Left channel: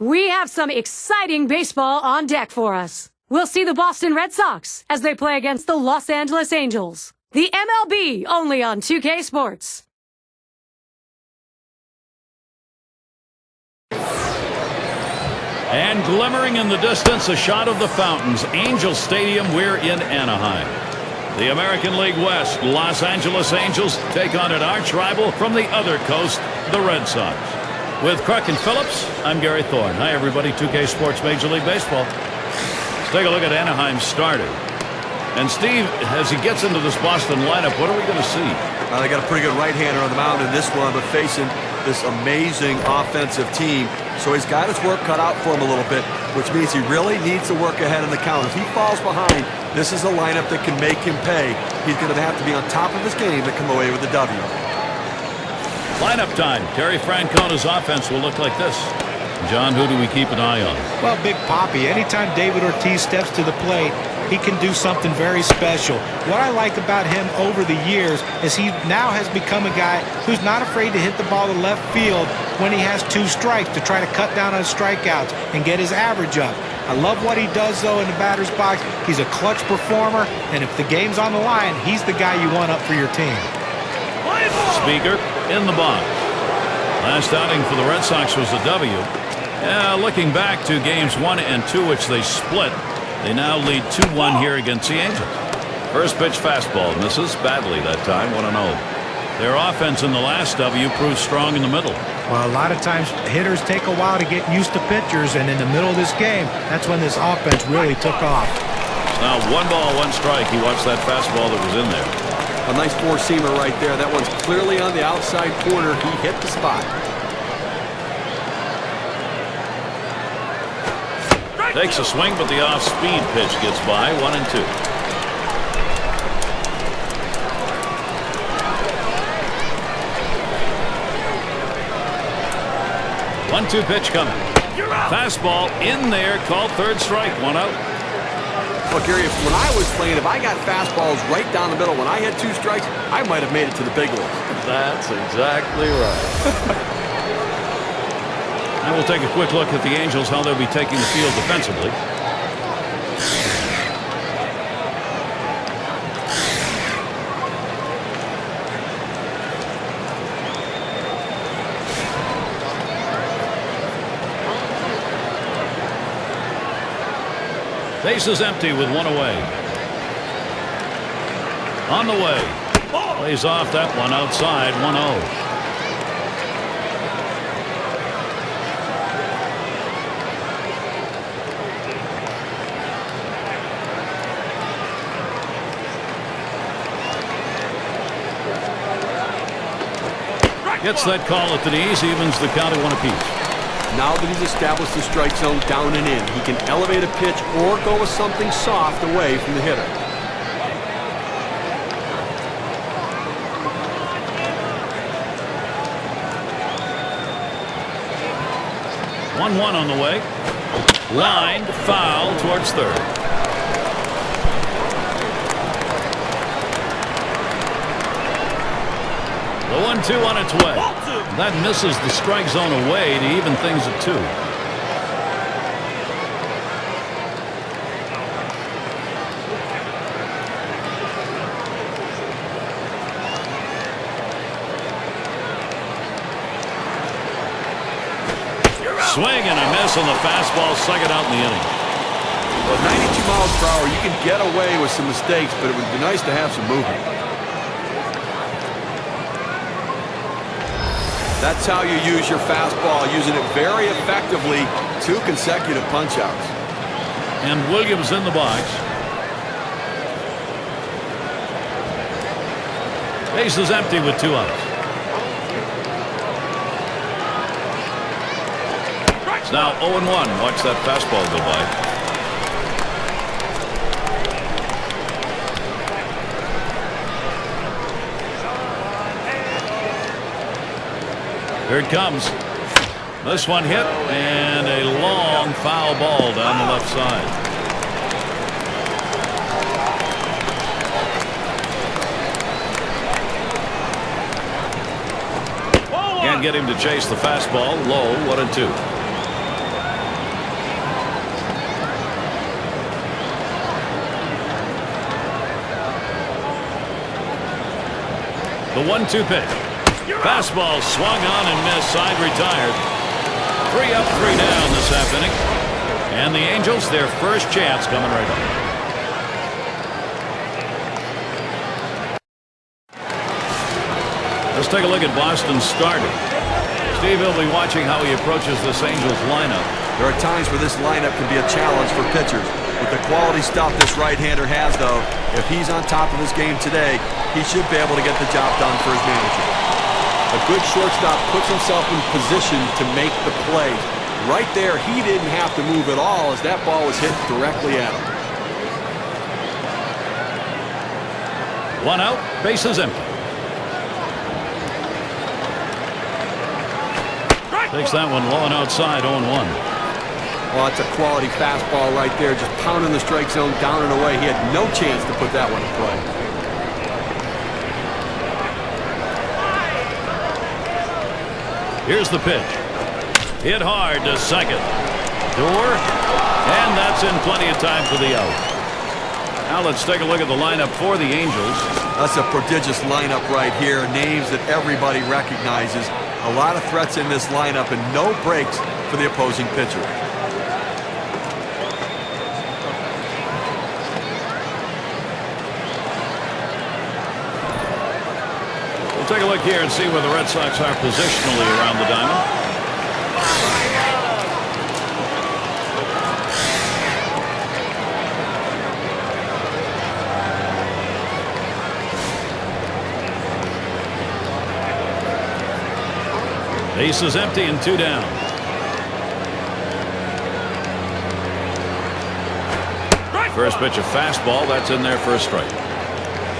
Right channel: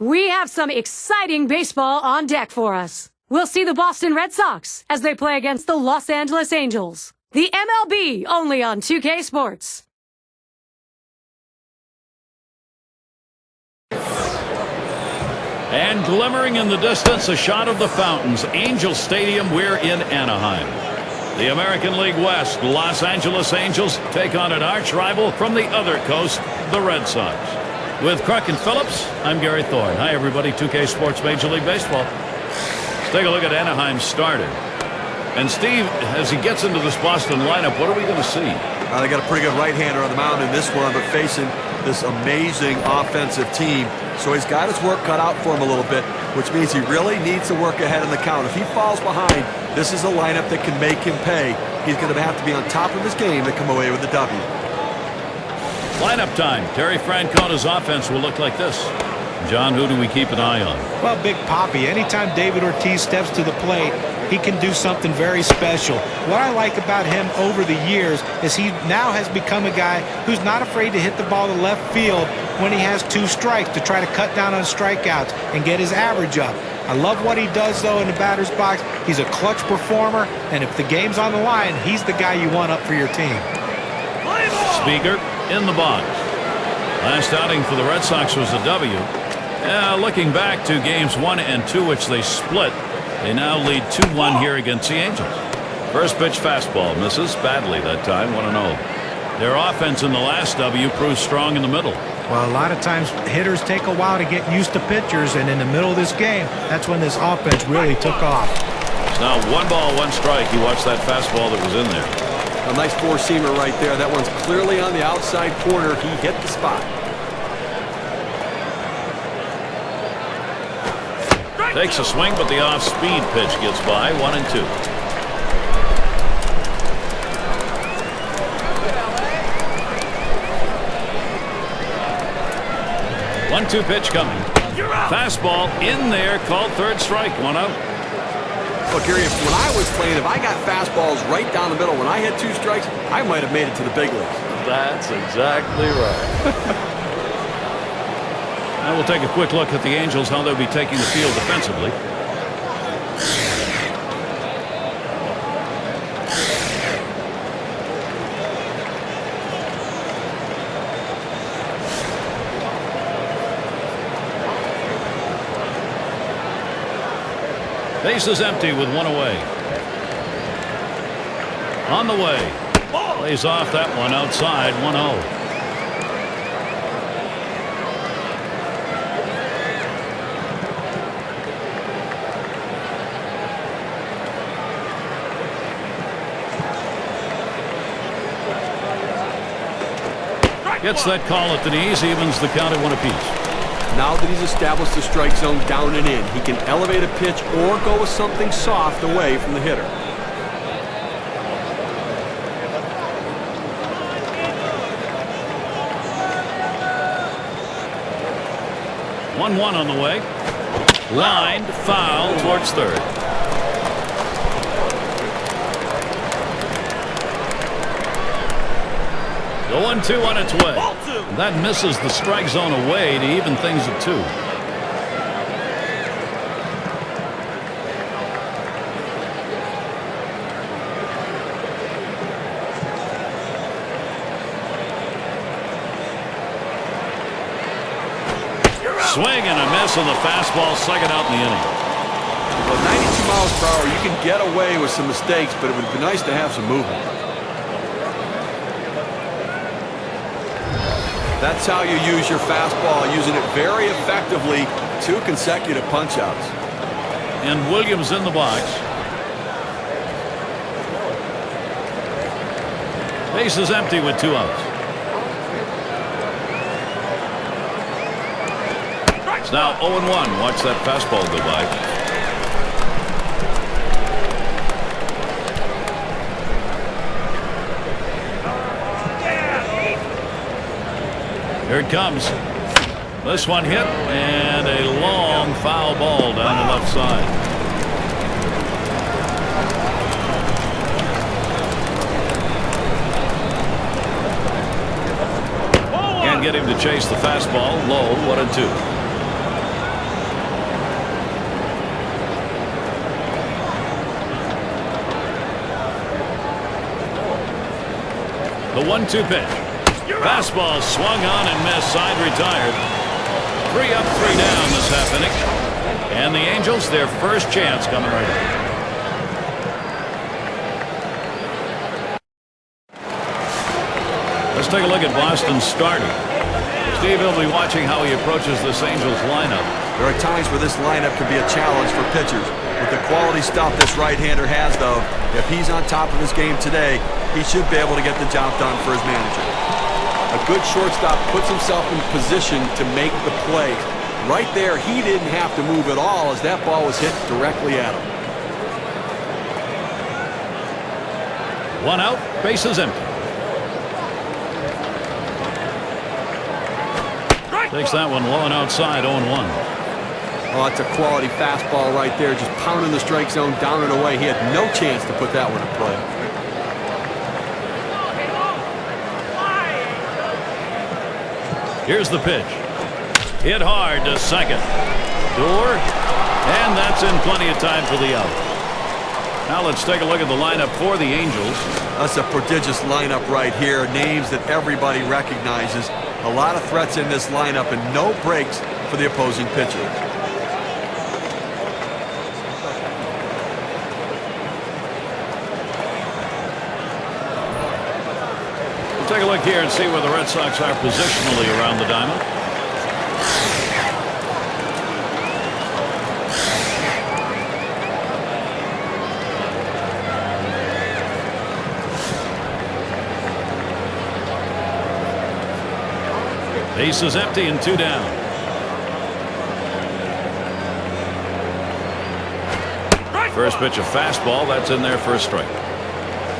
We have some exciting baseball on deck for us. We'll see the Boston Red Sox as they play against the Los Angeles Angels. The MLB only on 2K Sports. And glimmering in the distance, a shot of the fountains. Angel Stadium, we're in Anaheim. The American League West, Los Angeles Angels take on an arch rival from the other coast, the Red Sox. With Cruck and Phillips, I'm Gary Thorne. Hi, everybody. 2K Sports Major League Baseball. Let's take a look at Anaheim's starter. And Steve, as he gets into this Boston lineup, what are we going to see? They got a pretty good right-hander on the mound in this one, but facing this amazing offensive team. So he's got his work cut out for him a little bit, which means he really needs to work ahead in the count. If he falls behind, this is a lineup that can make him pay. He's going to have to be on top of his game to come away with the W. Lineup time. Terry Francona's offense will look like this. John, who do we keep an eye on? Well, Big Papi, anytime David Ortiz steps to the plate, he can do something very special. What I like about him over the years is he now has become a guy who's not afraid to hit the ball to left field when he has 2 strikes to try to cut down on strikeouts and get his average up. I love what he does, though, in the batter's box. He's a clutch performer, and if the game's on the line, he's the guy you want up for your team. Speaker in the box. Last outing for the Red Sox was a W. Looking back to games 1 and 2, which they split, they now lead 2-1 here against the Angels. First pitch fastball misses badly that time, 1-0. Their offense in the last W proved strong in the middle. Well, a lot of times hitters take a while to get used to pitchers, and in the middle of this game, that's when this offense really took off. It's now 1 ball, 1 strike. You watch that fastball that was in there. A nice four-seamer right there. That one's clearly on the outside corner. He hit the spot. Takes a swing, but the off-speed pitch gets by. 1-2. One-two pitch coming. Fastball in there, called third strike, 1 out. Well, Gary, when I was playing, if I got fastballs right down the middle, when I had 2 strikes, I might have made it to the big leagues. That's exactly right. Now we'll take a quick look at the Angels, how they'll be taking the field defensively. Bases empty with 1 away. On the way. Plays off that one outside, 1-0. Gets that call at the knees, evens the count at 1 apiece. Now that he's established the strike zone down and in, he can elevate a pitch or go with something soft away from the hitter. One on the way. Lined foul towards third. The 1-2 on its way. That misses the strike zone away to even things at 2. Swing and a miss on the fastball, second out in the inning. Well, 92 miles per hour, you can get away with some mistakes, but it would be nice to have some movement. That's how you use your fastball, using it very effectively. 2 consecutive punch-outs. And Williams in the box. Base is empty with 2 outs. It's now 0-1. Watch that fastball go by. Here it comes. This one hit, and a long foul ball down the left side. Can't get him to chase the fastball. Low, 1-2. The 1-2 pitch. Fastball swung on and missed. Side retired. 3 up, 3 down this half inning. And the Angels, their first chance coming right up. Let's take a look at Boston's starter. Steve will be watching how he approaches this Angels lineup. There are times where this lineup can be a challenge for pitchers. With the quality stuff this right-hander has, though, if he's on top of his game today, he should be able to get the job done for his manager. A good shortstop puts himself in position to make the plays. Right there, he didn't have to move at all as that ball was hit directly at him. 1 out, bases empty. Takes that one low and outside, 0-1. Oh, it's a quality fastball right there, just pounding the strike zone down and away. He had no chance to put that one in play. Here's the pitch. Hit hard to second. Door, and that's in plenty of time for the out. Now let's take a look at the lineup for the Angels. That's a prodigious lineup right here. Names that everybody recognizes. A lot of threats in this lineup and no breaks for the opposing pitcher. We'll take a look here and see where the Red Sox are positionally around the diamond. Base is empty and 2 down. First pitch, a fastball. That's in there for a strike.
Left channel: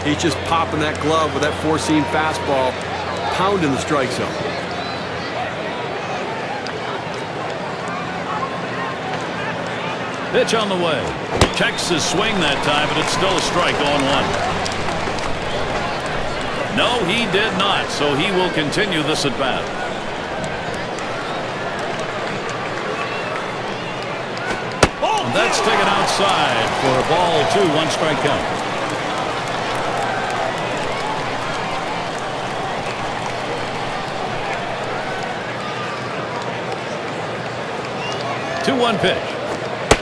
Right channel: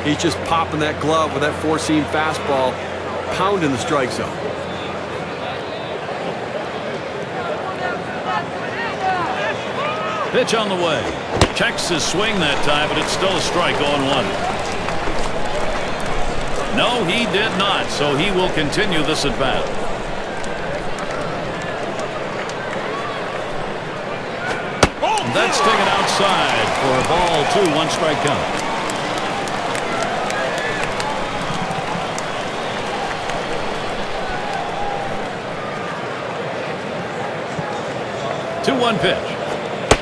He's just popping that glove with that four-seam fastball, pounding the strike zone. Pitch on the way. Checks his swing that time, but it's still a strike, 0-1. No, he did not, so he will continue this at bat. And that's taken outside for a ball 2, 1 strike count. Two 2-1 pitch.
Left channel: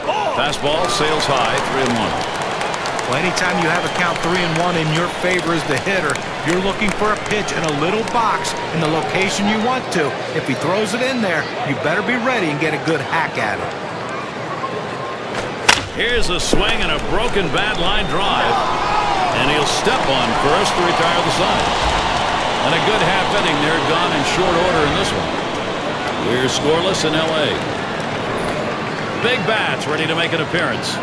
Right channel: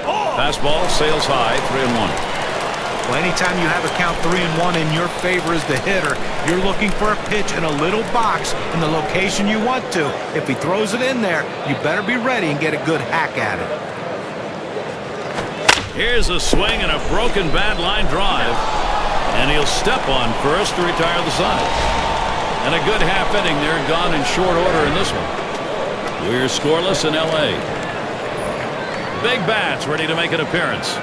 Fastball sails high, 3-1. Well, anytime you have a count 3-1 in your favor as the hitter, you're looking for a pitch in a little box in the location you want to. If he throws it in there, you better be ready and get a good hack at it. Here's a swing and a broken bat line drive. And he'll step on first to retire the side. And a good half inning there, gone in short order in this one. We're scoreless in L.A. Big bats ready to make an appearance.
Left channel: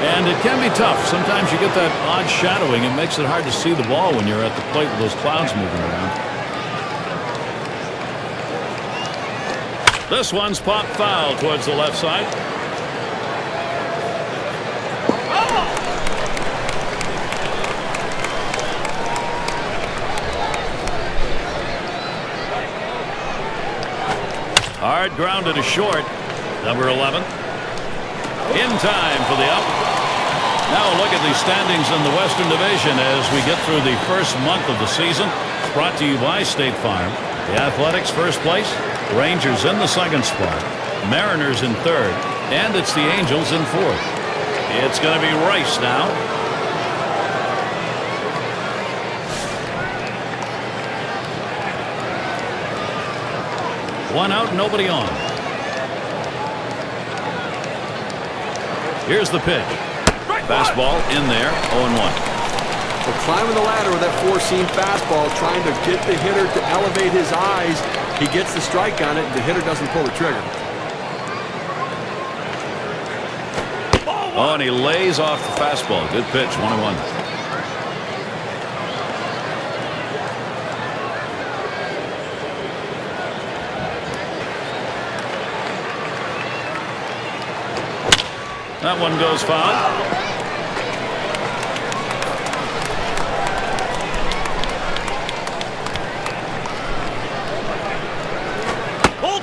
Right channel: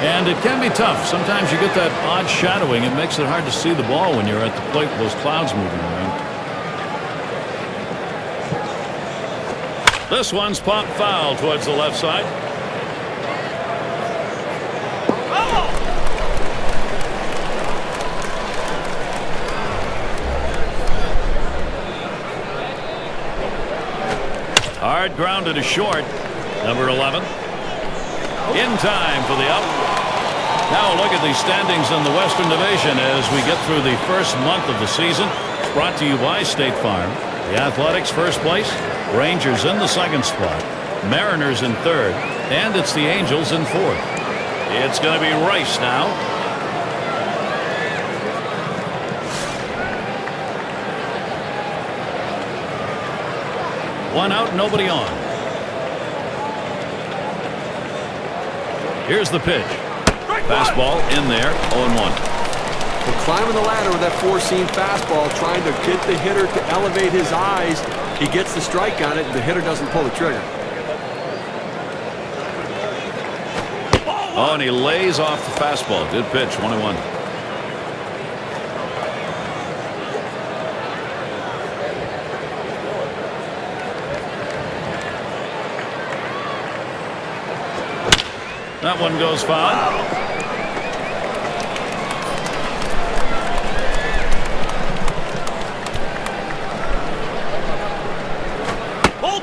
And it can be tough. Sometimes you get that odd shadowing. It makes it hard to see the ball when you're at the plate with those clouds moving around. This one's popped foul towards the left side. Hard grounded to short. Number 11. In time for the out. Now a look at the standings in the Western Division as we get through the first month of the season. It's brought to you by State Farm. The Athletics first place. Rangers in the second spot. Mariners in third. And it's the Angels in fourth. It's going to be Rice now. One out, nobody on. Here's the pitch. Fastball in there, 0-1. Well, climbing the ladder with that four-seam fastball, trying to get the hitter to elevate his eyes. He gets the strike on it, and the hitter doesn't pull the trigger. Oh, and he lays off the fastball. Good pitch, 1-1. That one goes foul.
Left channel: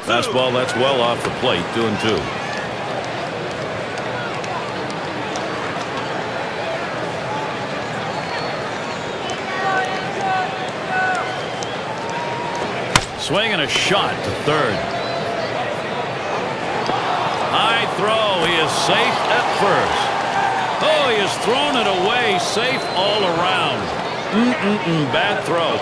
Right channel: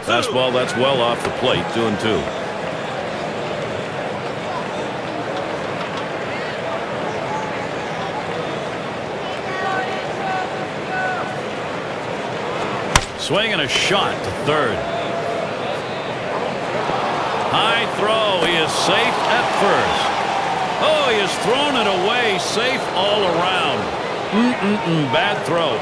Fastball, that's well off the plate, 2-2. Swing and a shot to third. High throw. He is safe at first. Oh, he has thrown it away. Safe all around. Bad throw.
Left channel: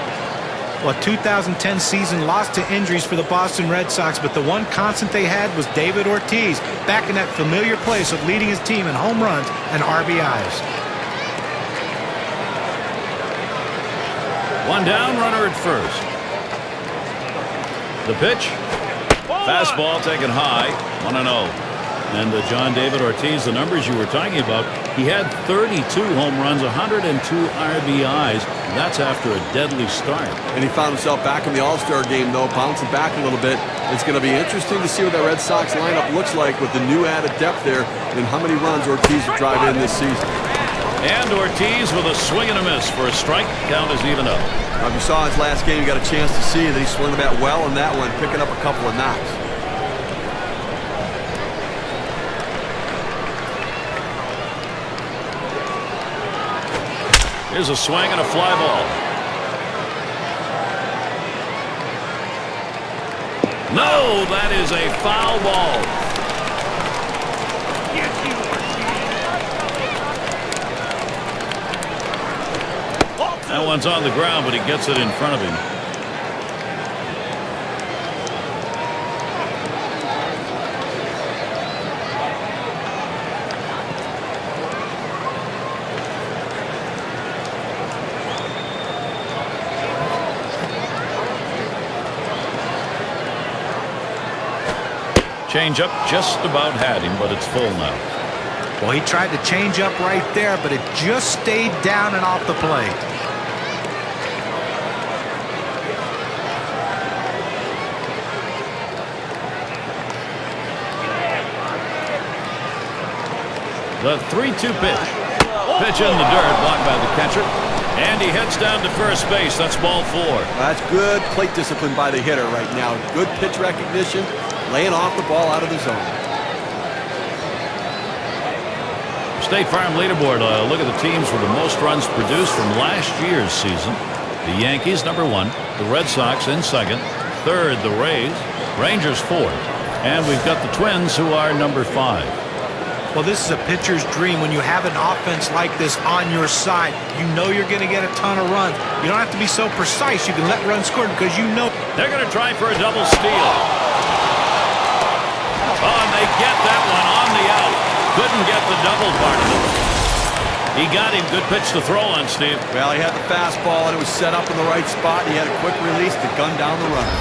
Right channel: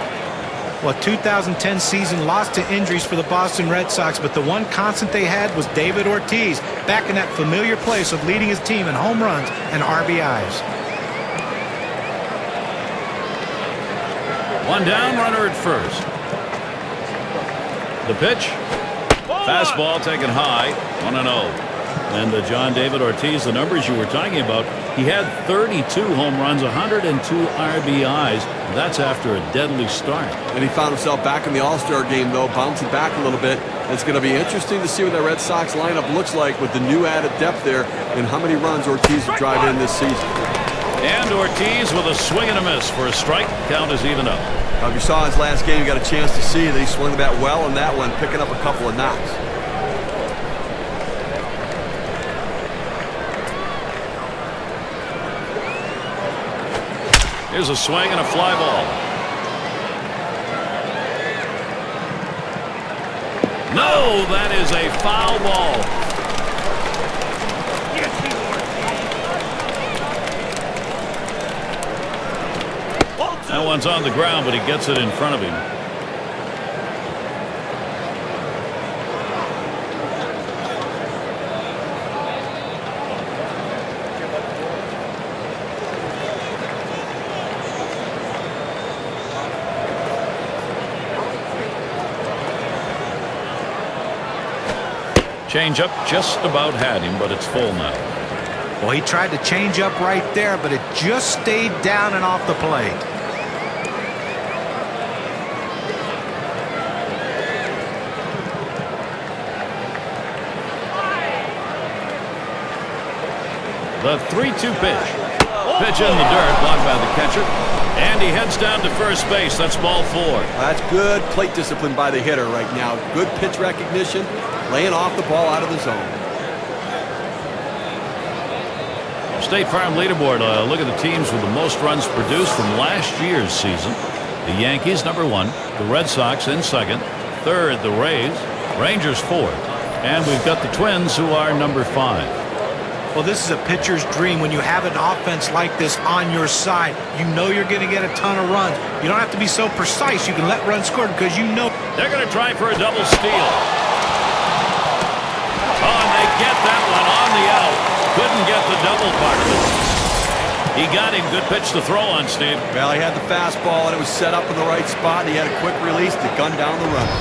Well, 2010 season lost to injuries for the Boston Red Sox, but the one constant they had was David Ortiz, back in that familiar place of leading his team in home runs and RBIs. One down, runner at first. The pitch. Fastball taken high, 1-0. And John David Ortiz, the numbers you were talking about, he had 32 home runs, 102 RBIs. That's after a deadly start. And he found himself back in the All-Star game, though, bouncing back a little bit. It's going to be interesting to see what that Red Sox lineup looks like with the new added depth there and how many runs Ortiz will drive in this season. And Ortiz with a swing and a miss for a strike. Count is even up. Now, if you saw his last game, you got a chance to see that he swung the bat well in that one, picking up a couple of knocks. Here's a swing and a fly ball. No, that is a foul ball. That one's on the ground, but he gets it in front of him. Changeup just about had him, but it's full now. Well, he tried to change up right there, but it just stayed down and off the plate. The 3-2 pitch. Pitch in the dirt, blocked by the catcher. And he heads down to first base. That's ball 4. That's good plate discipline by the hitter right now. Good pitch recognition, laying off the ball out of the zone. State Farm leaderboard. Look at the teams with the most runs produced from last year's season. The Yankees, number 1. The Red Sox in second. Third, the Rays. Rangers, fourth. And we've got the Twins, who are number 5. Well, this is a pitcher's dream when you have an offense like this on your side. You know you're going to get a ton of runs. You don't have to be so precise. You can let runs score because you know. They're going to try for a double steal. Oh, and they get that one on the out. Couldn't get the double part of it. He got him. Good pitch to throw on, Steve. Well, he had the fastball, and it was set up in the right spot. He had a quick release to gun down the runner.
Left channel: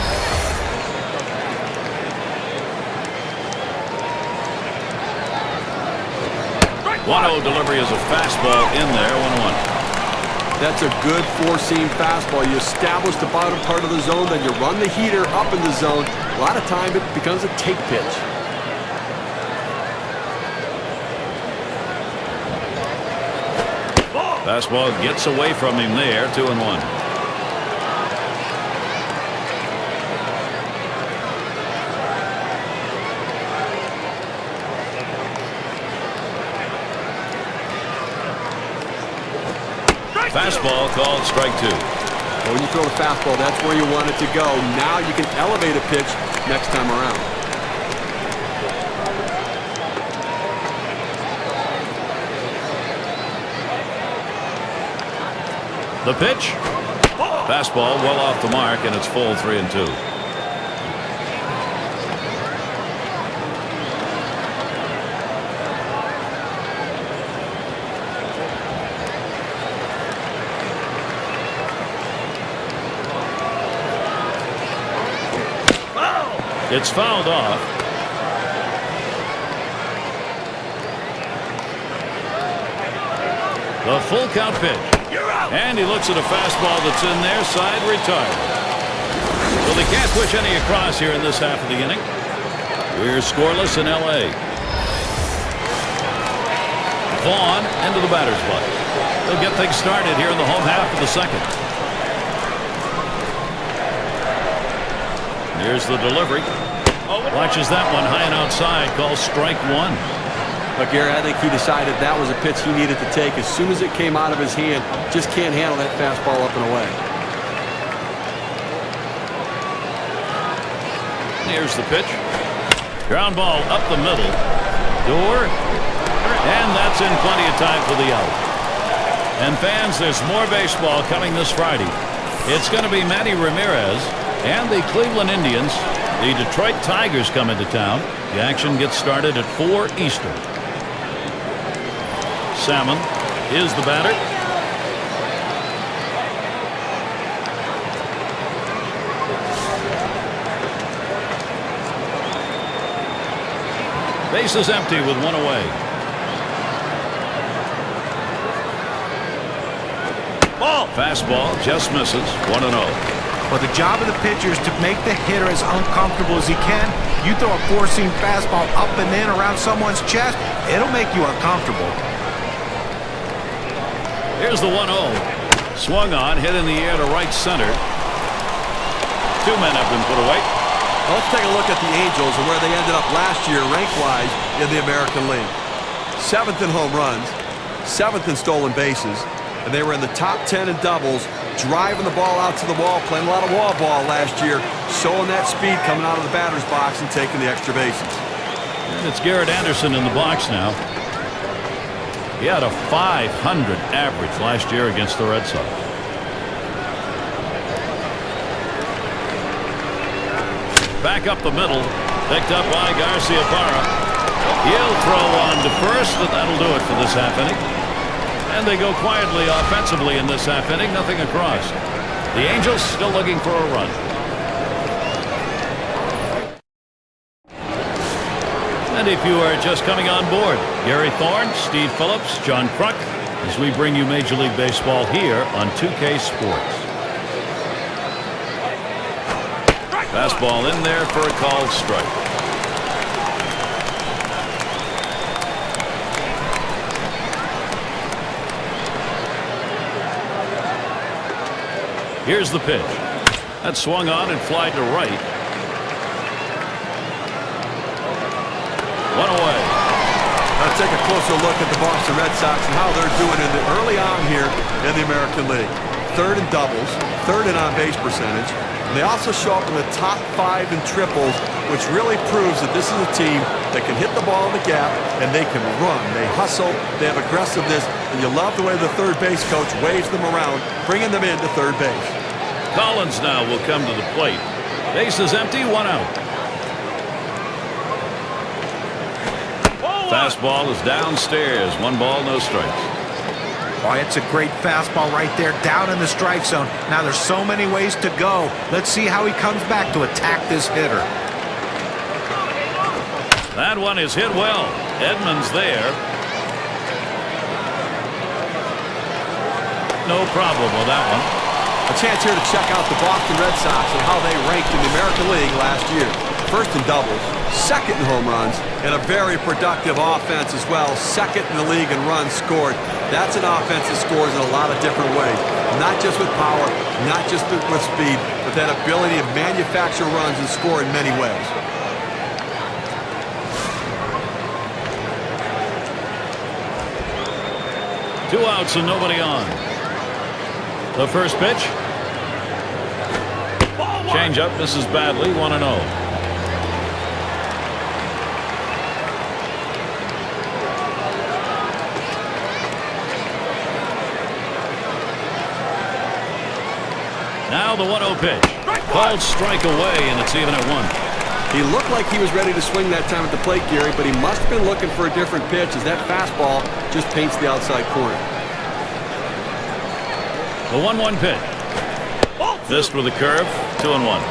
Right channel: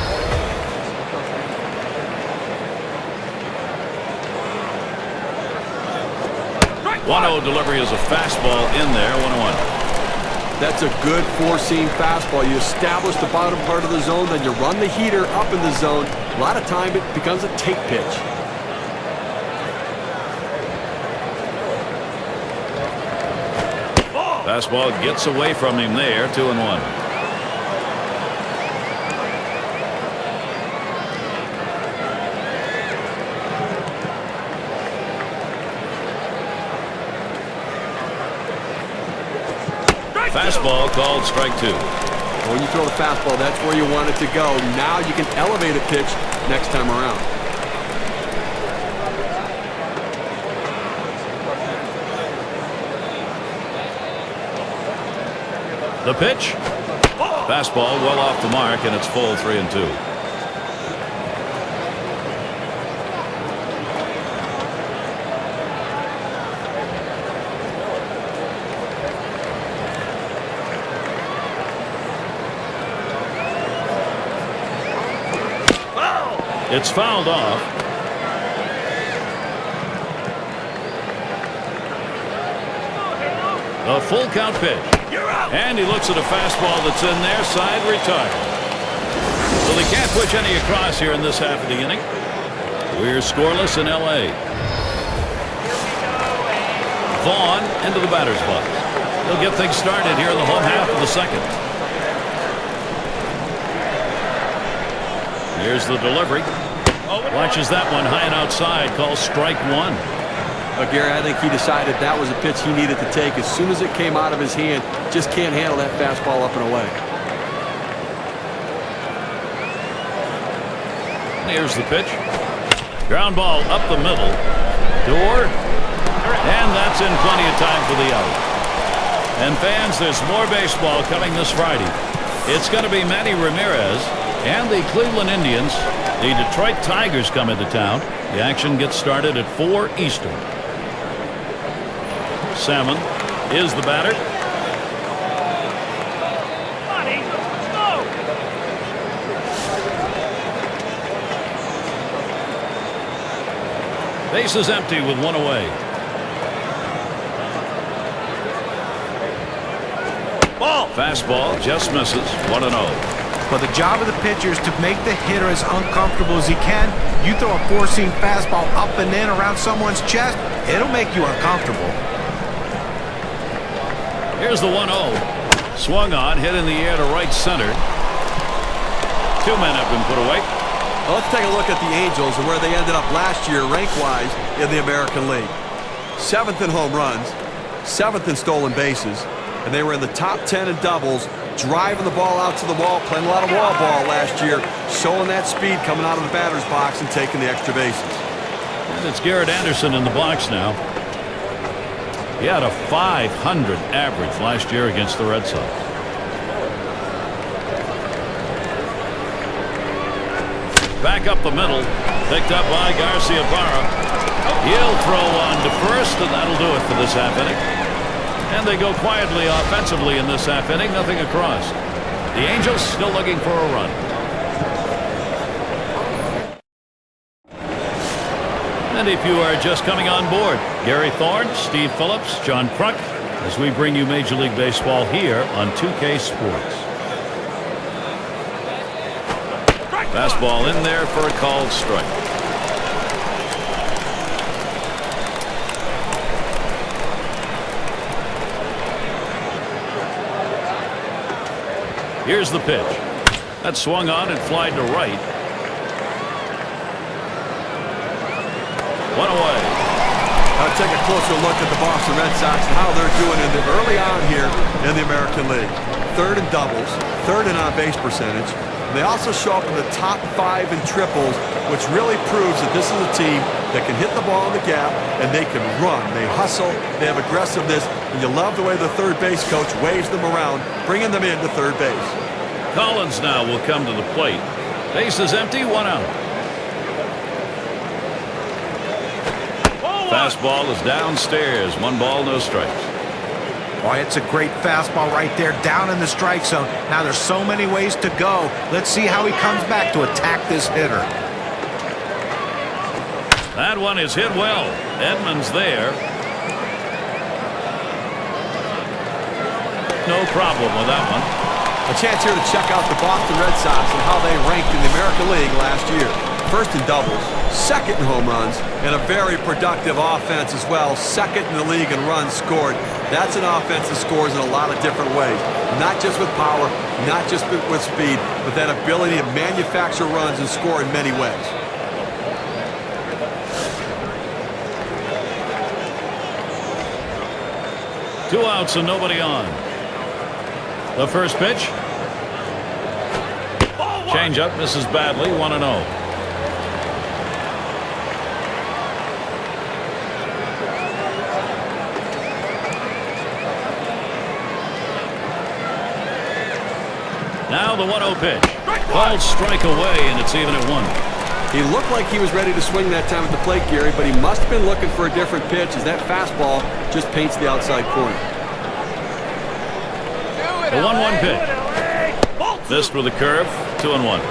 One 1-0 delivery is a fastball in there, 1-1. That's a good four-seam fastball. You establish the bottom part of the zone, then you run the heater up in the zone. A lot of time it becomes a take pitch. Fastball gets away from him there, 2-1. Fastball called strike 2. Well, when you throw the fastball, that's where you want it to go. Now you can elevate a pitch next time around. The pitch. Fastball well off the mark, and it's full 3-2. It's fouled off. The full count pitch. You're out. And he looks at a fastball that's in there, side retired. So they can't push any across here in this half of the inning. We're scoreless in L.A. Vaughn into the batter's box. He'll get things started here in the home half of the second. Here's the delivery. Watches that one high and outside. Calls strike 1. Gary, I think he decided that was a pitch he needed to take as soon as it came out of his hand. Just can't handle that fastball up and away. Here's the pitch. Ground ball up the middle. Door. And that's in plenty of time for the out. And fans, there's more baseball coming this Friday. It's going to be Manny Ramirez and the Cleveland Indians. The Detroit Tigers come into town. The action gets started at 4 Eastern. Salmon is the batter. Base is empty with 1 away. Ball. Fastball just misses. 1-0. But the job of the pitcher is to make the hitter as uncomfortable as he can. You throw a four-seam fastball up and in around someone's chest, it'll make you uncomfortable. Here's the 1-0. Swung on, hit in the air to right center. 2 men have been put away. Well, let's take a look at the Angels and where they ended up last year rank-wise in the American League. 7th in home runs, 7th in stolen bases, and they were in the top 10 in doubles, driving the ball out to the wall, playing a lot of wall ball last year, showing that speed coming out of the batter's box and taking the extra bases. And it's Garrett Anderson in the box now. He had a .500 average last year against the Red Sox. Back up the middle, picked up by Garcia Parra. He'll throw on to first, and that'll do it for this half inning. And they go quietly offensively in this half inning, nothing across. The Angels still looking for a run. And if you are just coming on board, Gary Thorne, Steve Phillips, John Kruk, as we bring you Major League Baseball here on 2K Sports. Fastball in there for a called strike. Here's the pitch. That swung on and flied to right. 1 away. Now take a closer look at the Boston Red Sox and how they're doing early on here in the American League. 3rd in doubles, 3rd in on-base percentage. And they also show up in the top 5 in triples, which really proves that this is a team that can hit the ball in the gap and they can run. They hustle, they have aggressiveness, and you love the way the third base coach waves them around, bringing them into third base. Collins now will come to the plate. Base is empty, 1 out. Fastball is downstairs. 1 ball, no strikes. Boy, it's a great fastball right there down in the strike zone. Now there's so many ways to go. Let's see how he comes back to attack this hitter. That one is hit well. Edmonds there. No problem with that one. A chance here to check out the Boston Red Sox and how they ranked in the American League last year. 1st in doubles, 2nd in home runs, and a very productive offense as well. 2nd in the league in runs scored. That's an offense that scores in a lot of different ways. Not just with power, not just with speed, but that ability to manufacture runs and score in many ways. Two outs and nobody on. The first pitch. Changeup misses badly. 1-0. Now the 1-0 pitch. Called strike away, and it's even at 1. He looked like he was ready to swing that time at the plate, Gary, but he must have been looking for a different pitch as that fastball just paints the outside corner. The 1-1 pitch. Missed with a curve. 2-1.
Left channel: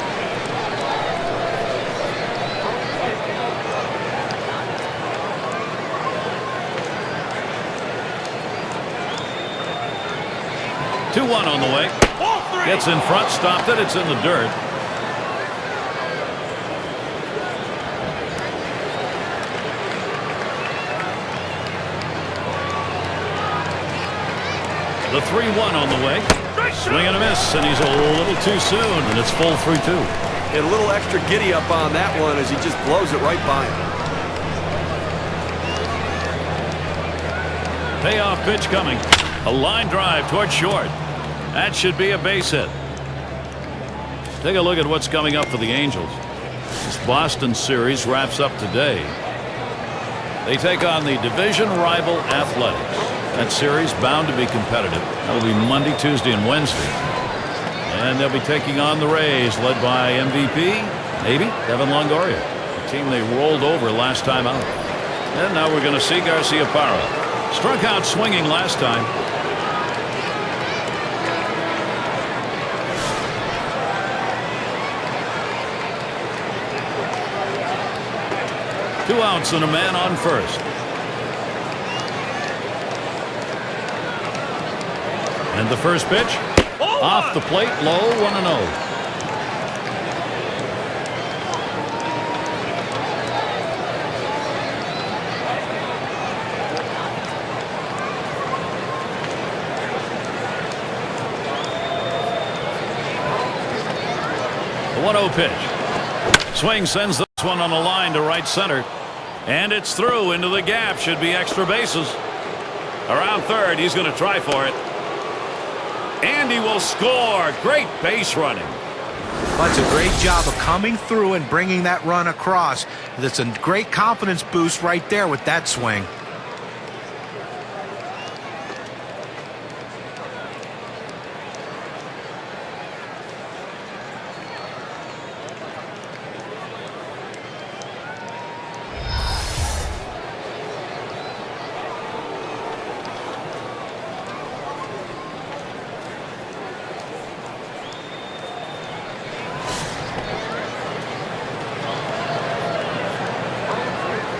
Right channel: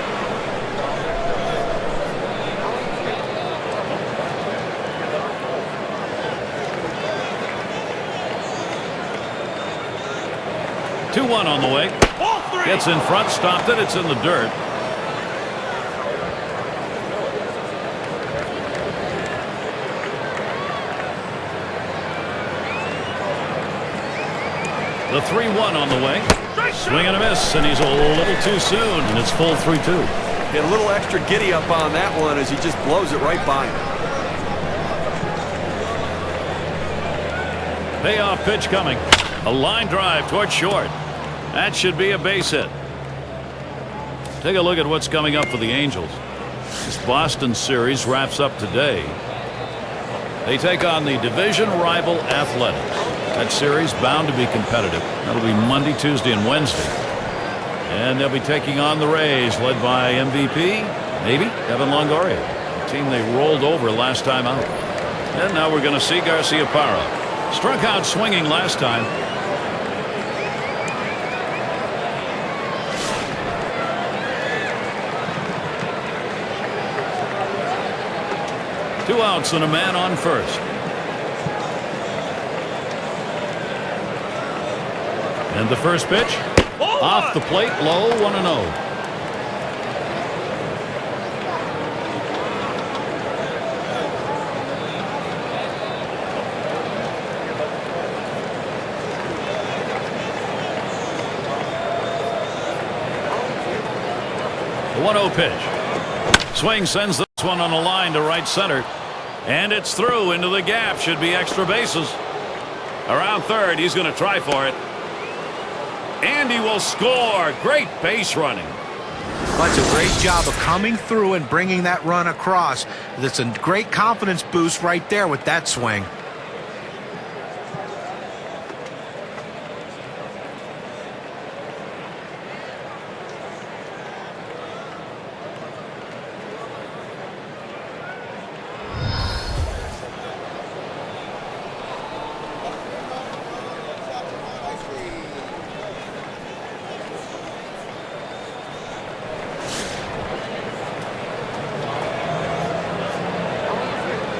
Two 2-1 on the way. Gets in front, stopped it. It's in the dirt. The 3-1 on the way. Swing and a miss, and he's a little too soon, and it's full 3-2. Get a little extra giddy up on that one as he just blows it right by him. Payoff pitch coming. A line drive toward short. That should be a base hit. Take a look at what's coming up for the Angels. This Boston series wraps up today. They take on the division rival Athletics. That series bound to be competitive. That'll be Monday, Tuesday, and Wednesday. And they'll be taking on the Rays, led by MVP, maybe, Kevin Longoria, the team they rolled over last time out. And now we're going to see Garciaparra. Struck out swinging last time. Two outs and a man on first. And the first pitch off the plate, low, 1-0. The 1-0 pitch. Swing sends this one on a line to right center. And it's through into the gap. Should be extra bases. Around third, he's going to try for it. And he will score. Great base running. That's a great job of coming through and bringing that run across. That's a great confidence boost right there with that swing.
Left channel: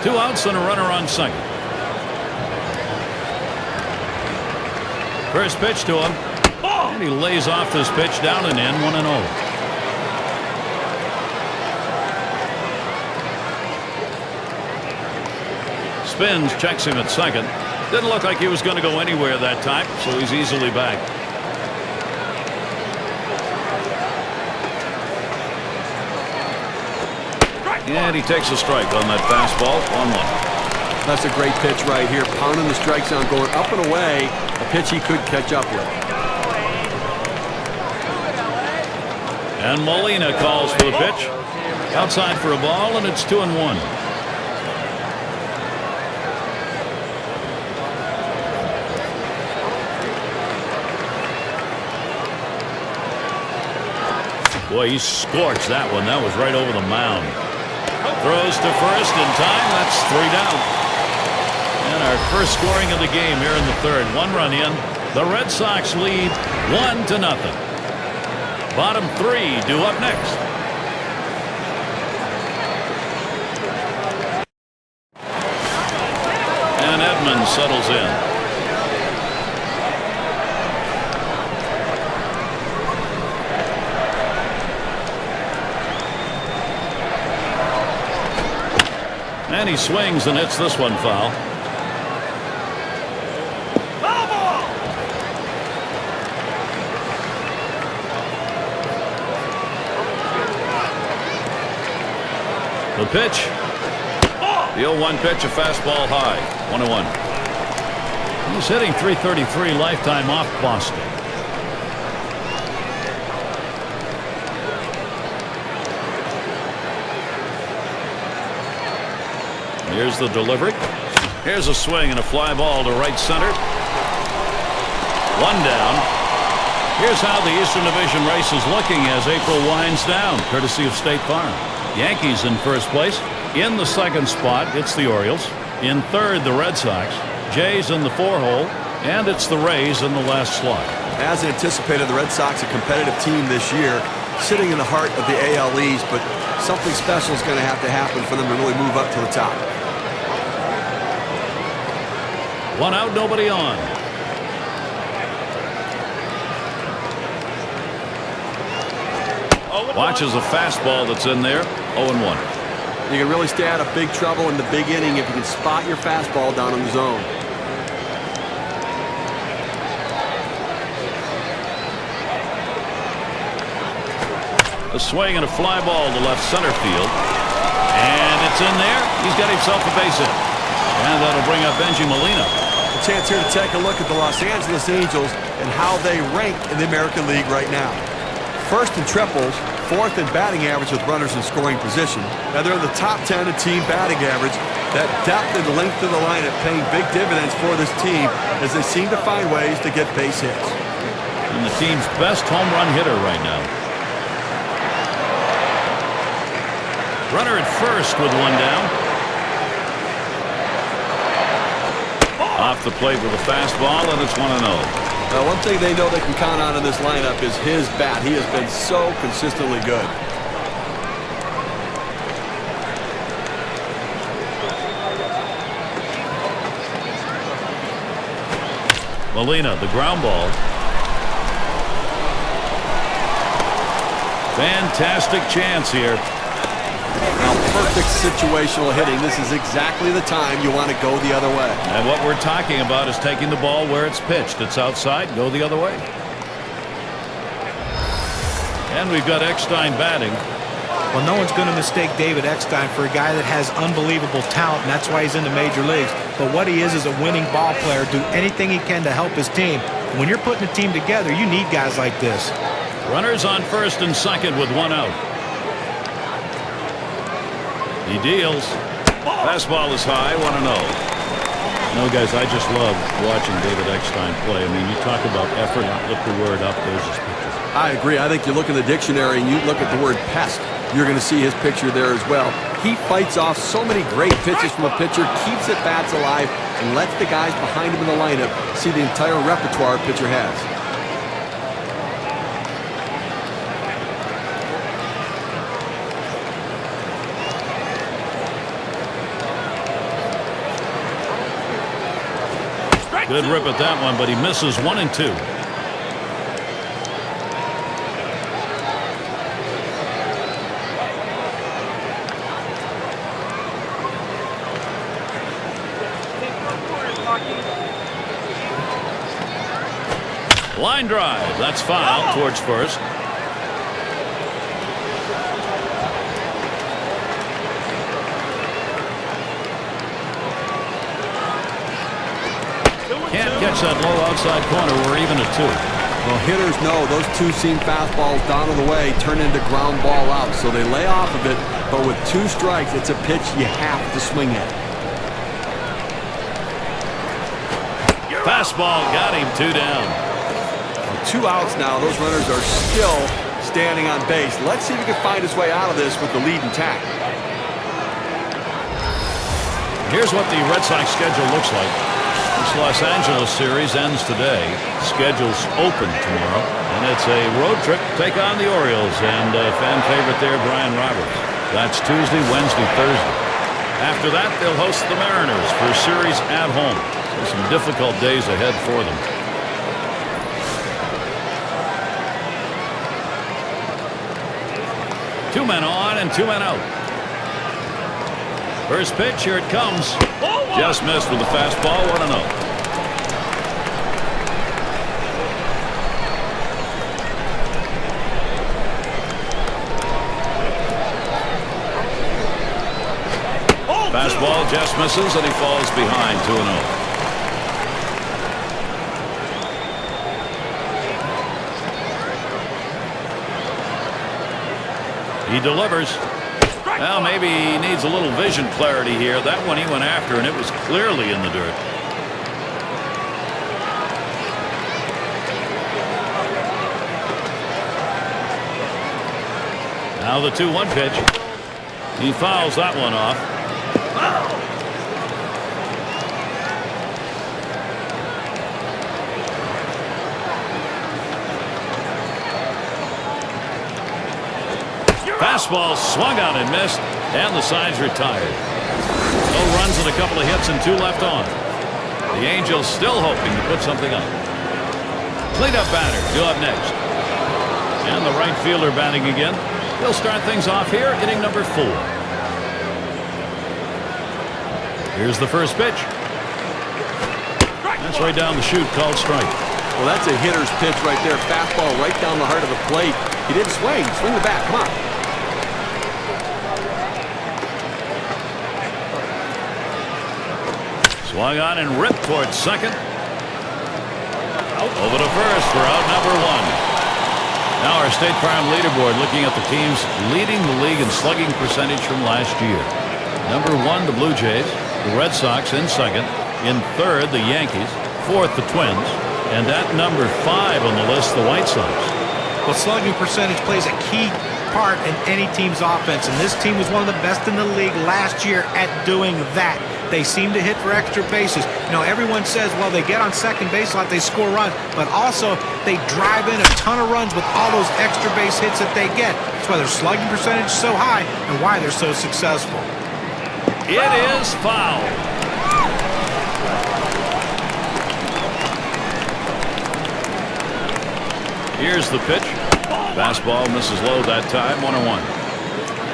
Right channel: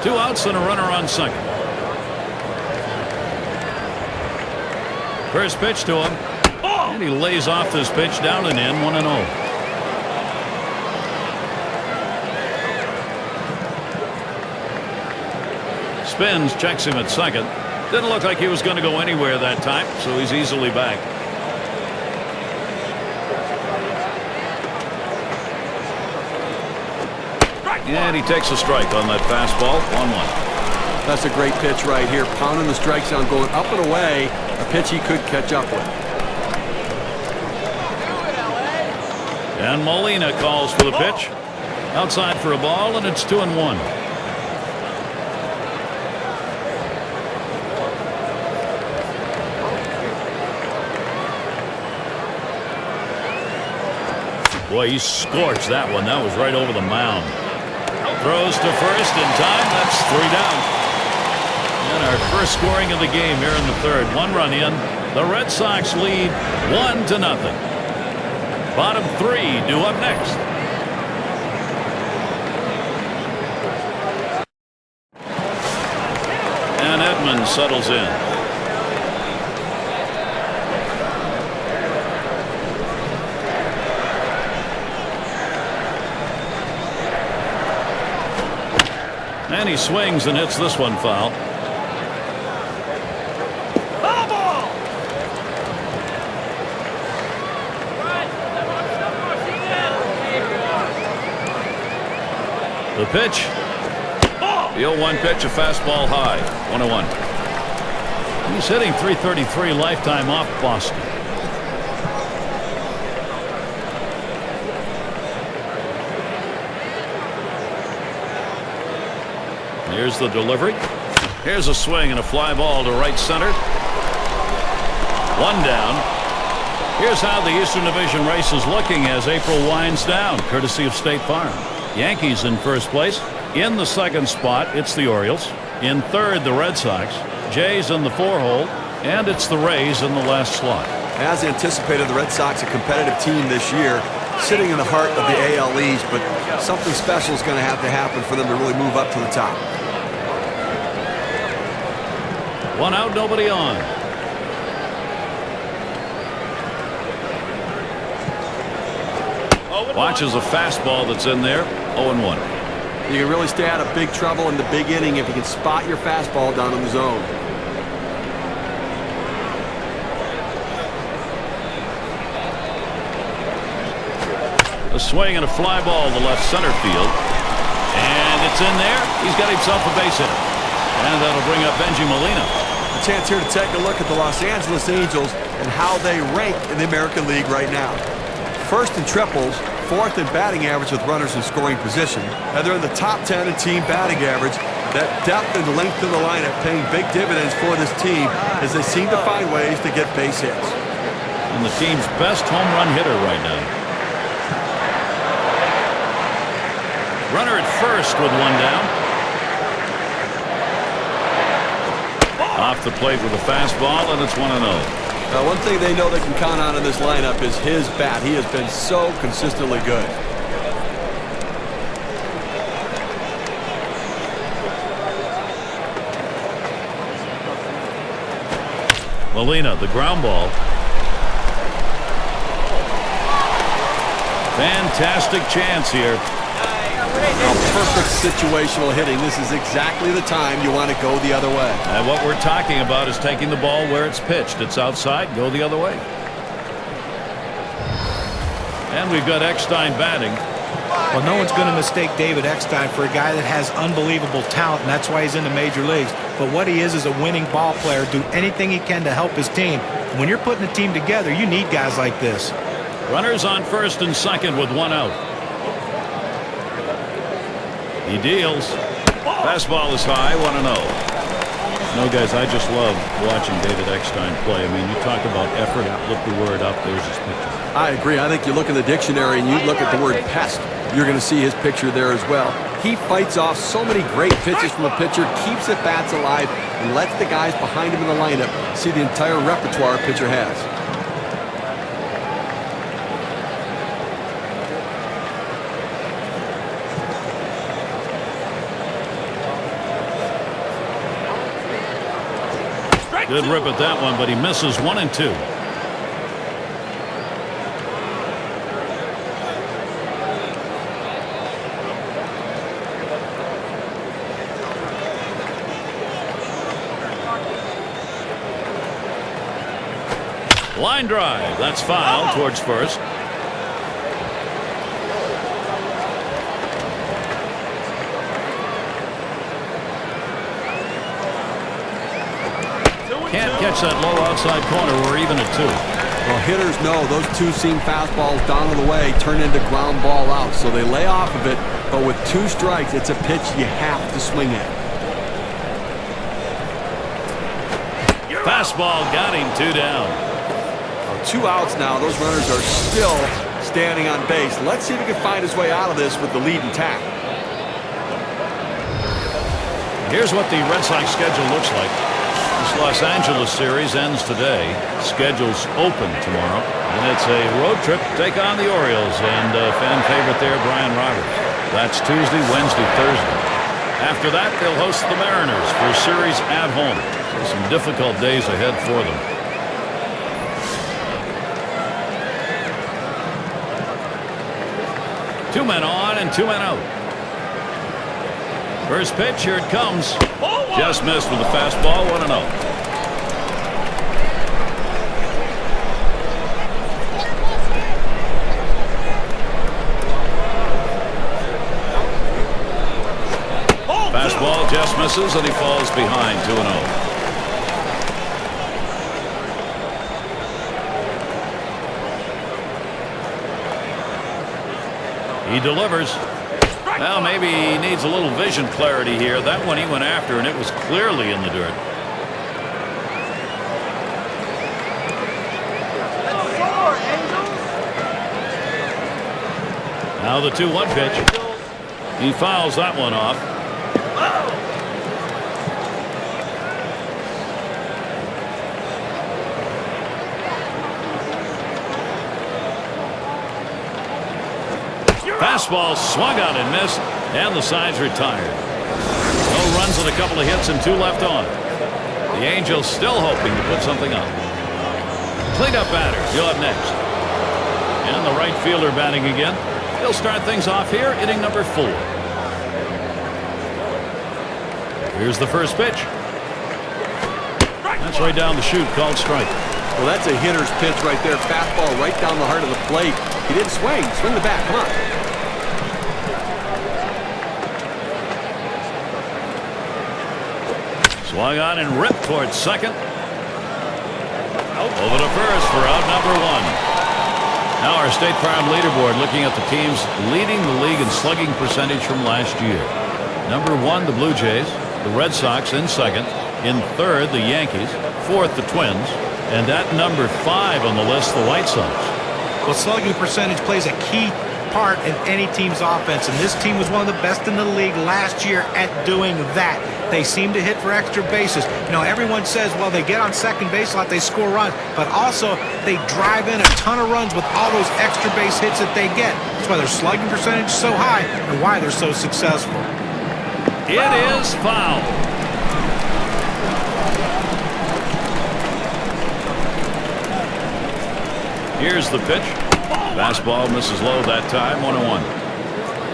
Two outs and a runner on second. First pitch to him. And he lays off this pitch down and in, 1-0. Spins, checks him at second. Didn't look like he was going to go anywhere that time, so he's easily back. And he takes a strike on that fastball, 1-1. That's a great pitch right here. Pounding the strike zone, going up and away. A pitch he could catch up with. And Molina calls for the pitch. Outside for a ball, and it's 2-1. Boy, he scorched that one. That was right over the mound. Throws to first in time. That's 3 down. And our first scoring of the game here in the third. 1 run in. The Red Sox lead 1-0. Bottom 3 due up next. And Edmonds settles in. And he swings and hits this one foul. Foul ball! The pitch. The 0-1 pitch, a fastball high. 1-1. He's hitting .333 lifetime off Boston. Here's the delivery. Here's a swing and a fly ball to right center. 1 down. Here's how the Eastern Division race is looking as April winds down, courtesy of State Farm. Yankees in first place. In the second spot, it's the Orioles. In third, the Red Sox. Jays in the 4-hole. And it's the Rays in the last slot. As anticipated, the Red Sox a competitive team this year, sitting in the heart of the AL East, but something special is going to have to happen for them to really move up to the top. 1 out, nobody on. Watches a fastball that's in there. 0-1. You can really stay out of big trouble in the big inning if you can spot your fastball down in the zone. A swing and a fly ball to left center field. And it's in there. He's got himself a base hit. And that'll bring up Benji Molina. A chance here to take a look at the Los Angeles Angels and how they rank in the American League right now. First in triples, 4th in batting average with runners in scoring position. And they're in the top 10 in team batting average. That depth and length of the lineup paying big dividends for this team as they seem to find ways to get base hits. And the team's best home run hitter right now. Runner at first with one down. Off the plate with a fastball, and it's 1-0. Now, one thing they know they can count on in this lineup is his bat. He has been so consistently good. Molina, the ground ball. Fantastic chance here. Now, perfect situational hitting. This is exactly the time you want to go the other way. And what we're talking about is taking the ball where it's pitched. It's outside, go the other way. And we've got Eckstein batting. Well, no one's going to mistake David Eckstein for a guy that has unbelievable talent, and that's why he's in the major leagues. But what he is a winning ball player, do anything he can to help his team. And when you're putting a team together, you need guys like this. Runners on first and second with one out. He deals. Fastball is high, 1-0. No, guys, I just love watching David Eckstein play. I mean, you talk about effort. Look the word up. There's his picture. I agree. I think you look in the dictionary and you look at the word pest. You're going to see his picture there as well. He fights off so many great pitches from a pitcher, keeps at bats alive, and lets the guys behind him in the lineup see the entire repertoire a pitcher has. Good rip at that one, but he misses 1 and 2. Line drive. That's foul towards first. Can't catch that low outside corner. We're even at 2. Well, hitters know those two-seam fastballs down on the way turn into ground ball out, so they lay off of it. But with 2 strikes, it's a pitch you have to swing at. Fastball got him, 2 down. Well, 2 outs now. Those runners are still standing on base. Let's see if he can find his way out of this with the lead intact. Here's what the Red Sox schedule looks like. This Los Angeles series ends today. Schedule's open tomorrow. And it's a road trip to take on the Orioles. And fan favorite there, Brian Roberts. That's Tuesday, Wednesday, Thursday. After that, they'll host the Mariners for a series at home. So some difficult days ahead for them. Two men on and 2 men out. First pitch, here it comes. Just missed with the fastball, 1-0. Fastball just misses, and he falls behind, 2-0. He delivers. Well, maybe he needs a little vision clarity here. That one he went after, and it was clearly in the dirt. Now the 2-1 pitch. He fouls that one off. Fastball swung on and missed, and the side's retired. No runs and a couple of hits and 2 left on. The Angels still hoping to put something up. Cleanup batter, he'll up next. And the right fielder batting again. He'll start things off here, inning number 4. Here's the first pitch. That's right down the chute, called strike. Well, that's a hitter's pitch right there. Fastball right down the heart of the plate. He didn't swing. Swing the bat. Come on. Swung on and ripped towards second. Over to first for out number 1. Now our State Farm leaderboard, looking at the teams leading the league in slugging percentage from last year. Number 1, the Blue Jays. The Red Sox in second. In third, the Yankees. Fourth, the Twins. And at number 5 on the list, the White Sox. Well, slugging percentage plays a key part in any team's offense, and this team was one of the best in the league last year at doing that. They seem to hit for extra bases. You know, everyone says, well, they get on second base a lot, they score runs, but also they drive in a ton of runs with all those extra base hits that they get. That's why their slugging percentage is so high and why they're so successful. It is foul. Here's the pitch. Fastball misses low that time, 1-1.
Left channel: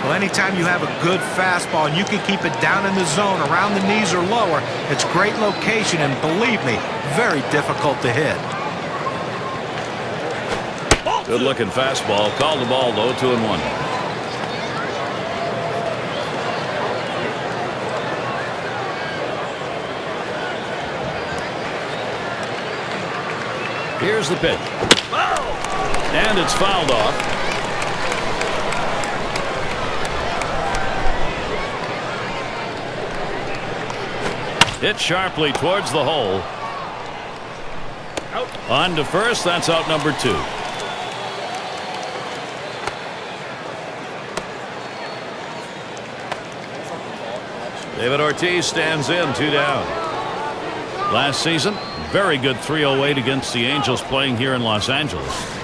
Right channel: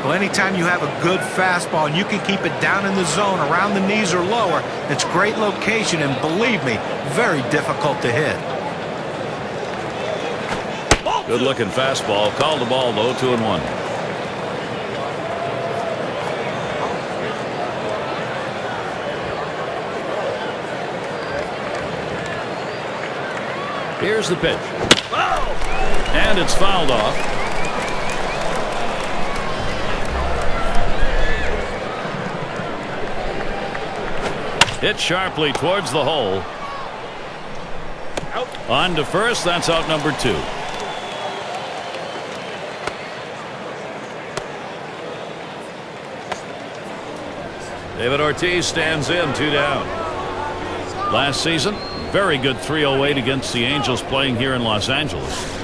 Well, anytime you have a good fastball and you can keep it down in the zone around the knees or lower, it's great location and, believe me, very difficult to hit. Good looking fastball. Called the ball though, 2-1. Here's the pitch. And it's fouled off. Hit sharply towards the hole. Out. On to first. That's out number 2. David Ortiz stands in, 2 down. Last season, very good 308 against the Angels playing here in Los Angeles.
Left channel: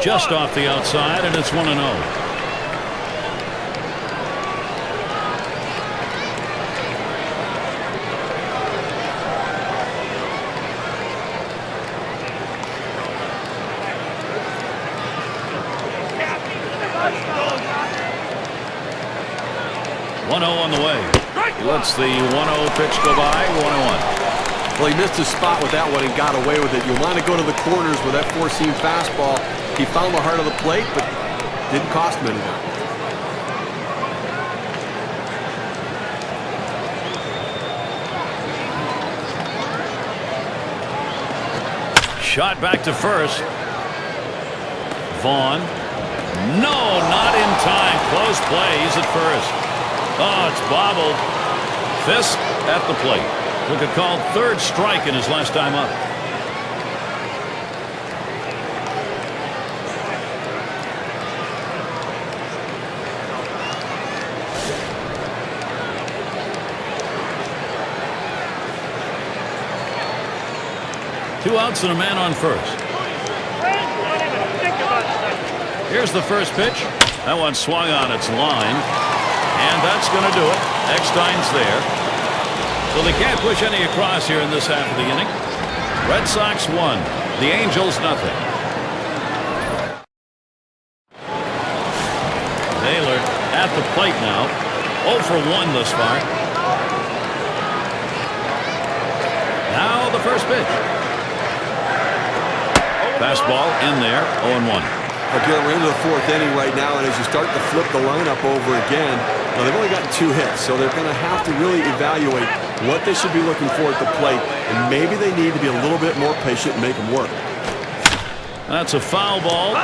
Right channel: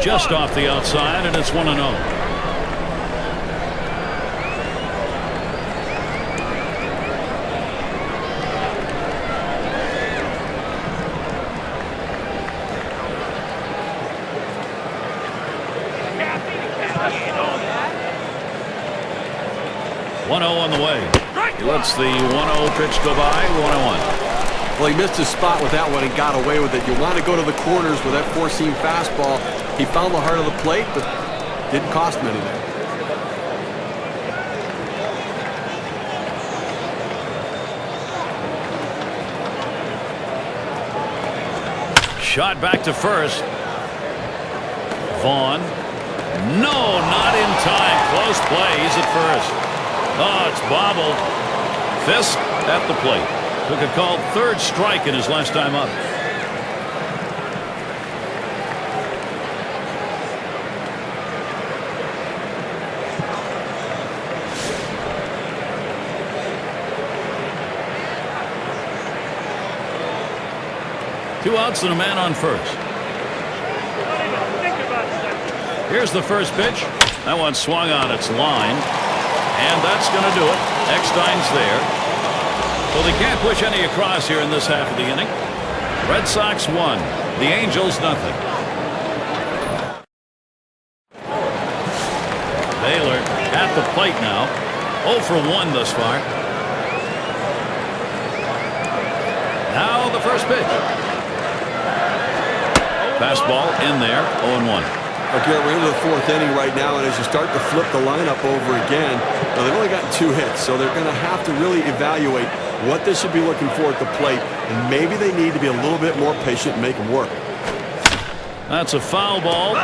Just off the outside, and it's 1-0. On the way. He lets the 1-0 pitch go by. 1-1. Well, he missed his spot with that one and got away with it. You want to go to the corners with that four-seam fastball. He found the heart of the plate, but didn't cost him anything. Shot back to first. Vaughn. No, not in time. Close play. He's at first. Oh, it's bobbled. Fisk at the plate. Took a called third strike in his last time up. Two outs and a man on first. Here's the first pitch. That one swung on its line. And that's going to do it. Eckstein's there. So they can't push any across here in this half of the inning. Red Sox 1. The Angels nothing. Baylor at the plate now. 0 for 1 thus far. Now the first pitch. Fastball in there, 0-1. Okay, we're into the 4th inning right now, and as you start to flip the lineup over again, now they've only gotten 2 hits, so they're going to have to really evaluate what they should be looking for at the plate, and maybe they need to be a little bit more patient and make them work. That's a foul ball.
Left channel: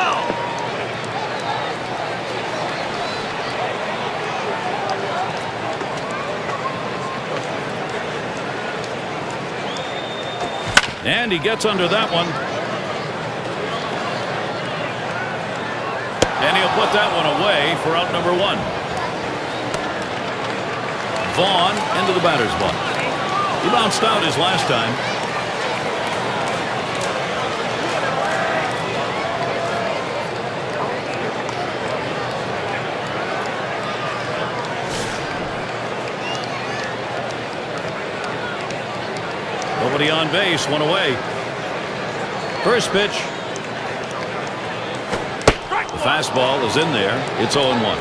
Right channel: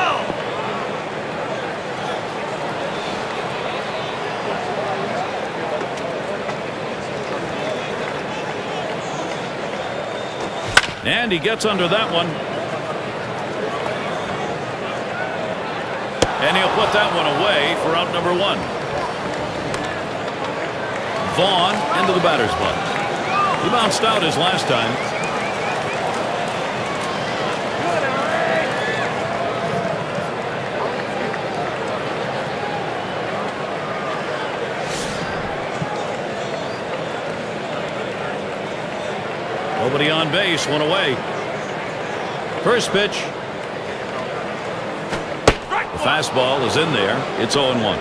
And he gets under that one. And he'll put that one away for out number 1. Vaughn into the batter's box. He bounced out his last time. Nobody on base, one away. First pitch. The fastball is in there. It's 0-1.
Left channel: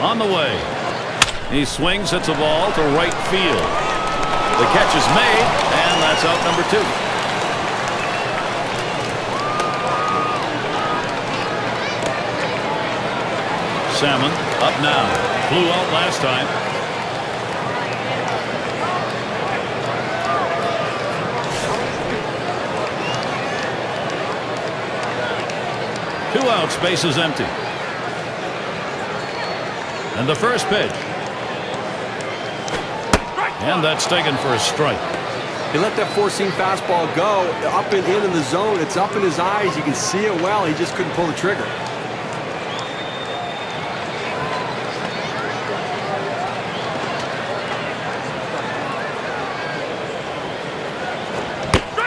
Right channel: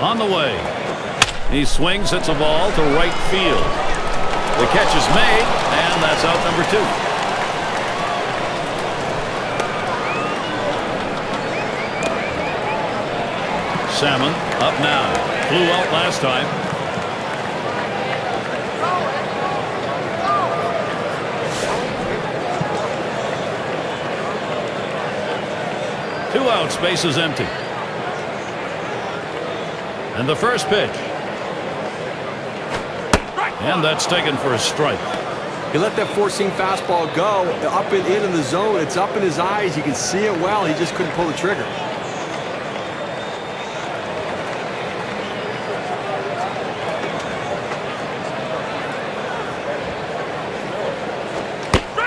On the way. He swings, hits a ball to right field. The catch is made, and that's out number 2. Salmon up now. Flew out last time. Two outs, bases empty. And the first pitch. And that's taken for a strike. He let that four-seam fastball go up and in the zone. It's up in his eyes. You can see it well. He just couldn't pull the trigger.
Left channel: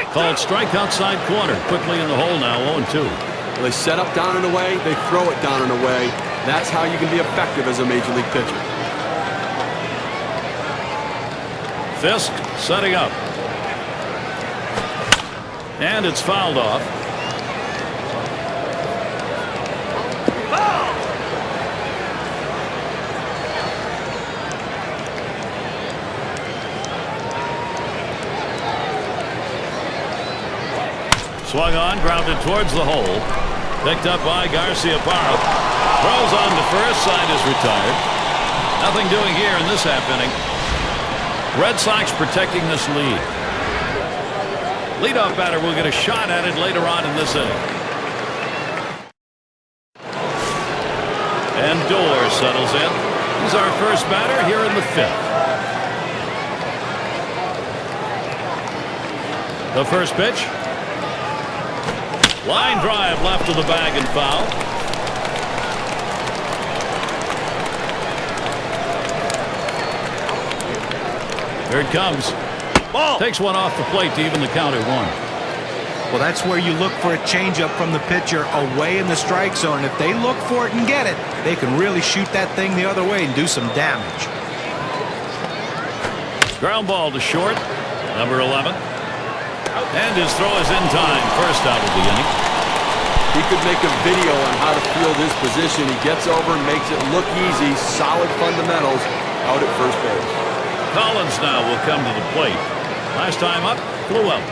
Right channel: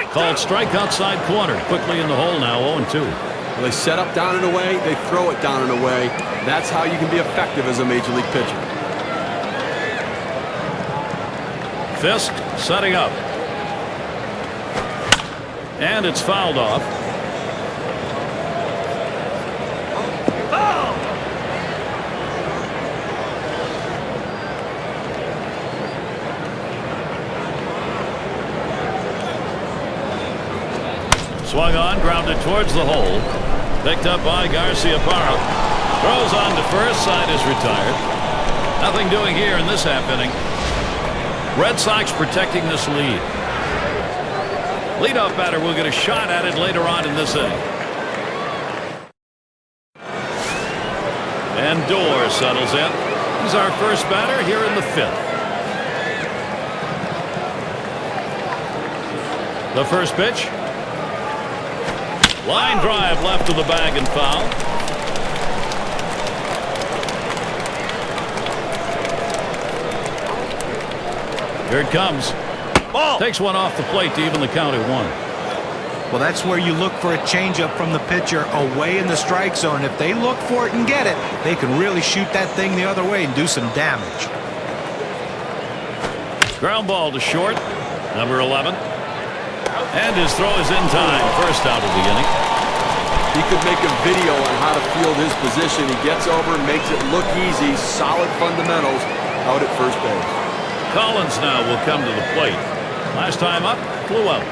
Called strike outside corner. Quickly in the hole now, 0-2. Well, they set up down and away. They throw it down and away. That's how you can be effective as a major league pitcher. Fisk setting up. And it's fouled off. Foul! Swung on, grounded towards the hole. Picked up by Garciaparra. Throws on to first, side is retired. Nothing doing here in this half inning. Red Sox protecting this lead. Leadoff batter will get a shot at it later on in this inning. And Dorr settles in. He's our first batter here in the 5th. The first pitch. Line drive left of the bag and foul. Here it comes. Ball. Takes one off the plate to even the count at 1. Well, that's where you look for a changeup from the pitcher away in the strike zone. If they look for it and get it, they can really shoot that thing the other way and do some damage. Ground ball to short. Number 11. And his throw is in time. First out of the inning. He could make a video on how to field his position. He gets over, makes it look easy. Solid fundamentals out at first base. Collins now will come to the plate. Last time up, flew out.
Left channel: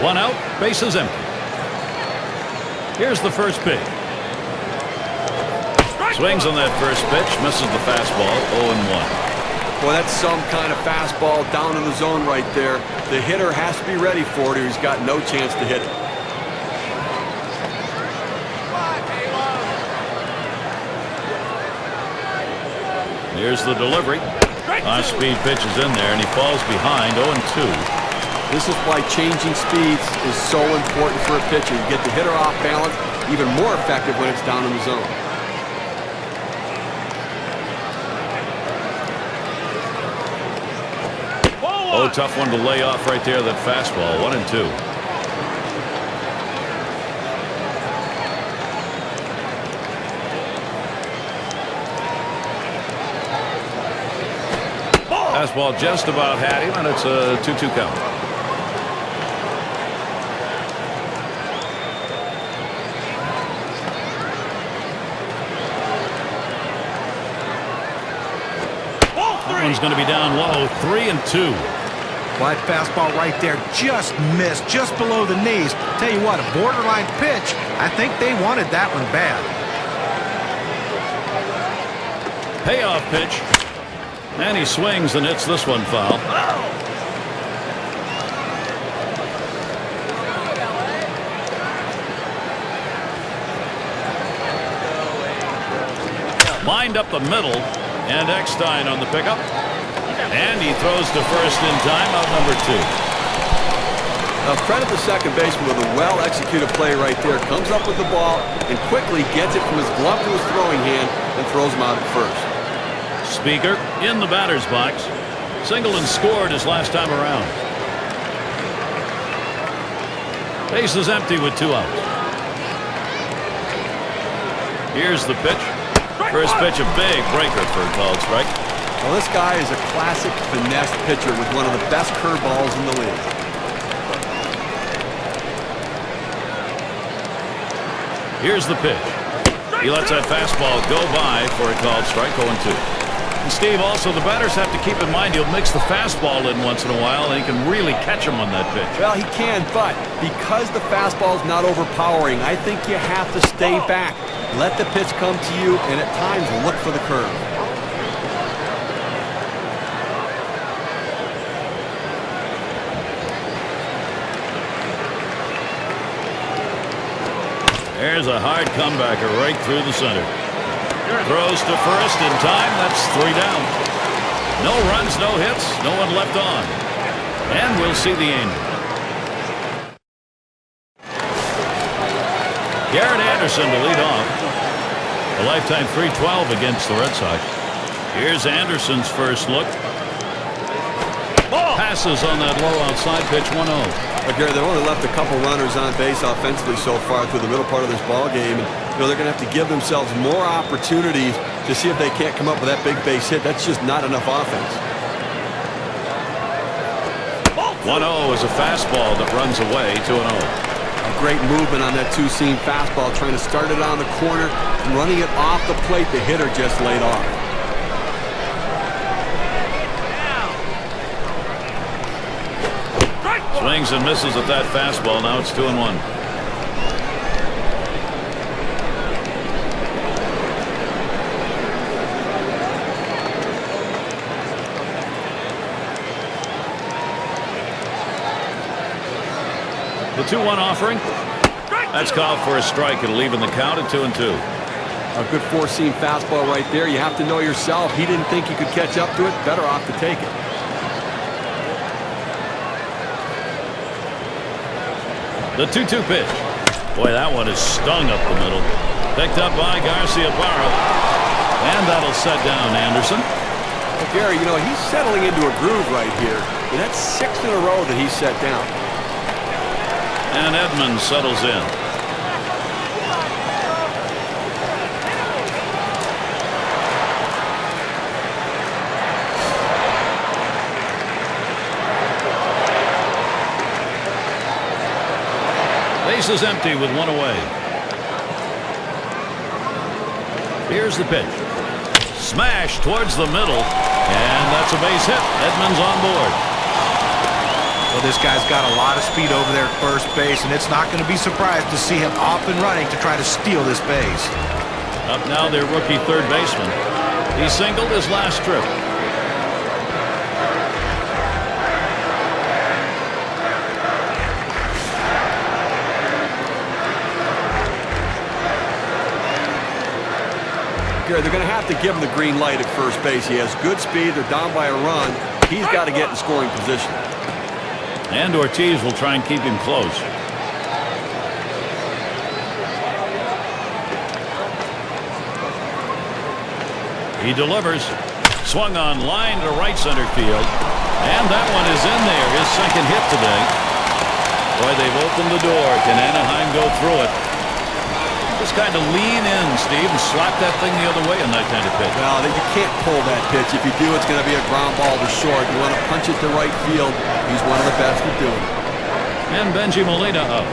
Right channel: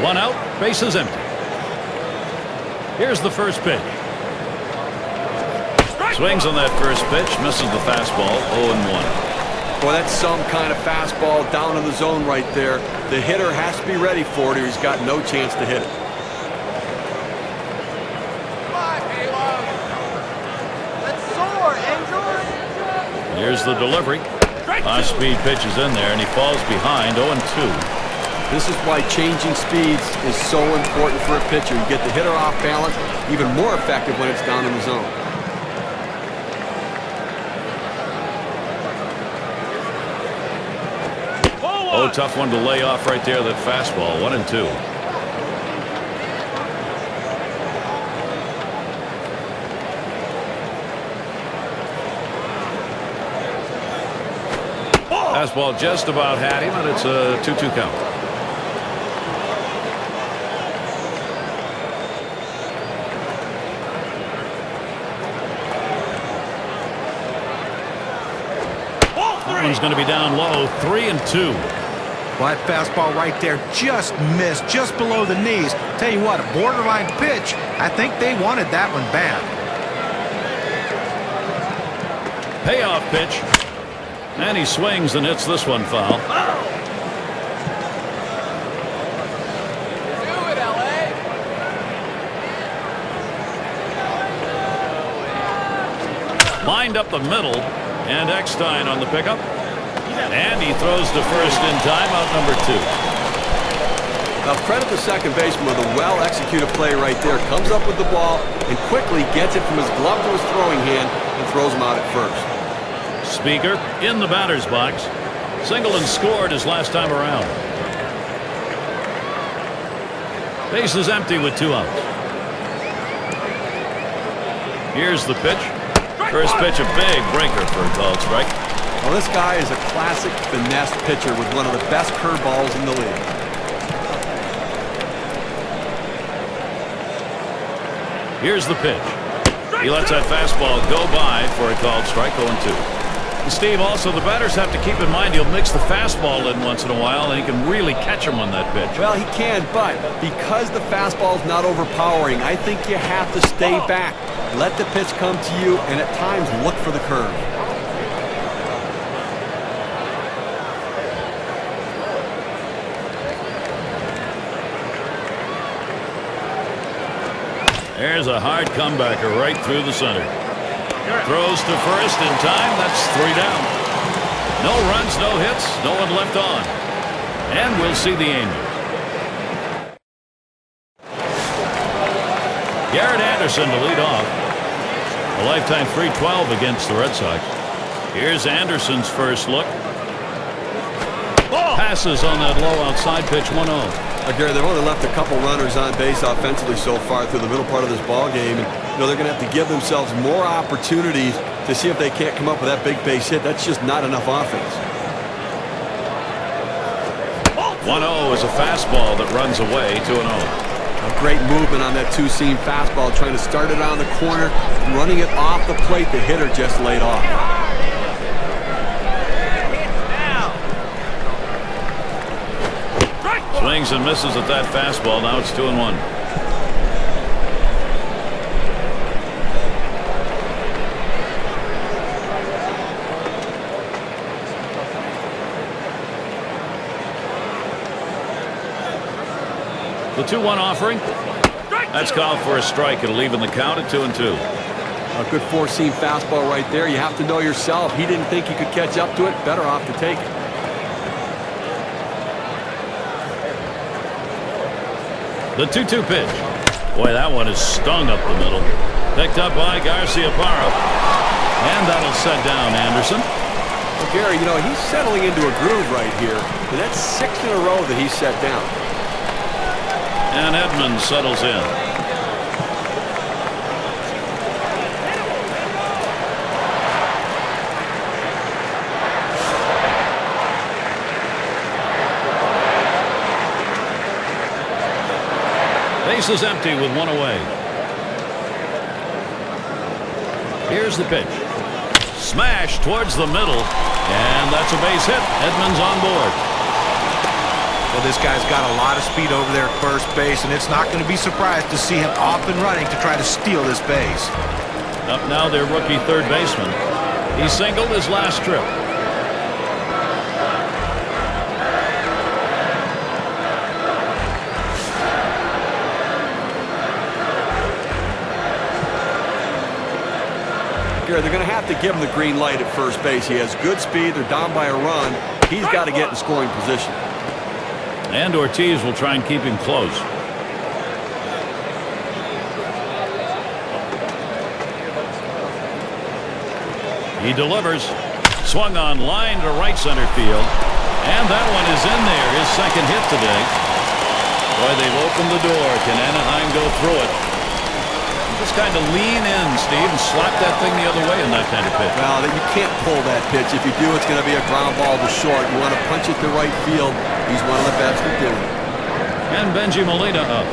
One out, bases empty. Here's the first pitch. Swings on that first pitch, misses the fastball, 0-1. Boy, that's some kind of fastball down in the zone right there. The hitter has to be ready for it or he's got no chance to hit it. Here's the delivery. High-speed pitch is in there, and he falls behind, 0-2. This is why changing speeds is so important for a pitcher. You get the hitter off balance, even more effective when it's down in the zone. Oh, tough one to lay off right there, that fastball, 1-2. Fastball just about had him, and it's a 2-2 count. That one's going to be down low, 3-2. Well, that fastball right there just missed, just below the knees. Tell you what, a borderline pitch. I think they wanted that one bad. Payoff pitch. And he swings and hits this one foul. Lined up the middle, and Eckstein on the pickup. And he throws to first in time, out number 2. Now credit the second baseman with a well-executed play right there. Comes up with the ball and quickly gets it from his glove to his throwing hand and throws him out at first. Speaker in the batter's box. Singleton scored his last time around. Base is empty with 2 outs. Here's the pitch. First pitch, a big breaker for a called strike. Well, this guy is a classic finesse pitcher with one of the best curveballs in the league. Here's the pitch. He lets that fastball go by for a called strike. 0-2. And Steve, also the batters have to keep in mind he'll mix the fastball in once in a while, and he can really catch him on that pitch. Well, he can, but because the fastball's not overpowering, I think you have to stay back. Let the pitch come to you, and at times look for the curve. There's a hard comebacker right through the center. Throws to first in time. That's 3 down. No runs, no hits, no one left on. And we'll see the Angels. Garrett Anderson to lead off. A lifetime .312 against the Red Sox. Here's Anderson's first look. Passes on that low outside pitch. 1-0. Gary, they've only left a couple runners on base offensively so far through the middle part of this ball game, and they're going to have to give themselves more opportunities to see if they can't come up with that big base hit. That's just not enough offense. 1-0 is a fastball that runs away. 2-0. A great movement on that two-seam fastball, trying to start it on the corner, running it off the plate. The hitter just laid off. Swings and misses at that fastball. Now it's 2-1. The 2-1 offering. That's called for a strike. It'll even the count at 2-2. A good four-seam fastball right there. You have to know yourself. He didn't think he could catch up to it. Better off to take it. The 2-2 pitch. Boy, that one is stung up the middle. Picked up by Garciaparra. And that'll set down Anderson. Well, Gary, you know, he's settling into a groove right here. And that's 6 in a row that he's set down. And Edmonds settles in. Base is empty with 1 away. Here's the pitch. Smash towards the middle. And that's a base hit. Edmonds on board. Well, this guy's got a lot of speed over there at first base, and it's not going to be surprised to see him off and running to try to steal this base. Up now their rookie third baseman. He singled his last trip. They're going to have to give him the green light at first base. He has good speed. They're down by a run. He's got to get in scoring position. And Ortiz will try and keep him close. He delivers. Swung on line to right center field. And that one is in there. His second hit today. Boy, they've opened the door. Can Anaheim go through it? Just kind of lean in, Steve, and slap that thing the other way in that kind of pitch. Well, you can't pull that pitch. If you do, it's going to be a ground ball to short. You want to punch it to right field. He's one of the best at doing it. And Benji Molina up.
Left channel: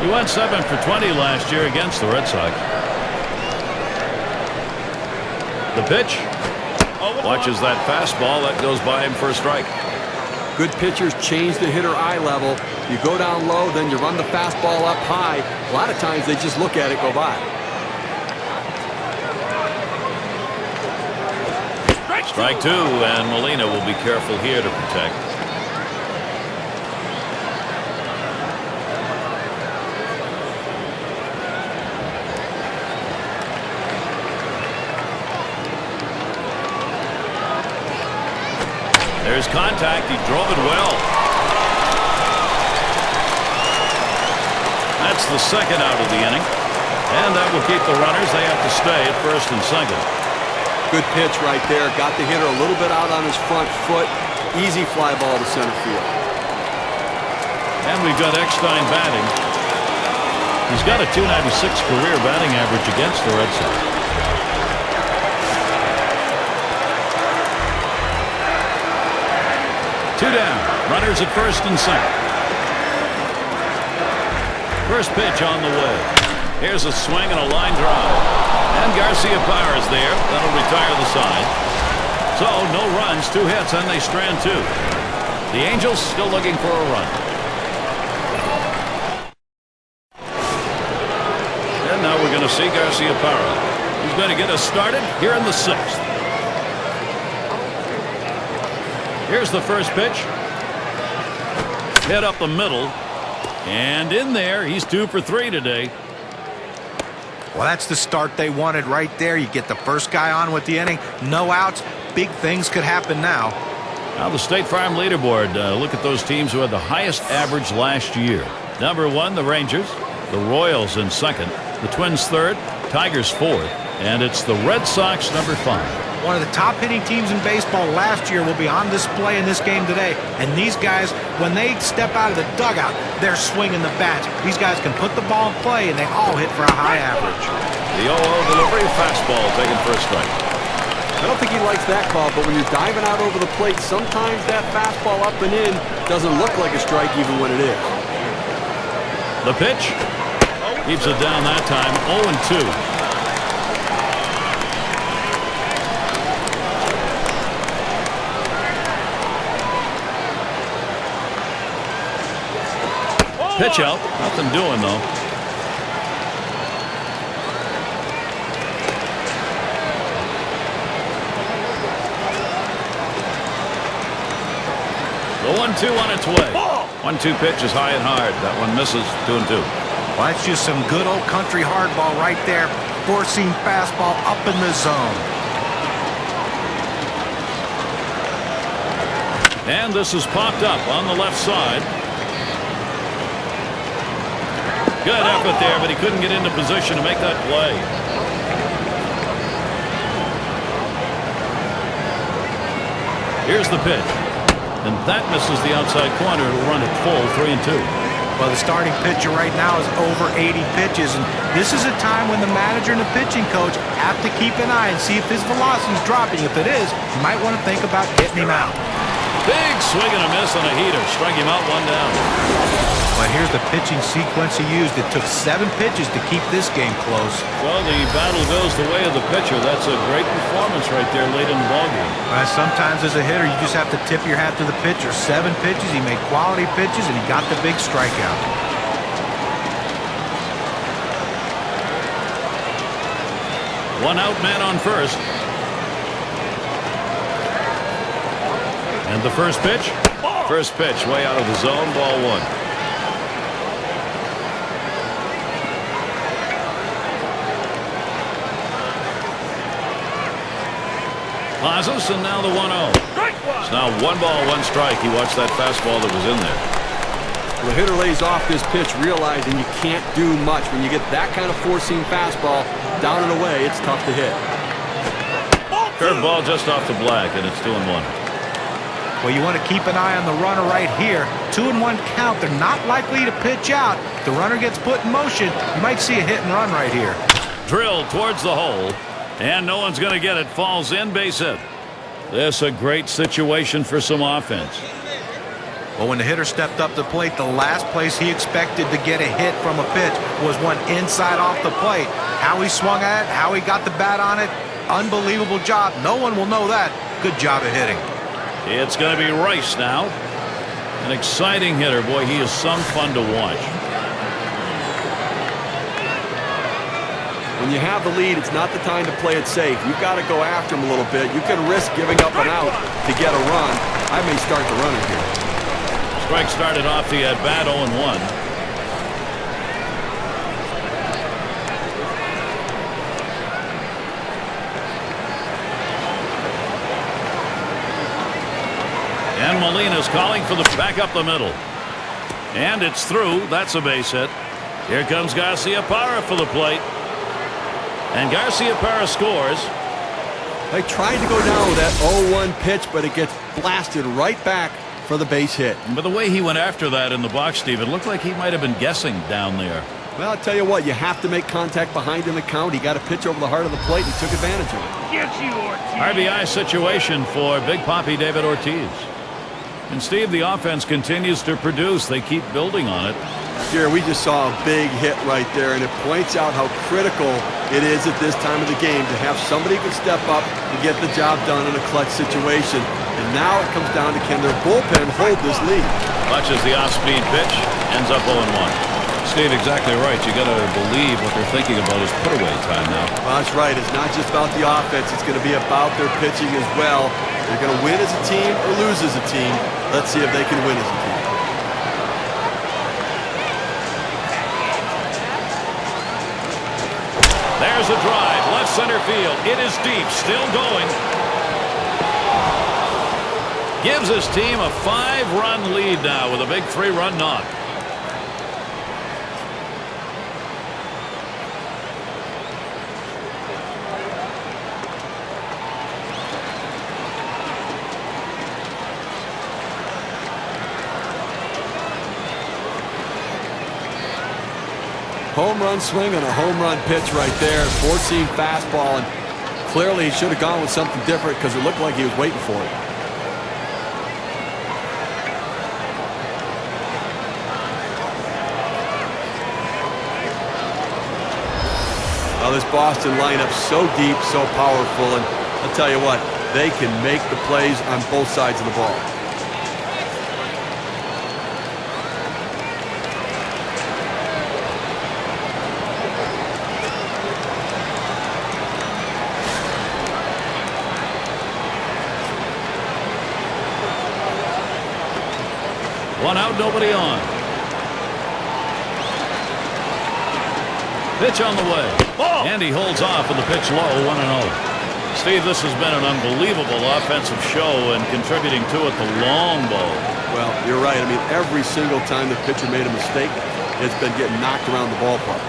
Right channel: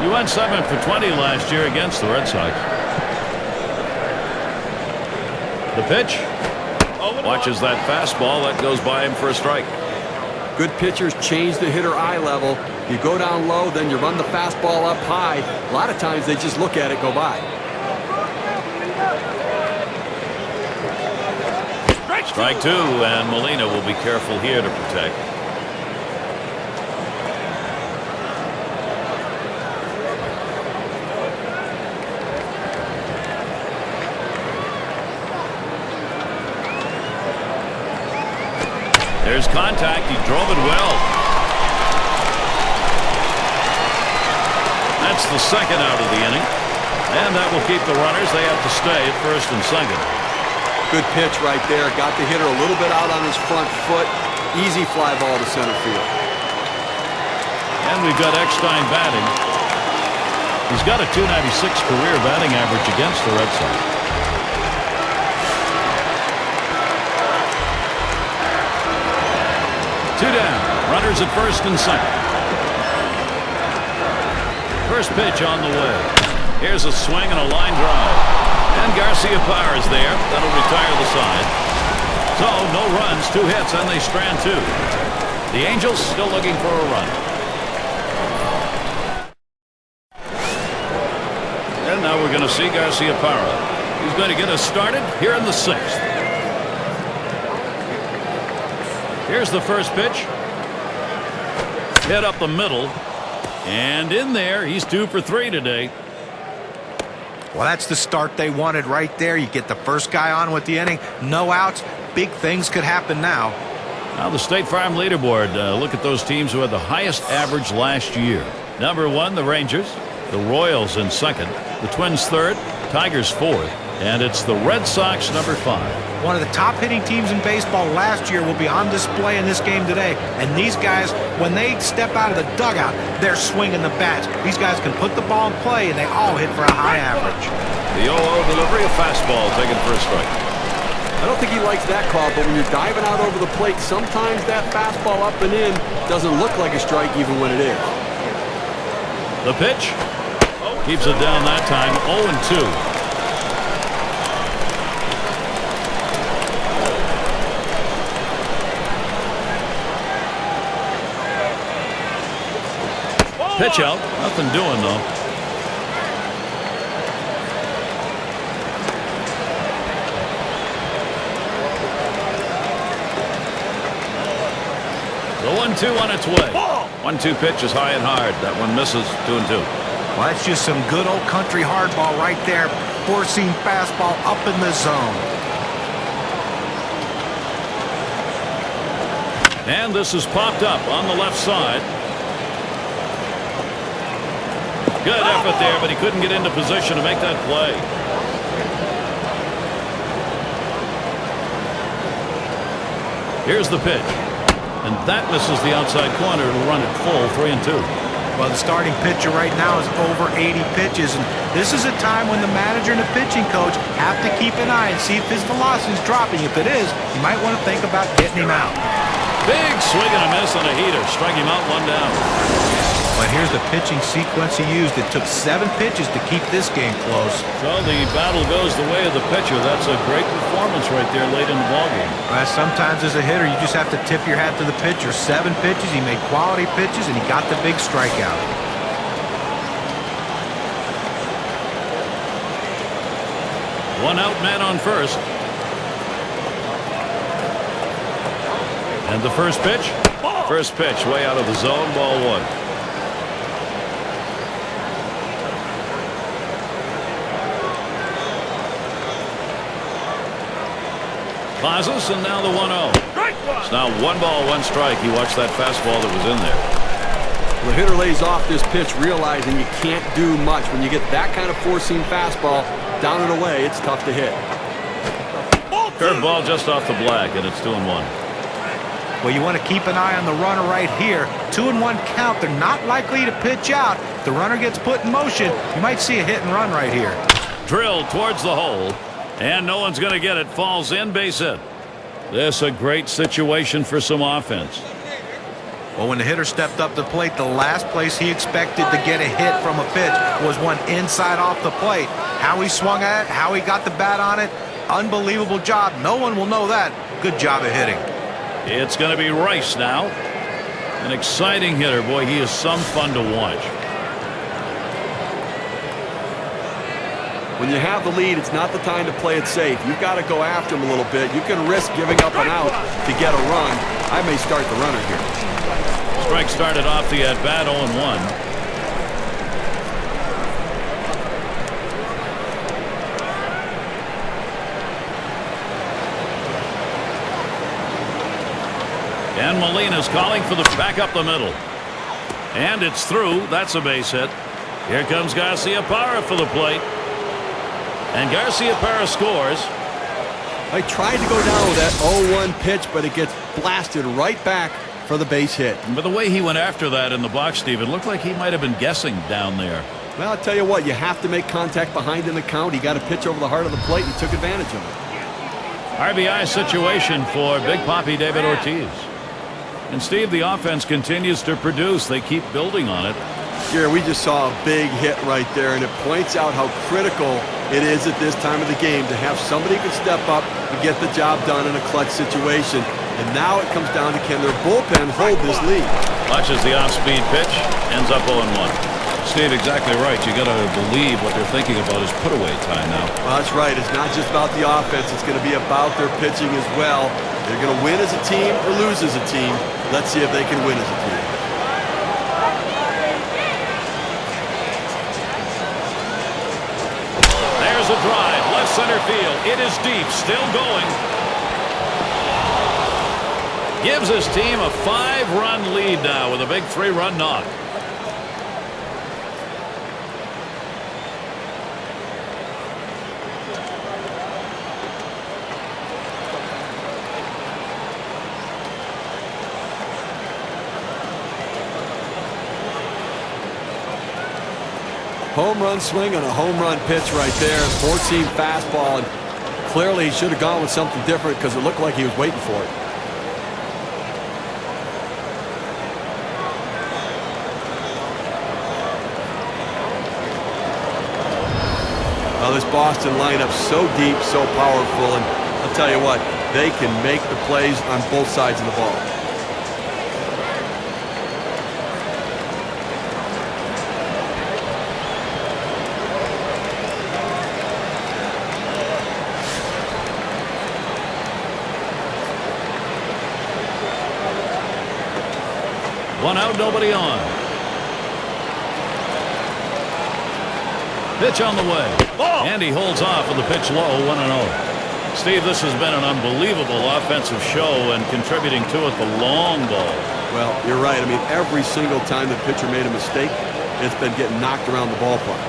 He went 7 for 20 last year against the Red Sox. The pitch. Watches that fastball. That goes by him for a strike. Good pitchers change the hitter eye level. You go down low, then you run the fastball up high. A lot of times they just look at it go by. Strike 2, and Molina will be careful here to protect. There's contact. He drove it well. That's the second out of the inning. And that will keep the runners. They have to stay at first and second. Good pitch right there. Got the hitter a little bit out on his front foot. Easy fly ball to center field. And we've got Eckstein batting. He's got a .296 career batting average against the Red Sox. Two down. Runners at first and second. First pitch on the way. Here's a swing and a line drive. And Garcia Parra's there. That'll retire the side. So no runs, 2 hits, and they strand 2. The Angels still looking for a run. And now we're going to see Garcia Parra. He's going to get us started here in the 6th. Here's the first pitch. Hit up the middle. And in there, he's 2 for 3 today. Well, that's the start they wanted right there. You get the first guy on with the inning. No outs. Big things could happen now. Now the State Farm leaderboard. Look at those teams who had the highest average last year. Number 1, the Rangers. The Royals in 2nd. The Twins 3rd. Tigers 4th. And it's the Red Sox number 5. One of the top hitting teams in baseball last year will be on display in this game today. And these guys, when they step out of the dugout, they're swinging the bats. These guys can put the ball in play, and they all hit for a high average. The 0-0 delivery, a fastball taken for a strike. I don't think he likes that call, but when you're diving out over the plate, sometimes that fastball up and in doesn't look like a strike even when it is. The pitch keeps it down that time. 0-2. Pitch out. Nothing doing, though. The 1-2 on its way. 1-2 pitch is high and hard. That one misses. 2-2. Well, that's just some good old country hardball right there. Four-seam fastball up in the zone. And this is popped up on the left side. Good effort there, but he couldn't get into position to make that play. Here's the pitch. And that misses the outside corner. It'll run it full, 3-2. Well, the starting pitcher right now is over 80 pitches, and this is a time when the manager and the pitching coach have to keep an eye and see if his velocity is dropping. If it is, you might want to think about getting him out. Big swing and a miss on a heater. Strike him out, 1 down. But here's the pitching sequence he used. It took 7 pitches to keep this game close. So the battle goes the way of the pitcher. That's a great performance right there late in the ballgame. Well, sometimes as a hitter, you just have to tip your hat to the pitcher. 7 pitches, he made quality pitches, and he got the big strikeout. One out, man on first. And the first pitch? First pitch way out of the zone, ball 1. Plazas, and now the 1-0. It's now 1 ball, 1 strike. He watched that fastball that was in there. Well, the hitter lays off this pitch, realizing you can't do much. When you get that kind of four-seam fastball down and away, it's tough to hit. Curveball just off the black, and it's 2-1. Well, you want to keep an eye on the runner right here. 2-1 count. They're not likely to pitch out. If the runner gets put in motion, you might see a hit and run right here. Drilled towards the hole. And no one's going to get it. Falls in, base hit. This a great situation for some offense. Well, when the hitter stepped up to the plate, the last place he expected to get a hit from a pitch was one inside off the plate. How he swung at it, how he got the bat on it, unbelievable job. No one will know that. Good job of hitting. It's going to be Rice now. An exciting hitter. Boy, he is some fun to watch. When you have the lead, it's not the time to play it safe. You've got to go after him a little bit. You can risk giving up an out to get a run. I may start the runner here. Strike started off the at-bat 0-1. And Molina's calling for the back up the middle. And it's through. That's a base hit. Here comes Garcia Parra for the plate. And Garcia Parra scores. I tried to go down with that 0-1 pitch, but it gets blasted right back for the base hit. But the way he went after that in the box, Steve, it looked like he might have been guessing down there. Well, I'll tell you what, you have to make contact behind in the count. He got a pitch over the heart of the plate, and he took advantage of it. RBI situation for Big Papi David Ortiz. And Steve, the offense continues to produce. They keep building on it. Gary, we just saw a big hit right there, and it points out how critical it is at this time of the game to have somebody who can step up and get the job done in a clutch situation. And now it comes down to, can their bullpen hold this lead? Watches the off-speed pitch, ends up 0-1. Steve, exactly right. You got to believe what they're thinking about is put-away time now. Well, that's right. It's not just about the offense. It's going to be about their pitching as well. They're going to win as a team or lose as a team. Let's see if they can win as a team. There's a drive, left center field. It is deep, still going. Gives his team a 5-run lead now with a big 3-run knock. Home run swing on a home run pitch right there. 4-seam fastball, and clearly he should have gone with something different because it looked like he was waiting for it. Oh, this Boston lineup's so deep, so powerful, and I'll tell you what, they can make the plays on both sides of the ball. One out, nobody on. Pitch on the way. And he holds off with the pitch low, 1-0. Steve, this has been an unbelievable offensive show, and contributing to it, the long ball. Well, you're right. I mean, every single time the pitcher made a mistake, it's been getting knocked around the ballpark.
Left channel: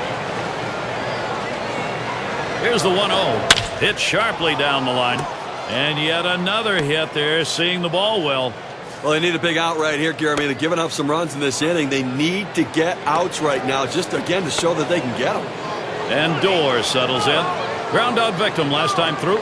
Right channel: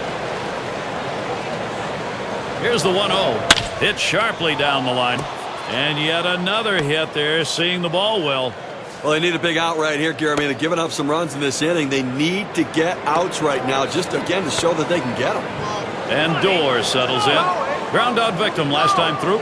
Here's the 1-0. Hit sharply down the line. And yet another hit there, seeing the ball well. Well, they need a big out right here, Gary. I mean, they're giving up some runs in this inning. They need to get outs right now, just again to show that they can get them. And Doors settles in. Ground out victim last time through.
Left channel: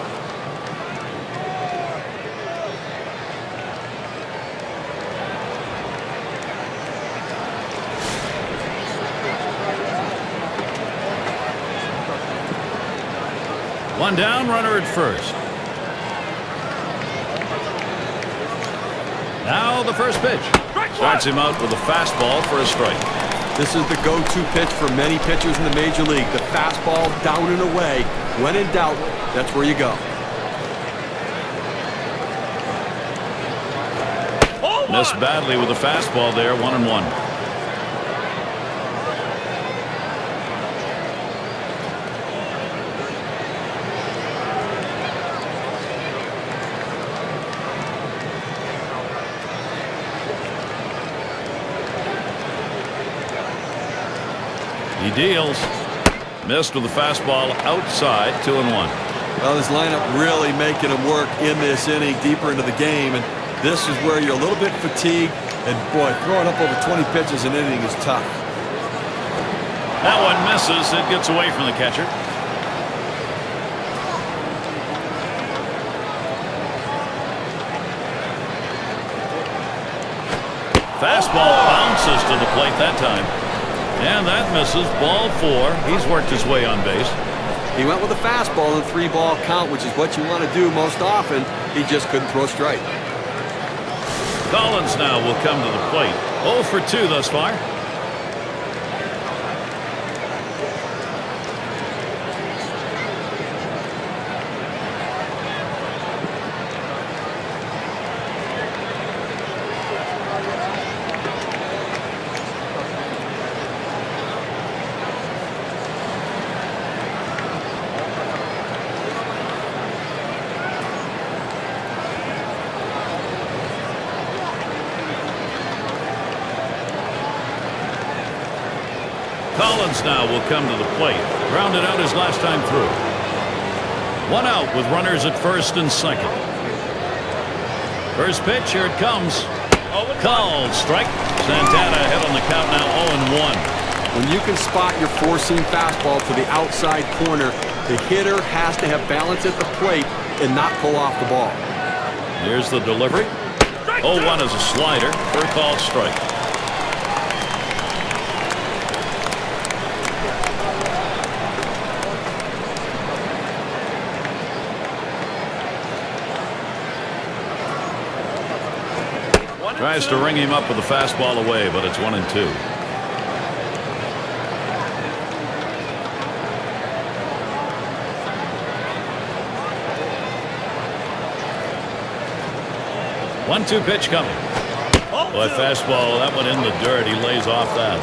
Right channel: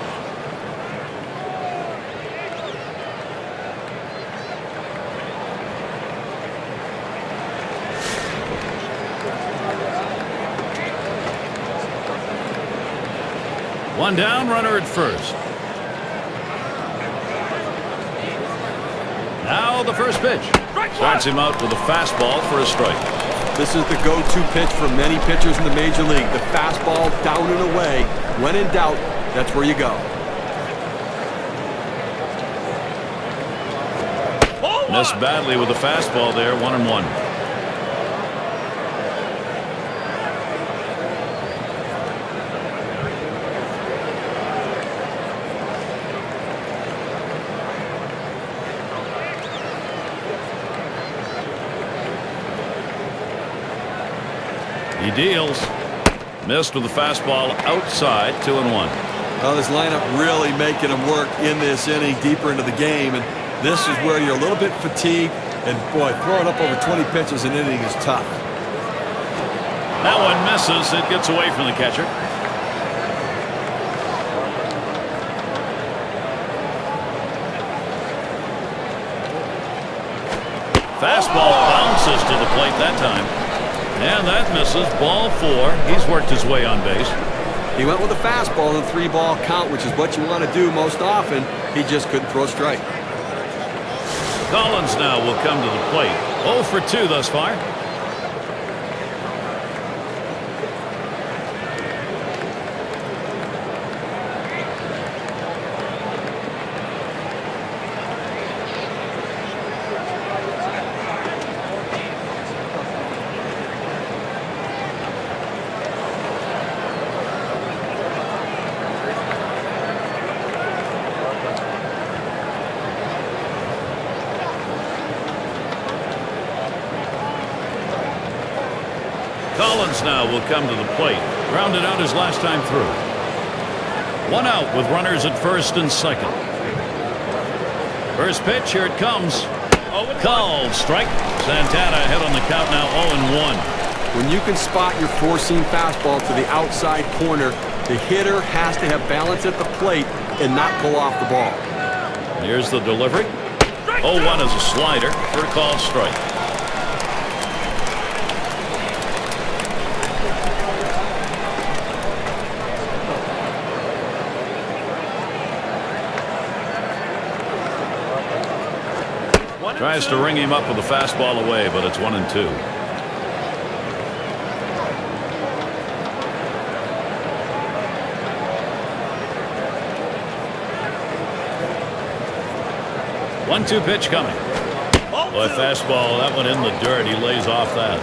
One down, runner at first. Now the first pitch. Starts him out with a fastball for a strike. This is the go-to pitch for many pitchers in the major league. The fastball down and away. When in doubt, that's where you go. Missed badly with the fastball there, 1-1. He deals. Missed with the fastball outside, 2-1. Well, this lineup really making them work in this inning, deeper into the game, and this is where you're a little bit fatigued, and boy, throwing up over 20 pitches an inning is tough. That one misses. It gets away from the catcher. Fastball bounces to the plate that time. And that misses. Ball 4. He's worked his way on base. He went with a fastball in a 3-ball count, which is what you want to do most often. He just couldn't throw a strike. Collins now will come to the plate. 0 for 2 thus far. Collins now will come to the plate. Grounded out his last time through. One out with runners at first and second. First pitch, here it comes. Called strike. Santana ahead on the count now, 0-1. When you can spot your 4-seam fastball to the outside corner, the hitter has to have balance at the plate and not pull off the ball. Here's the delivery. 0-1 is a slider for a called strike. Tries to ring him up with a fastball away, but it's 1-2. One-two pitch coming. Boy, fastball, that went in the dirt. He lays off that.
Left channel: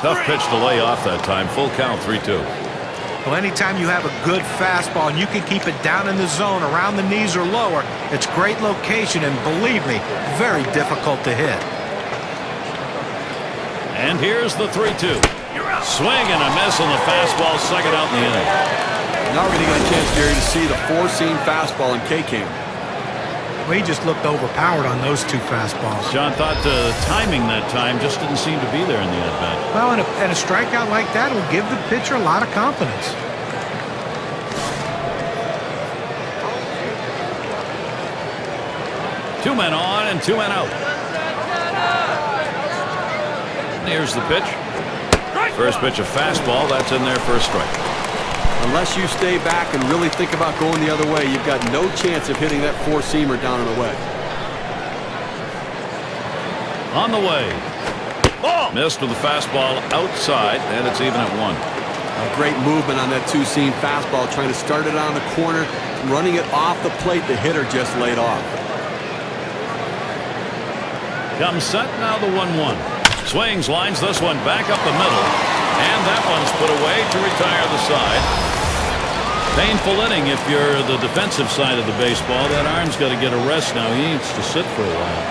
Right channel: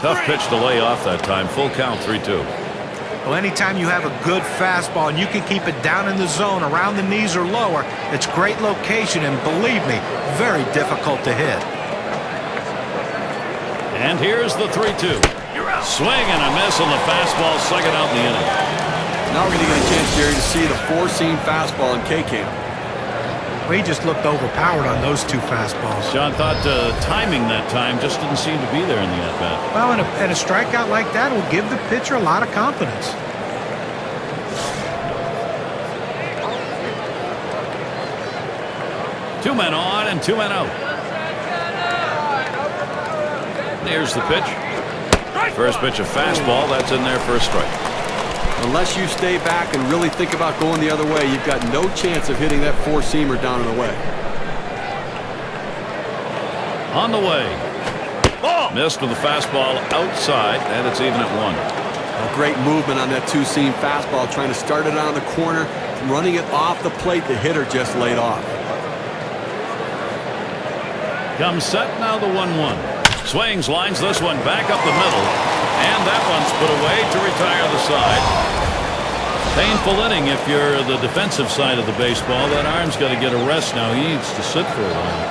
Tough pitch to lay off that time. Full count, 3-2. Well, anytime you have a good fastball and you can keep it down in the zone around the knees or lower, it's great location and, believe me, very difficult to hit. And here's the 3-2. Swing and a miss on the fastball, second out in the inning. Now we're going to get a chance, Gary, to see the four-seam fastball in K-Cam. Well, he just looked overpowered on those two fastballs. John thought timing that time just didn't seem to be there in the at-bat. Well, and a strikeout like that will give the pitcher a lot of confidence. Two men on and two men out. Here's the pitch. First pitch, a fastball. That's in there for a strike. Unless you stay back and really think about going the other way, you've got no chance of hitting that four-seamer down and away. On the way. Missed with the fastball outside, and it's even at 1. A great movement on that two-seam fastball, trying to start it on the corner, running it off the plate. The hitter just laid off. Comes set, now the 1-1. Swings, lines this one back up the middle, and that one's put away to retire the side. Painful inning if you're the defensive side of the baseball. That arm's got to get a rest now. He needs to sit for a while.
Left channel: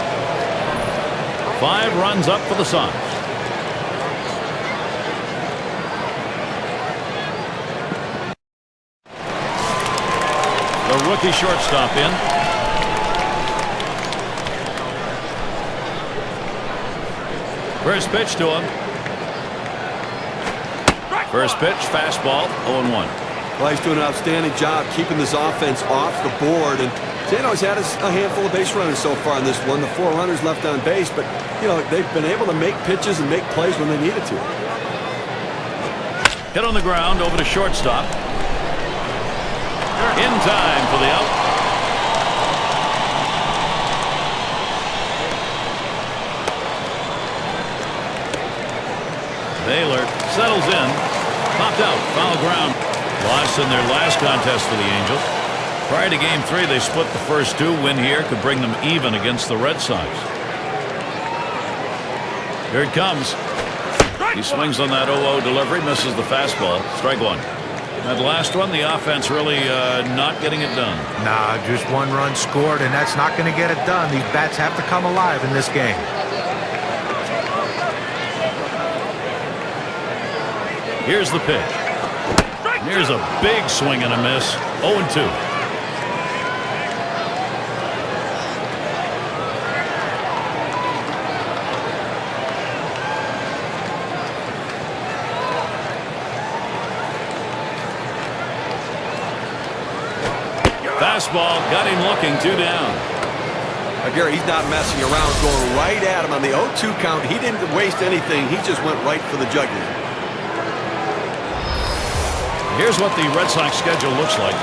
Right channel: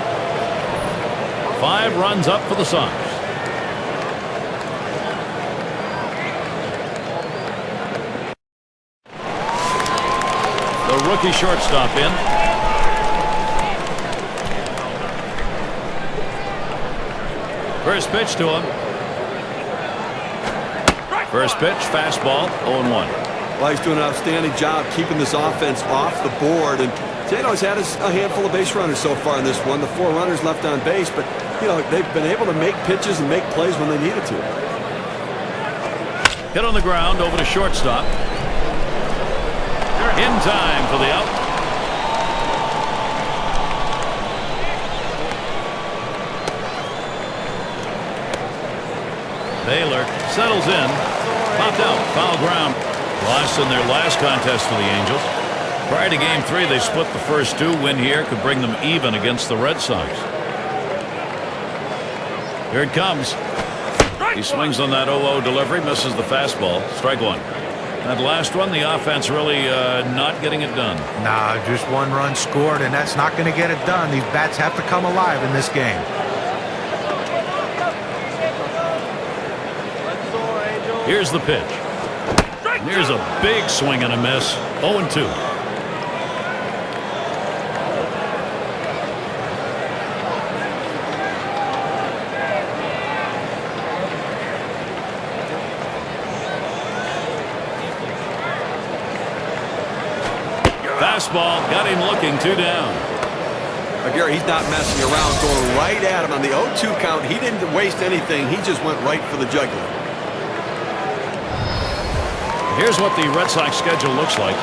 5 runs up for the Sox. The rookie shortstop in. First pitch to him. First pitch, fastball, 0-1. Well, he's doing an outstanding job keeping this offense off the board. And Sano's had a handful of base runners so far in this one. The 4 runners left on base, but, you know, they've been able to make pitches and make plays when they needed to. Hit on the ground over to shortstop. In time for the out. Baylor settles in. Popped out. Foul ground. Lost in their last contest for the Angels. Prior to Game 3, they split the first 2. Win here could bring them even against the Red Sox. Here it comes. He swings on that 0-0 delivery. Misses the fastball. Strike 1. That last one, the offense really not getting it done. Nah, just 1 run scored, and that's not going to get it done. These bats have to come alive in this game. Here's the pitch. And here's a big swing and a miss. 0-2. Fastball got him looking. 2 down. Gary, he's not messing around, going right at him on the 0-2 count. He didn't waste anything. He just went right for the jugular. Here's what the Red Sox schedule looks like.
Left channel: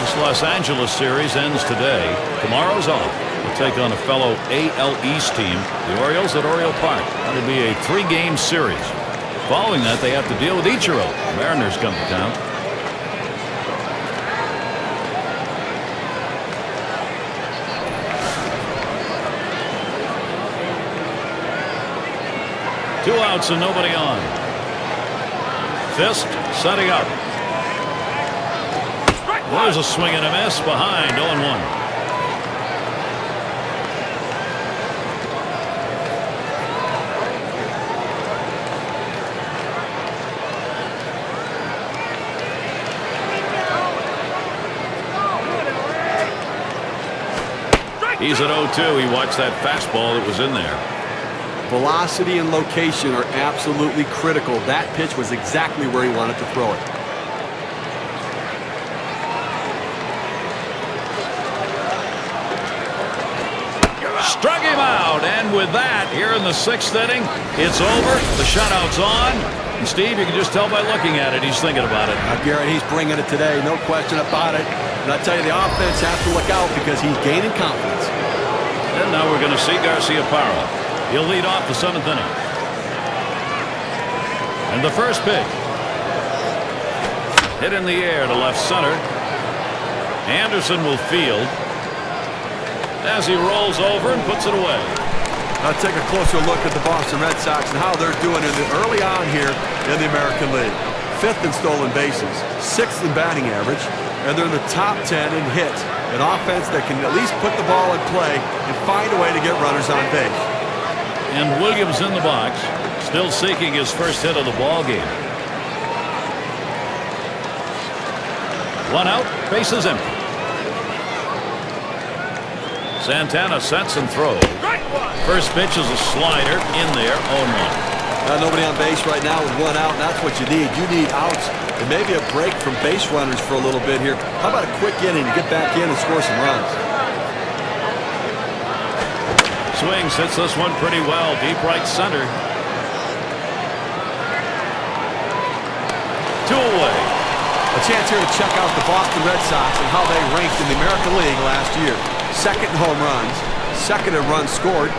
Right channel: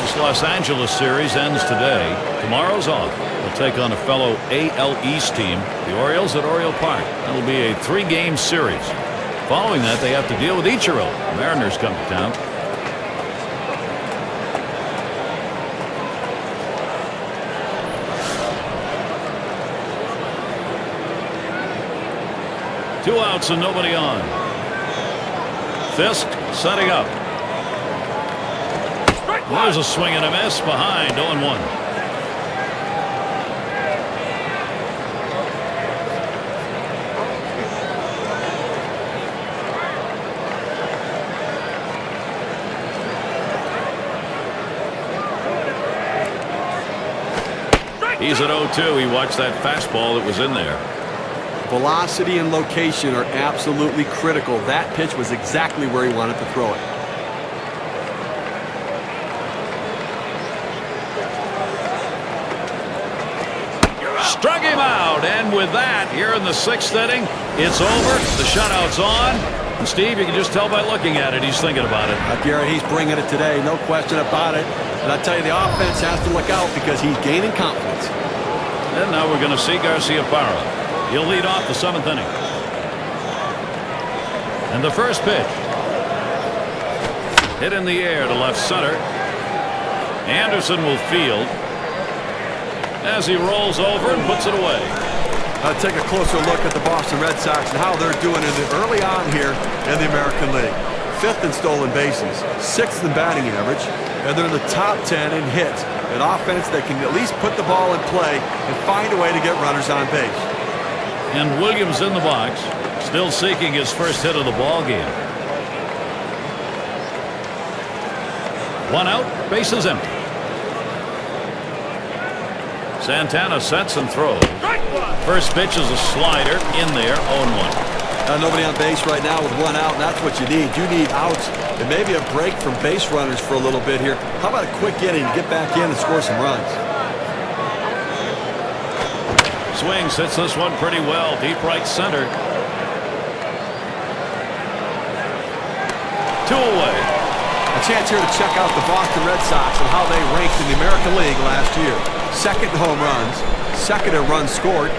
This Los Angeles series ends today. Tomorrow's off. They'll take on a fellow AL East team, the Orioles, at Oriole Park. That'll be a 3-game series. Following that, they have to deal with Ichiro. The Mariners come to town. Two outs and nobody on. Fisk setting up. There's a swing and a miss behind. 0-1. He's at 0-2. He watched that fastball that was in there. Velocity and location are absolutely critical. That pitch was exactly where he wanted to throw it. Struck him out, and with that, here in the 6th inning, it's over. The shutout's on. And Steve, you can just tell by looking at it, he's thinking about it. Garrett, he's bringing it today, no question about it. And I tell you, the offense has to look out because he's gaining confidence. And now we're going to see Garciaparra. He'll lead off the 7th inning. And the first pitch. Hit in the air to left center. Anderson will field as he rolls over and puts it away. Now take a closer look at the Boston Red Sox and how they're doing early on here in the American League. 5th in stolen bases, 6th in batting average, and they're in the top 10 in hits. An offense that can at least put the ball in play and find a way to get runners on base. And Williams in the box, still seeking his first hit of the ball game. 1 out, bases empty. Santana sets and throws. First pitch is a slider in there, 0-1. Nobody on base right now with 1 out, and that's what you need. You need outs and maybe a break from base runners for a little bit here. How about a quick inning to get back in and score some runs? Swings, hits this one pretty well, deep right center. 2 away. A chance here to check out the Boston Red Sox and how they ranked in the American League last year. 2nd in home runs, 2nd in runs scored,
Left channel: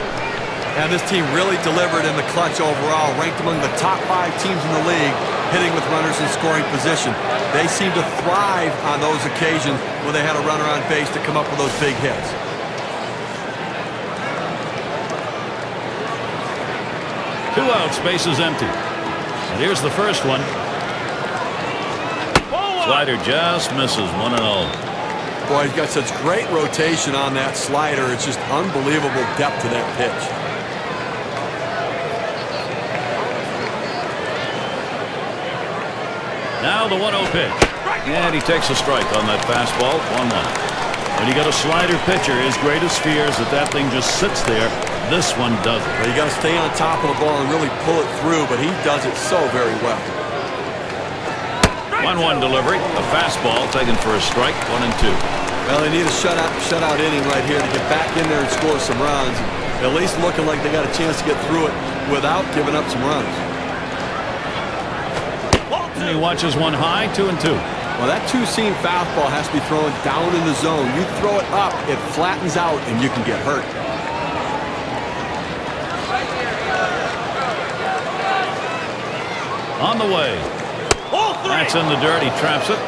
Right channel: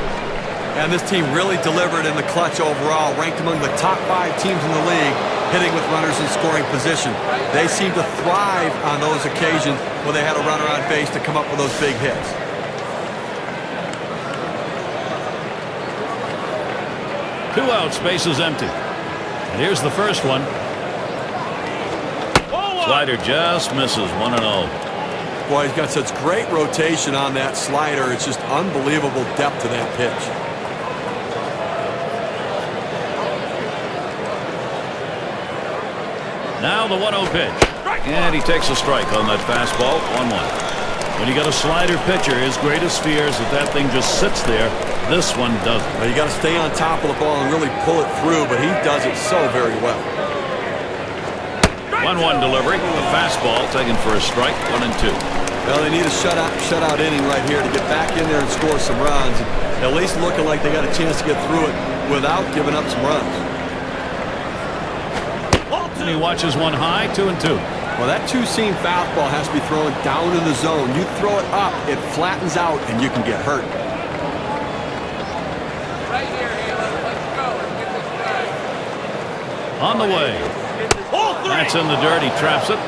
and this team really delivered in the clutch overall, ranked among the top 5 teams in the league, hitting with runners in scoring position. They seem to thrive on those occasions when they had a runner on base to come up with those big hits. Two outs, bases empty. And here's the first one. Slider just misses, 1-0. Boy, he's got such great rotation on that slider. It's just unbelievable depth to that pitch. Now the 1-0 pitch. And he takes a strike on that fastball, 1-1. When you got a slider pitcher, his greatest fear is that thing just sits there. This one doesn't. Well, you got to stay on top of the ball and really pull it through, but he does it so very well. 1-1 delivery. A fastball taken for a strike, 1-2. Well, they need a shutout inning right here to get back in there and score some runs. And at least looking like they got a chance to get through it without giving up some runs. And he watches one high, 2-2. Well, that two-seam fastball has to be thrown down in the zone. You throw it up, it flattens out, and you can get hurt. On the way. That's in the dirt. He traps it.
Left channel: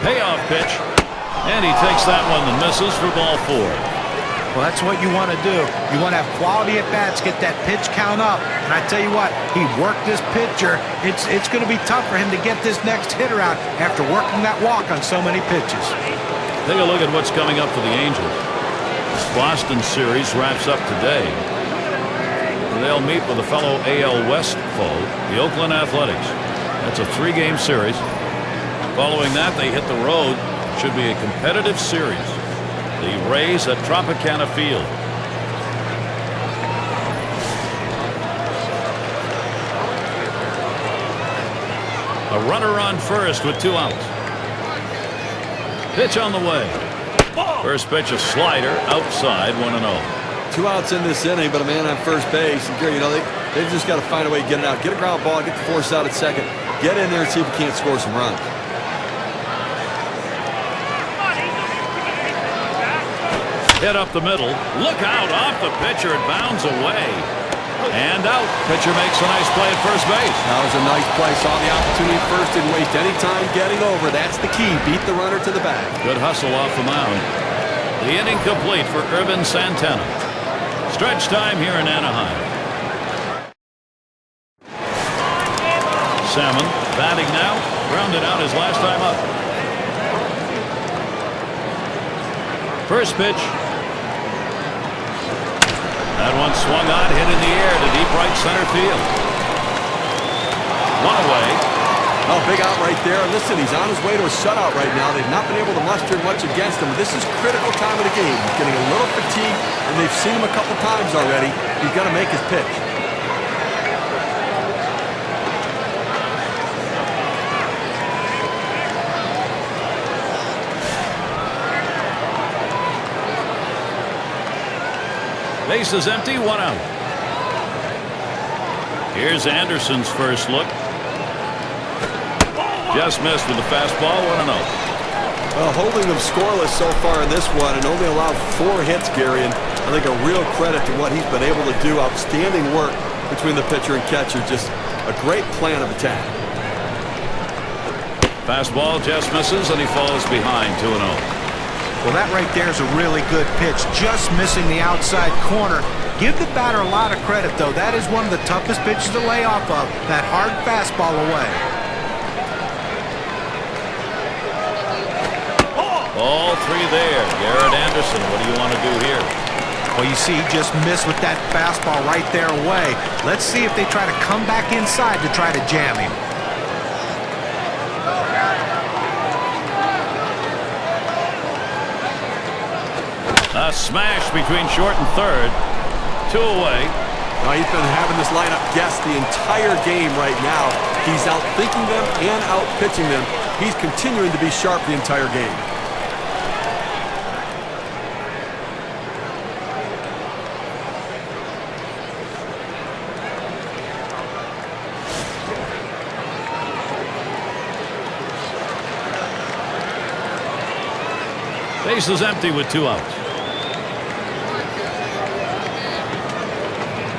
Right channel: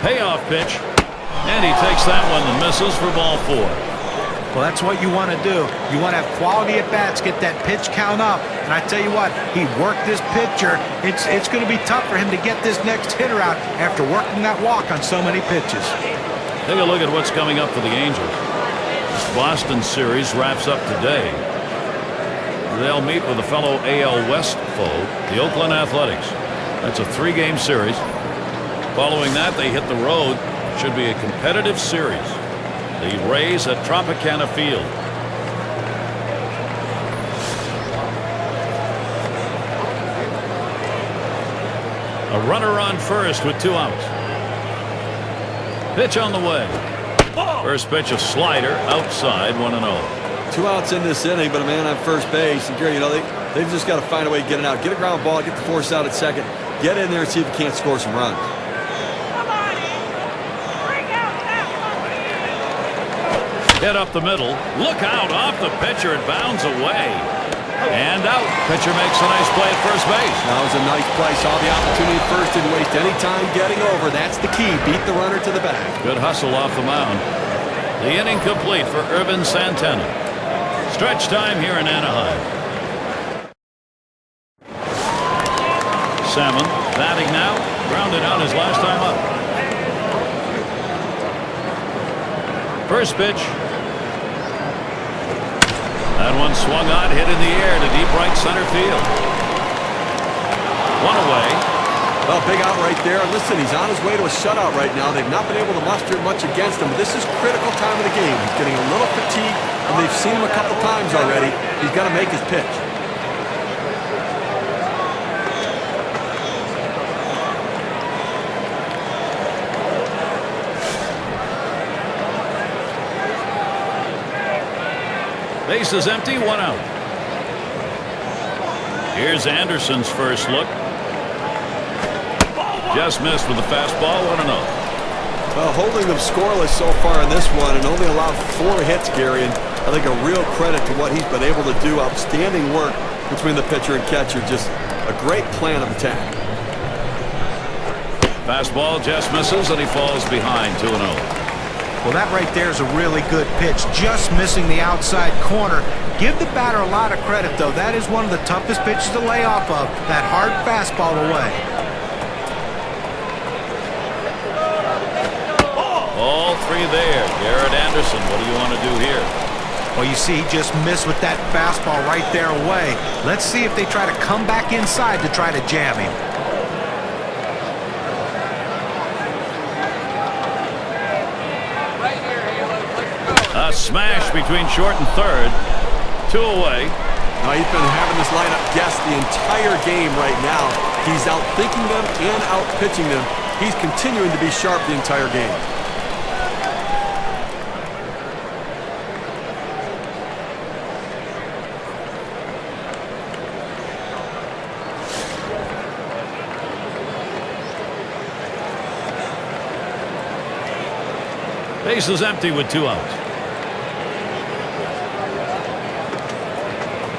Payoff pitch. And he takes that one and misses for ball 4. Well, that's what you want to do. You want to have quality at bats, get that pitch count up. And I tell you what, he worked this pitcher. It's going to be tough for him to get this next hitter out after working that walk on so many pitches. Take a look at what's coming up for the Angels. This Boston series wraps up today. They'll meet with a fellow AL West foe, the Oakland Athletics. That's a 3-game series. Following that, they hit the road. It should be a competitive series. The Rays at Tropicana Field. A runner on first with 2 outs. Pitch on the way. First pitch, a slider outside, 1-0. 2 outs in this inning, but a man on first base. And Gary, you know, they've just got to find a way to get it out. Get a ground ball, get the force out at second. Get in there and see if you can't score some runs. Hit up the middle. Look out off the pitcher. It bounds away. And out. Pitcher makes a nice play at first base. That was a nice play. Saw the opportunity at first. Didn't waste any time getting over. That's the key. Beat the runner to the bag. Good hustle off the mound. The inning complete for Irvin Santana. Stretch time here in Anaheim. Salmon batting now. Grounded out his last time up. First pitch. That one swung on, hit in the air to deep right center field. 1 away. Well, big out right there. And listen, he's on his way to a shutout right now. They've not been able to muster much against him, but this is critical time of the game. He's getting a little fatigued, and they've seen him a couple times already. He's got to make his pitch. Base is empty, 1 out. Here's Anderson's first look. Just missed with the fastball, 1-0. Well, holding them scoreless so far in this one and only allowed 4 hits, Gary, and I think a real credit to what he's been able to do. Outstanding work between the pitcher and catcher. Just a great plan of attack. Fastball just misses, and he falls behind, 2-0. Well, that right there is a really good pitch. Just missing the outside corner. Give the batter a lot of credit, though. That is one of the toughest pitches to lay off of. That hard fastball away. All 3 there. Garrett Anderson, what do you want to do here? Well, you see, he just missed with that fastball right there away. Let's see if they try to come back inside to try to jam him. A smash between short and third. 2 away. Now, he's been having this lineup guess the entire game right now. He's out thinking them and out pitching them. He's continuing to be sharp the entire game. Base is empty with 2 outs.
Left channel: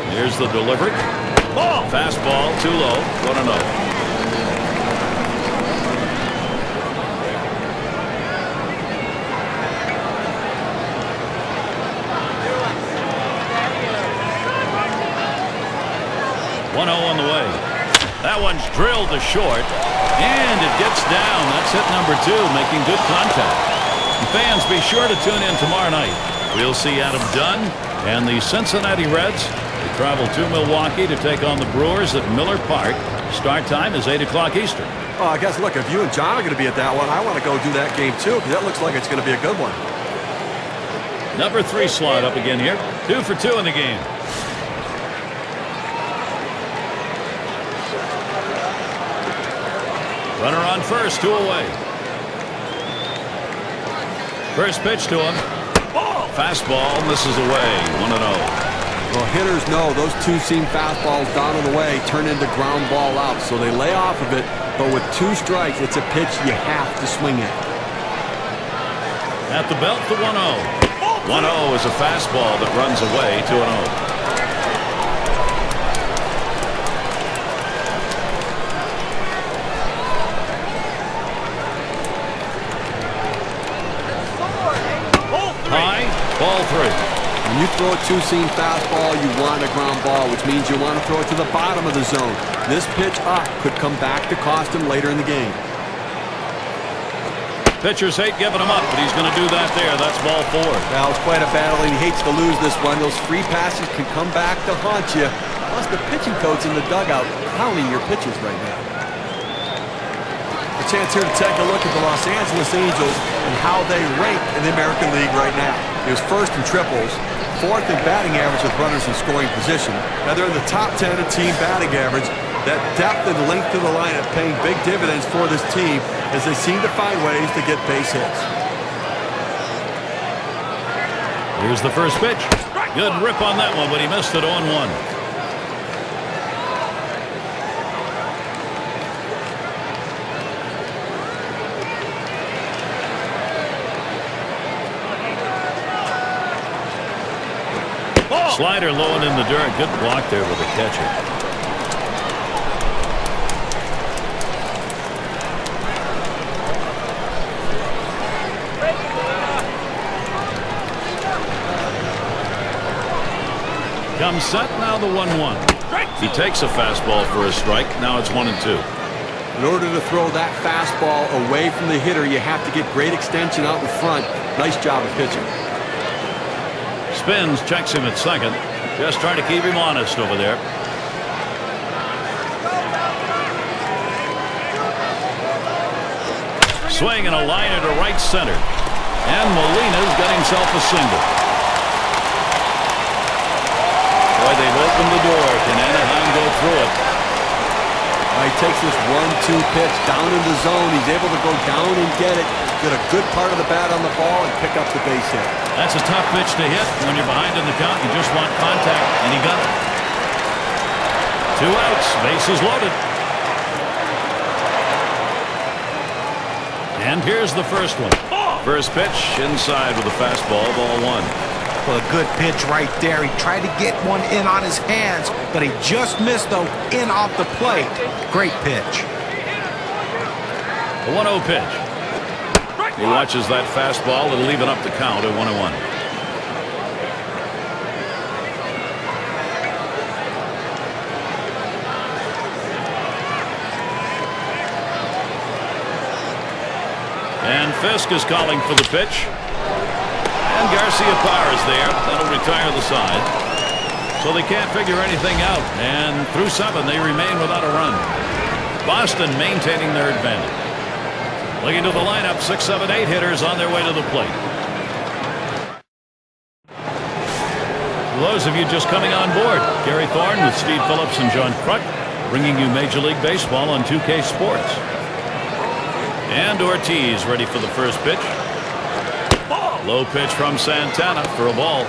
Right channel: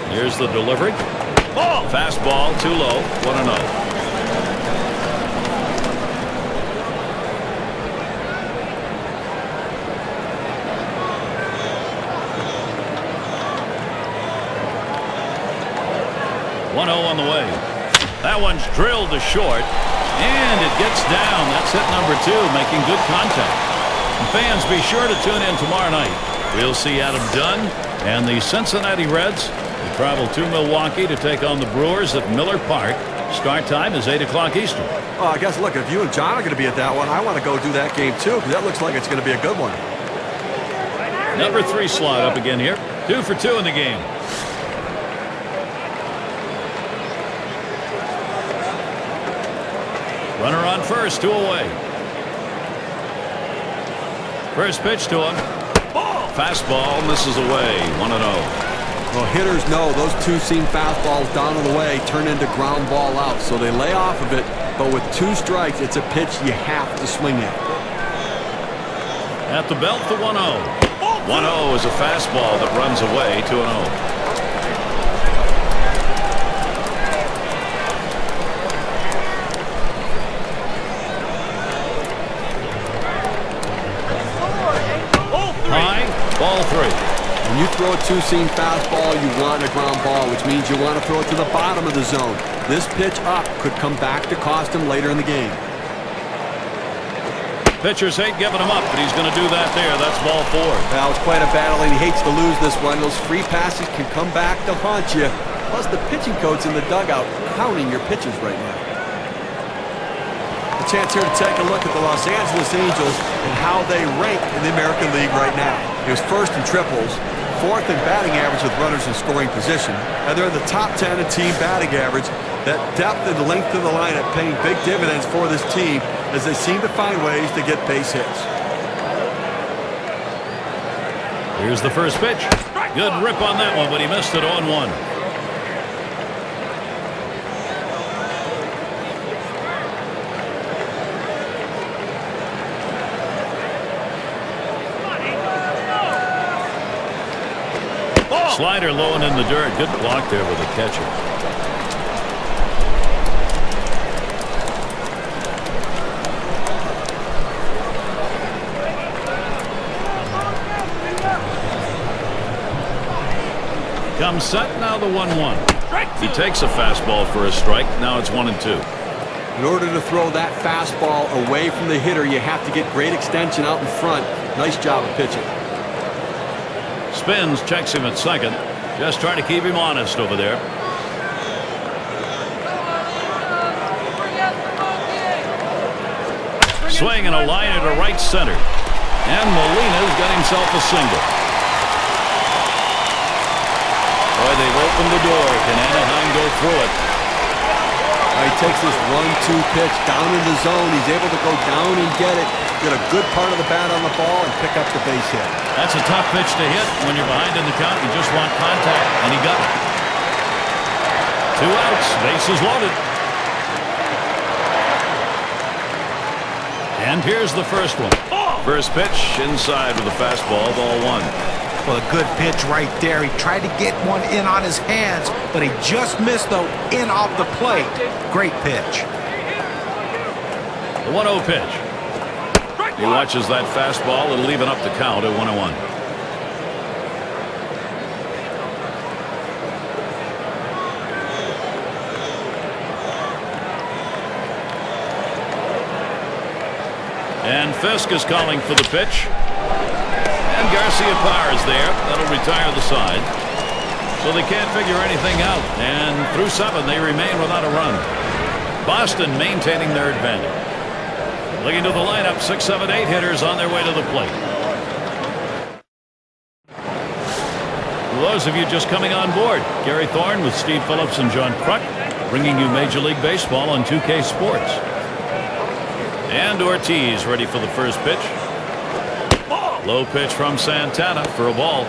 Here's the delivery. Fastball too low, 1-0. On the way. That one's drilled to short, and it gets down. That's hit number 2, making good contact. And fans, be sure to tune in tomorrow night. We'll see Adam Dunn and the Cincinnati Reds. They travel to Milwaukee to take on the Brewers at Miller Park. Start time is 8 o'clock Eastern. Oh, I guess, look, if you and John are going to be at that one, I want to go do that game too, because that looks like it's going to be a good one. Number 3 slot up again here. 2 for 2 in the game. Runner on first, 2 away. First pitch to him. Fastball misses away, 1-0. Well, hitters know those 2-seam fastballs down on the way turn into ground ball outs, so they lay off of it, but with 2 strikes, it's a pitch you have to swing at. At the belt, the 1-0. 1-0 is a fastball that runs away, 2-0. High, ball 3. When you throw a 2-seam fastball, you want a ground ball, which means you want to throw it to the bottom of the zone. This pitch up could come back to cost him later in the game. Pitchers hate giving him up, but he's going to do that there. That's ball 4. Well, it's quite a battle, and he hates to lose this one. Those free passes can come back to haunt you. Plus, the pitching coach in the dugout counting your pitches right now. A chance here to take a look at the Los Angeles Angels and how they rank in the American League right now. He was first in triples, 4th in batting average with runners in scoring position, and they're in the top 10 in team batting average. That depth and length of the lineup paying big dividends for this team as they seem to find ways to get base hits. Here's the first pitch. Good rip on that one, but he missed it on 1. Slider low and in the dirt. Good block there with the catcher. Comes set, now the 1-1. He takes a fastball for a strike. Now it's 1-2. In order to throw that fastball away from the hitter, you have to get great extension out in front. Nice job of pitching. Spins, checks him at second. Just trying to keep him honest over there. Swing and a liner to right center. And Molina's got himself a single. Boy, they've opened the door. Can Anaheim go through it? He takes this 1-2 pitch down in the zone. He's able to go down and get it, get a good part of the bat on the ball, and pick up the base hit. That's a tough pitch to hit when you're behind in the count. You just want contact, and he got it. 2 outs, bases loaded. And here's the first one. First pitch inside with a fastball, ball 1. Well, a good pitch right there. He tried to get one in on his hands, but he just missed, though, in off the plate. Great pitch. The 1-0 pitch. He watches that fastball. It'll even up the count at 1-1. And Fisk is calling for the pitch. And Garcia Parr is there. That'll retire the side. So they can't figure anything out. And through 7, they remain without a run. Boston maintaining their advantage. Looking to the lineup, 6, 7, 8 hitters on their way to the plate. For those of you just coming on board, Gary Thorne with Steve Phillips and John Kruk, bringing you Major League Baseball on 2K Sports. And Ortiz ready for the first pitch. Low pitch from Santana for a ball.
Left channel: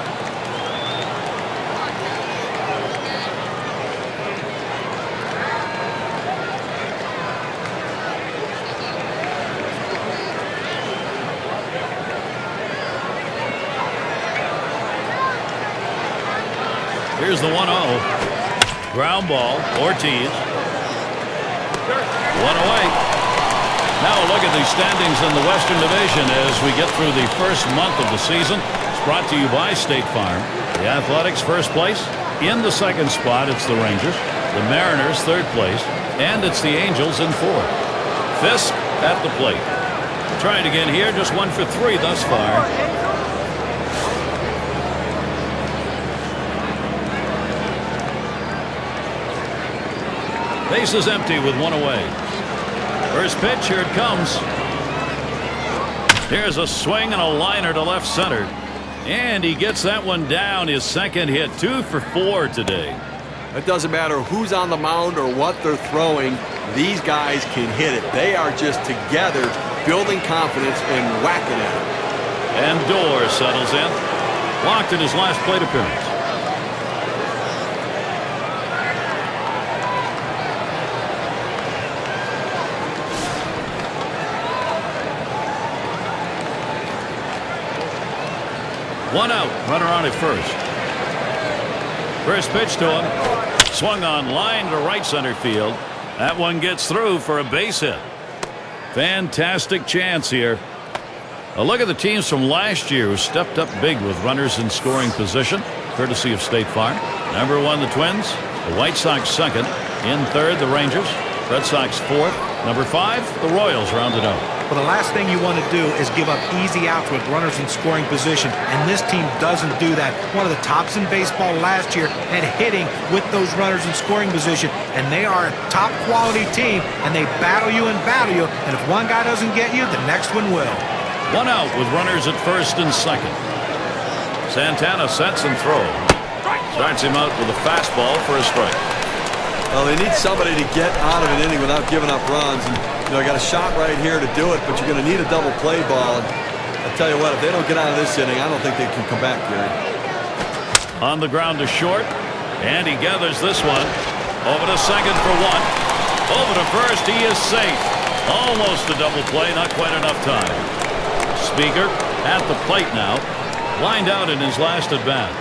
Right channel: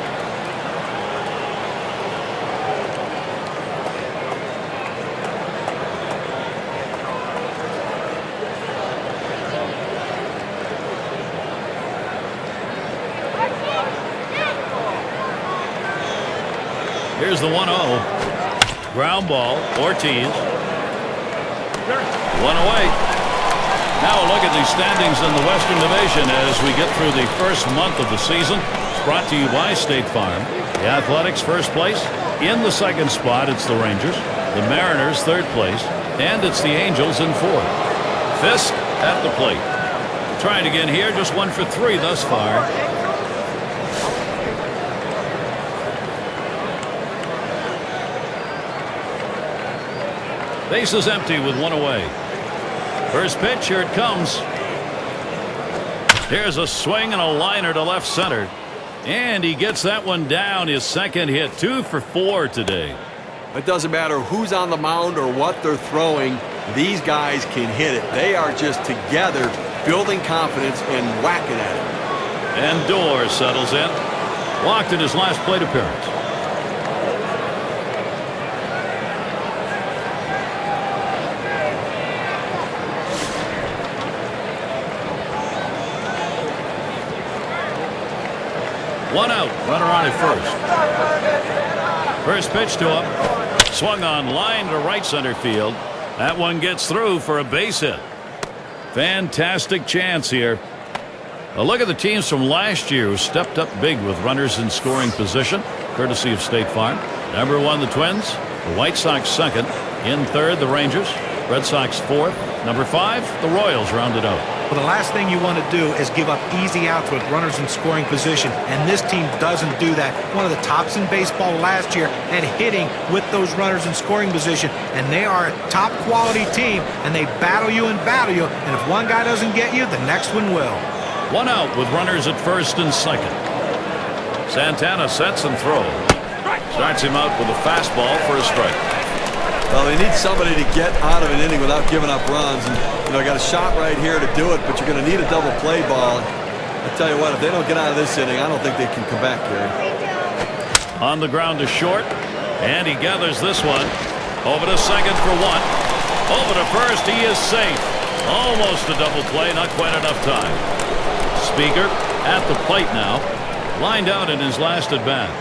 Here's the 1-0. Ground ball, Ortiz. 1 away. Now a look at the standings in the Western Division as we get through the first month of the season. It's brought to you by State Farm. The Athletics first place. In the second spot, it's the Rangers. The Mariners third place. And it's the Angels in fourth. Fisk at the plate. We'll try it again here. Just 1 for 3 thus far. Base is empty with 1 away. First pitch, here it comes. Here's a swing and a liner to left center. And he gets that one down. His second hit. 2 for 4 today. It doesn't matter who's on the mound or what they're throwing. These guys can hit it. They are just together, building confidence and whacking at it. And Dorr settles in. Walked in his last plate appearance. One out, runner on at first. First pitch to him. Swung on line to right center field. That one gets through for a base hit. Fantastic chance here. A look at the teams from last year who stepped up big with runners in scoring position, courtesy of State Farm. Number 1, the Twins. The White Sox second. In third, the Rangers. Red Sox fourth. Number 5, the Royals rounded out. Well, the last thing you want to do is give up easy outs with runners in scoring position, and this team doesn't do that. One of the tops in baseball last year at hitting with those runners in scoring position, and they are a top quality team, and they battle you, and if one guy doesn't get you, the next one will. 1 out with runners at first and second. Santana sets and throws. Starts him out with a fastball for a strike. Well, they need somebody to get out of an inning without giving up runs. And, you know, got a shot right here to do it, but you're going to need a double play ball. And I tell you what, if they don't get out of this inning, I don't think they can come back, Gary. On the ground to short, and he gathers this one. Over to second for 1. Over to first, he is safe. Almost a double play, not quite enough time. Speaker at the plate now, lined out in his last at bat.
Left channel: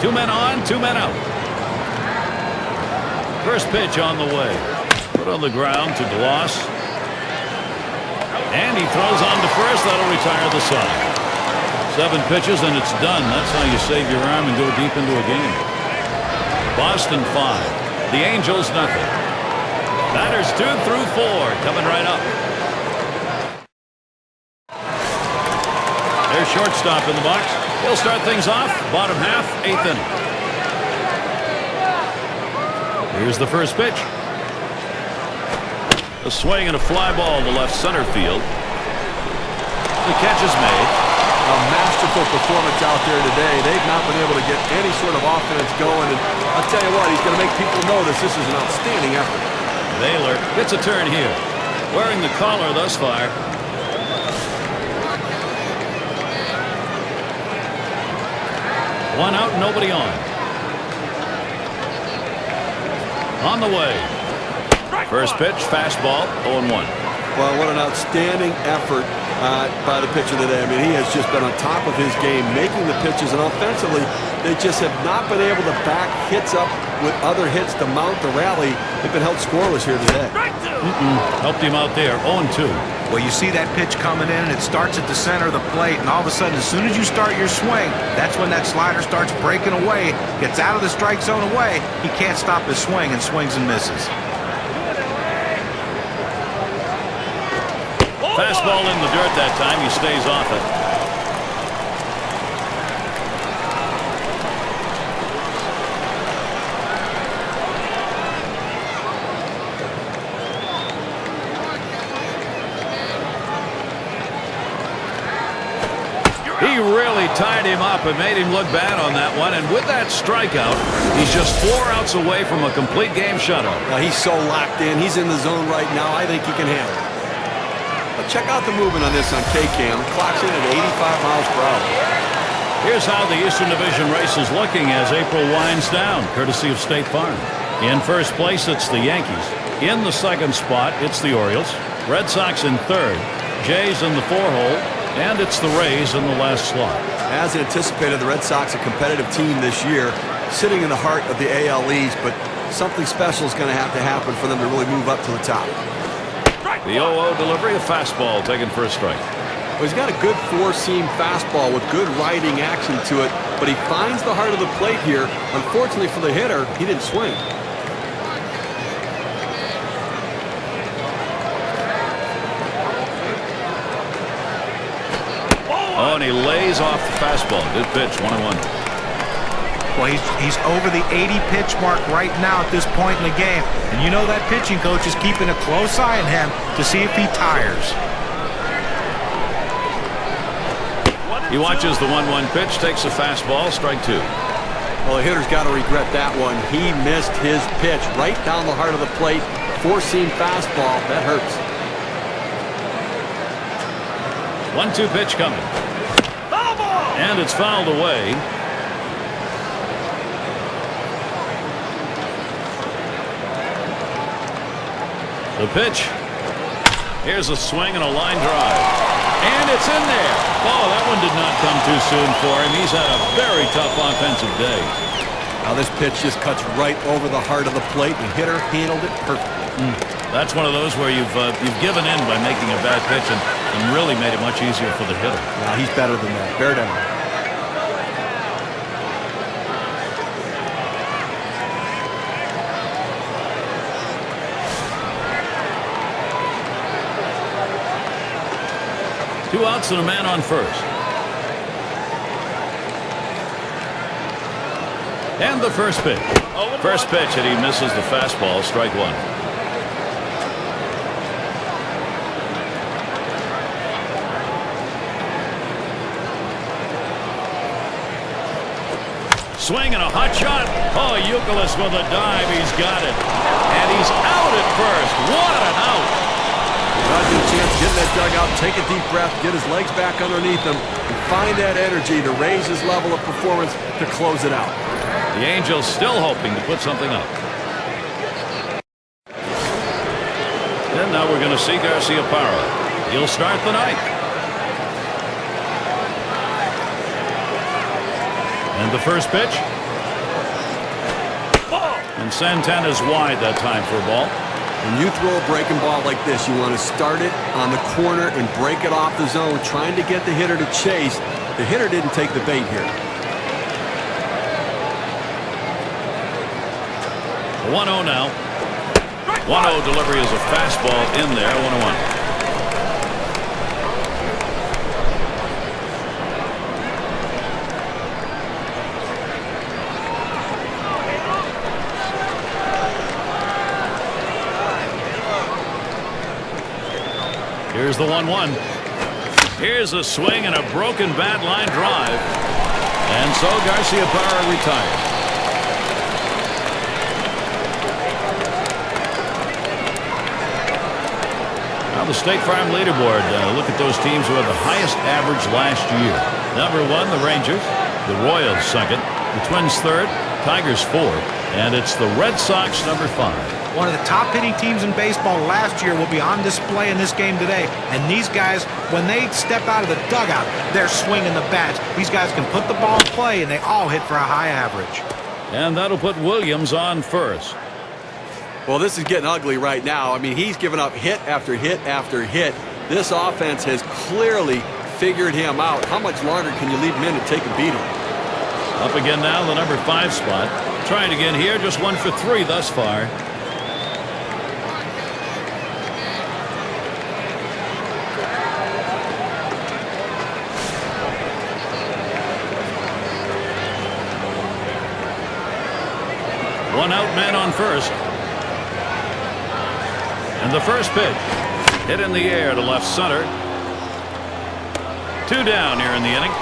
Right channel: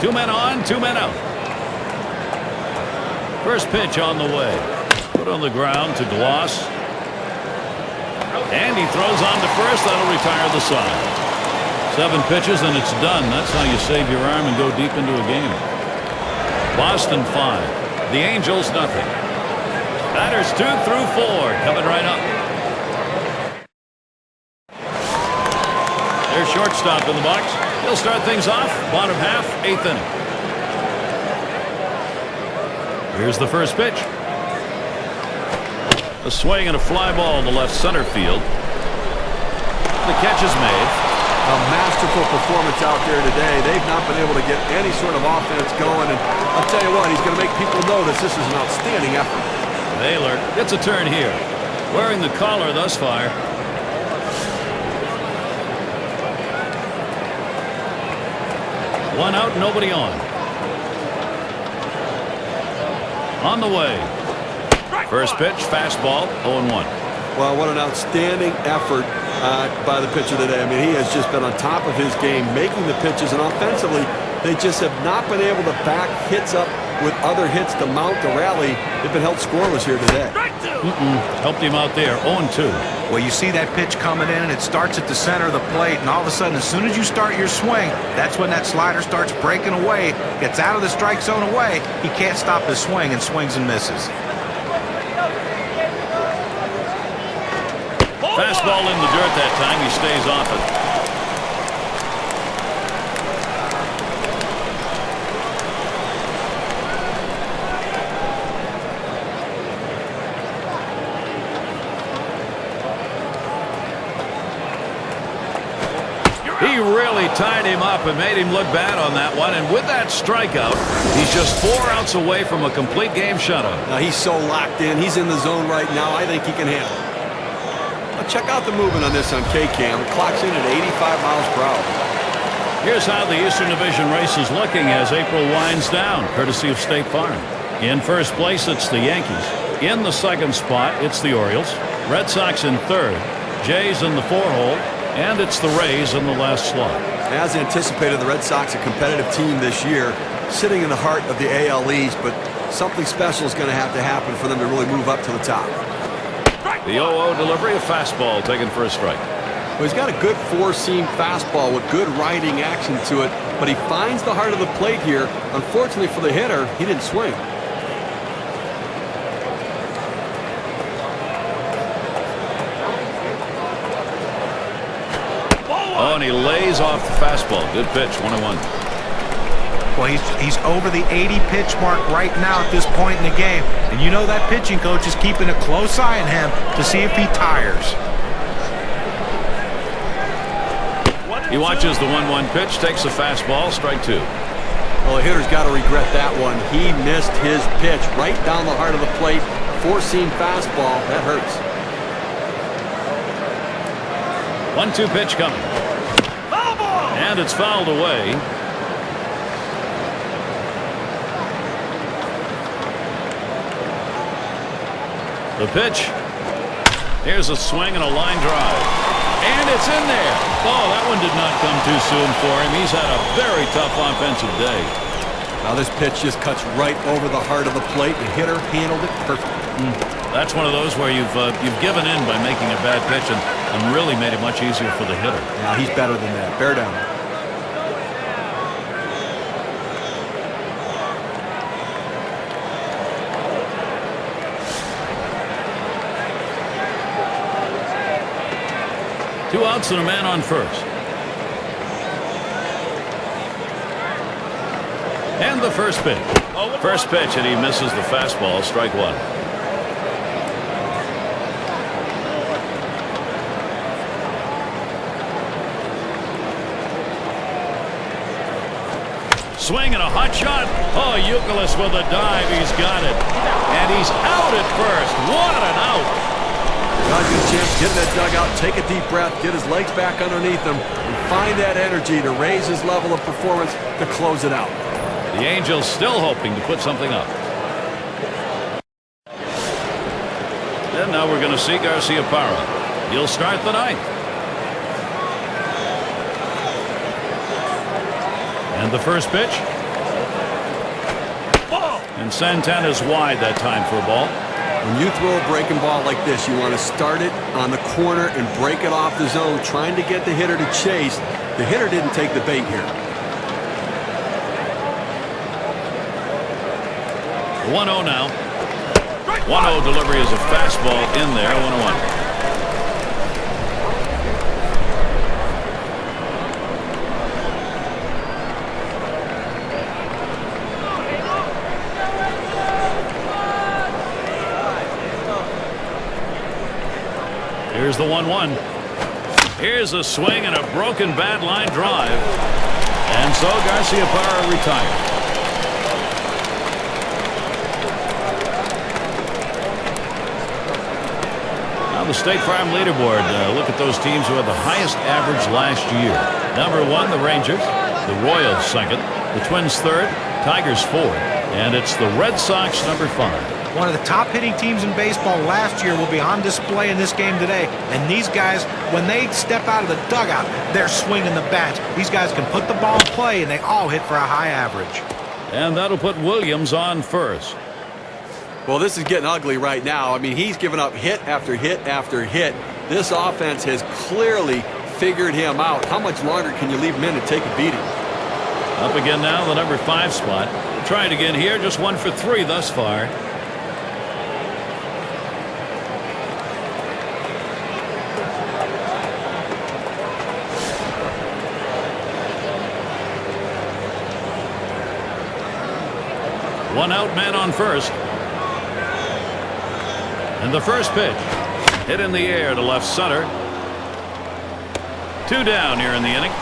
Two men on, 2 men out. First pitch on the way. Put on the ground to Gloss. And he throws on to first. That'll retire the side. 7 pitches and it's done. That's how you save your arm and go deep into a game. Boston 5. The Angels nothing. Batters 2 through 4 coming right up. Their shortstop in the box. He'll start things off. Bottom half, 8th inning. Here's the first pitch. A swing and a fly ball to left center field. The catch is made. A masterful performance out there today. They've not been able to get any sort of offense going, and I'll tell you what, he's going to make people notice this is an outstanding effort. Baylor gets a turn here. Wearing the collar thus far. One out, nobody on. On the way. First pitch, fastball, 0-1. Well, what an outstanding effort by the pitcher today. I mean, he has just been on top of his game, making the pitches, and offensively, they just have not been able to back hits up with other hits to mount the rally. They've been held scoreless here today. Helped him out there, 0-2. Well, you see that pitch coming in, and it starts at the center of the plate, and all of a sudden, as soon as you start your swing, that's when that slider starts breaking away, gets out of the strike zone away. He can't stop his swing and swings and misses. Fastball in the dirt that time. He stays off it. He really tied him up and made him look bad on that one. And with that strikeout, he's just 4 outs away from a complete game shutout. Now, he's so locked in. He's in the zone right now. I think he can handle it. Now, check out the movement on this on K-Cam. It clocks in at 85 miles per hour. Here's how the Eastern Division race is looking as April winds down, courtesy of State Farm. In first place, it's the Yankees. In the second spot, it's the Orioles. Red Sox in third. Jays in the 4-hole. And it's the Rays in the last slot. As anticipated, the Red Sox a competitive team this year, sitting in the heart of the AL East, but something special is going to happen for them to really move up to the top. The 0-0 delivery, a fastball taken for a strike. Well, he's got a good four-seam fastball with good riding action to it, but he finds the heart of the plate here. Unfortunately for the hitter, he didn't swing. Oh, and he lays off the fastball. Good pitch, 1-1. Well, he's over the 80 pitch mark right now at this point in the game. And you know that pitching coach is keeping a close eye on him to see if he tires. He watches the 1-1 pitch, takes a fastball, strike 2. Well, the hitter's got to regret that one. He missed his pitch right down the heart of the plate. Four-seam fastball. That hurts. 1-2 pitch coming. And it's fouled away. The pitch. Here's a swing and a line drive. And it's in there. Oh, that one did not come too soon for him. He's had a very tough offensive day. Now this pitch just cuts right over the heart of the plate. The hitter handled it perfectly. That's one of those where you've given in by making a bad pitch and really made it much easier for the hitter. Yeah, he's better than that. Bear down. Two outs and a man on first. And the first pitch. First pitch, and he misses the fastball. Strike 1. Swing and a hot shot. Oh, Youkilis with a dive. He's got it. And he's out at first. What an out. Well, he's got a chance to get in that dugout, take a deep breath, get his legs back underneath him, and find that energy to raise his level of performance to close it out. The Angels still hoping to put something up. And now we're going to see Garciaparra. He'll start the ninth. And the first pitch. Ball. And Santana's wide that time for a ball. When you throw a breaking ball like this, you want to start it on the corner and break it off the zone, trying to get the hitter to chase. The hitter didn't take the bait here. The 1-0 now. 1-0 delivery is a fastball in there. 1-1. Here's the 1-1. Here's a swing and a broken bad line drive. And so Garcia Parra retires. Now the State Farm leaderboard. Look at those teams who had the highest average last year. Number 1, the Rangers. The Royals second. The Twins third. Tigers fourth. And it's the Red Sox number 5. One of the top hitting teams in baseball last year will be on display in this game today. And these guys, when they step out of the dugout, they're swinging the bats. These guys can put the ball in play, and they all hit for a high average. And that'll put Williams on first. Well, this is getting ugly right now. I mean, he's given up hit after hit after hit. This offense has clearly figured him out. How much longer can you leave him in and take a beating? Up again now, the number 5 spot. We'll try it again here. Just 1 for 3 thus far. One out, man on first. And the first pitch hit in the air to left center. 2 down here in the inning.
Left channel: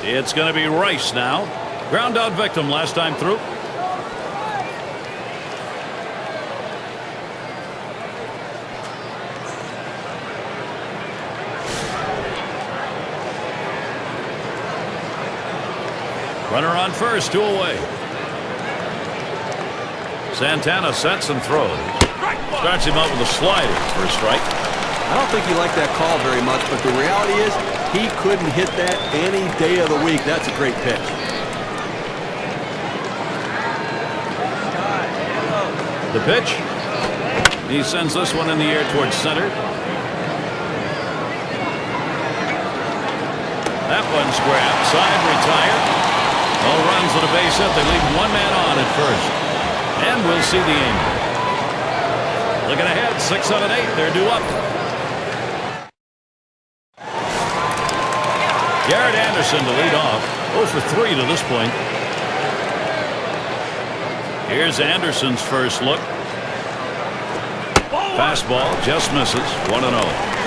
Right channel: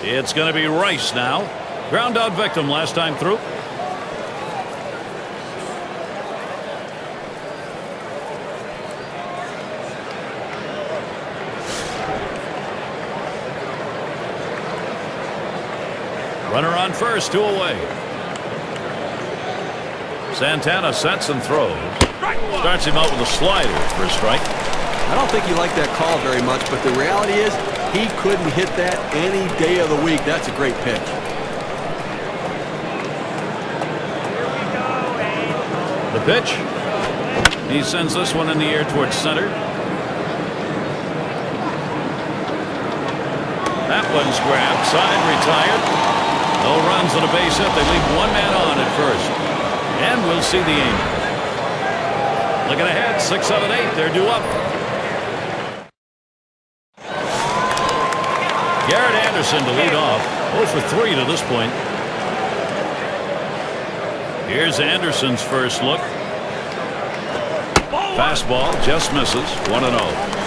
It's going to be Rice now. Ground out victim last time through. Runner on first, 2 away. Santana sets and throws. Starts him out with a slider for a strike. I don't think he liked that call very much, but the reality is he couldn't hit that any day of the week. That's a great pitch. The pitch. He sends this one in the air towards center. That one's grabbed. Side retired. No runs and a base hit. They leave 1 man on at first. And we'll see the Angels. Looking ahead, 6, 7, 8. They're due up. Garrett Anderson to lead off. 0 for 3 to this point. Here's Anderson's first look. Fastball just misses. 1-0.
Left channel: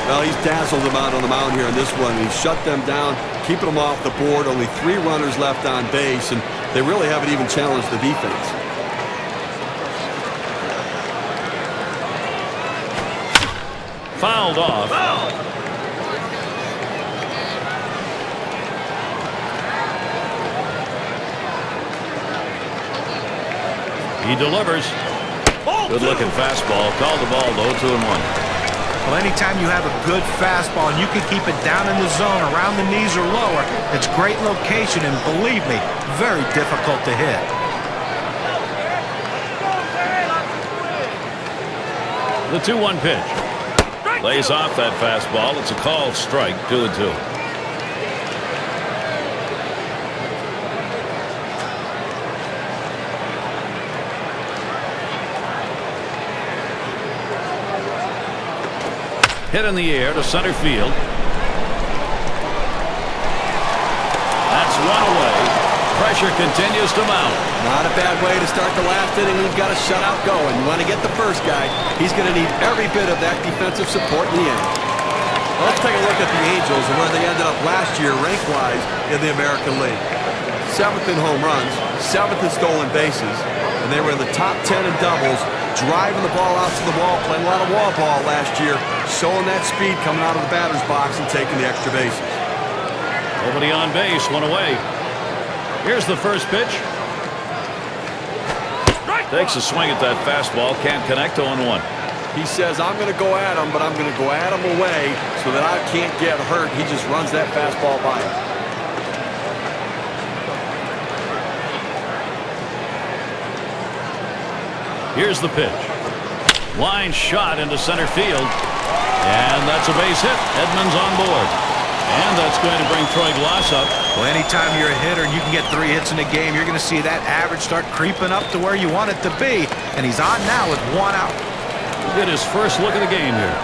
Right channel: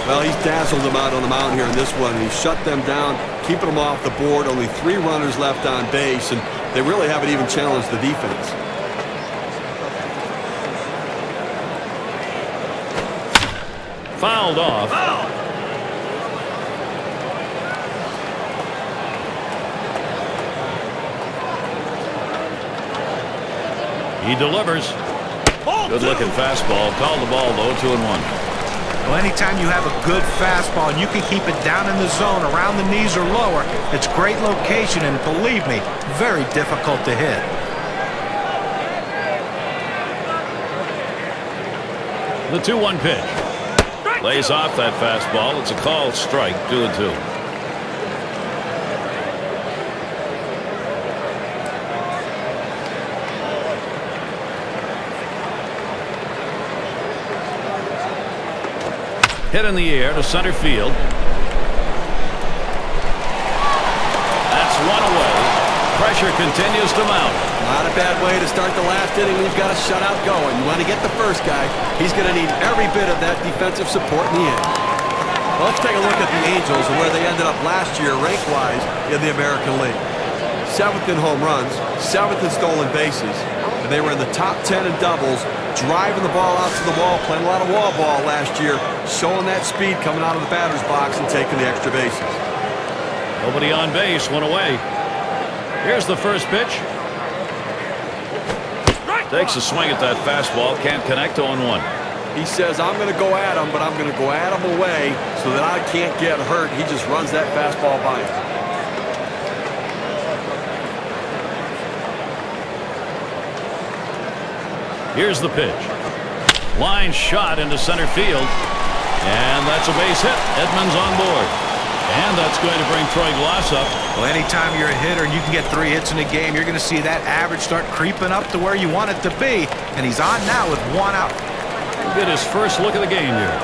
Well, he's dazzled them out on the mound here in this one. He shut them down, keeping them off the board. Only 3 runners left on base, and they really haven't even challenged the defense. Fouled off. Foul! He delivers. Good looking fastball. Called the ball though. 2-1. Well, anytime you have a good fastball and you can keep it down in the zone around the knees or lower, it's great location and, believe me, very difficult to hit. The 2-1 pitch. Lays off that fastball. It's a called strike. 2-2. Hit in the air to center field. That's 1 away. Pressure continues to mount. Not a bad way to start the last inning when you've got a shutout going. You want to get the first guy. He's going to need every bit of that defensive support in the end. Well, let's take a look at the Angels and where they ended up last year rank-wise in the American League. 7th in home runs, 7th in stolen bases, and they were in the top 10 in doubles, driving the ball out to the wall, playing a lot of wall ball last year, showing that speed coming out of the batter's box and taking the extra bases. Nobody on base. 1 away. Here's the first pitch. Takes a swing at that fastball. Can't connect. 0-1. He says, I'm going to go at him, but I'm going to go at him away so that I can't get hurt. He just runs that fastball by him. Here's the pitch. Line shot into center field. And that's a base hit. Edmonds on board. And that's going to bring Troy Glass up. Well, anytime you're a hitter and you can get 3 hits in a game, you're going to see that average start creeping up to where you want it to be. And he's on now with 1 out. He'll get his first look of the game here.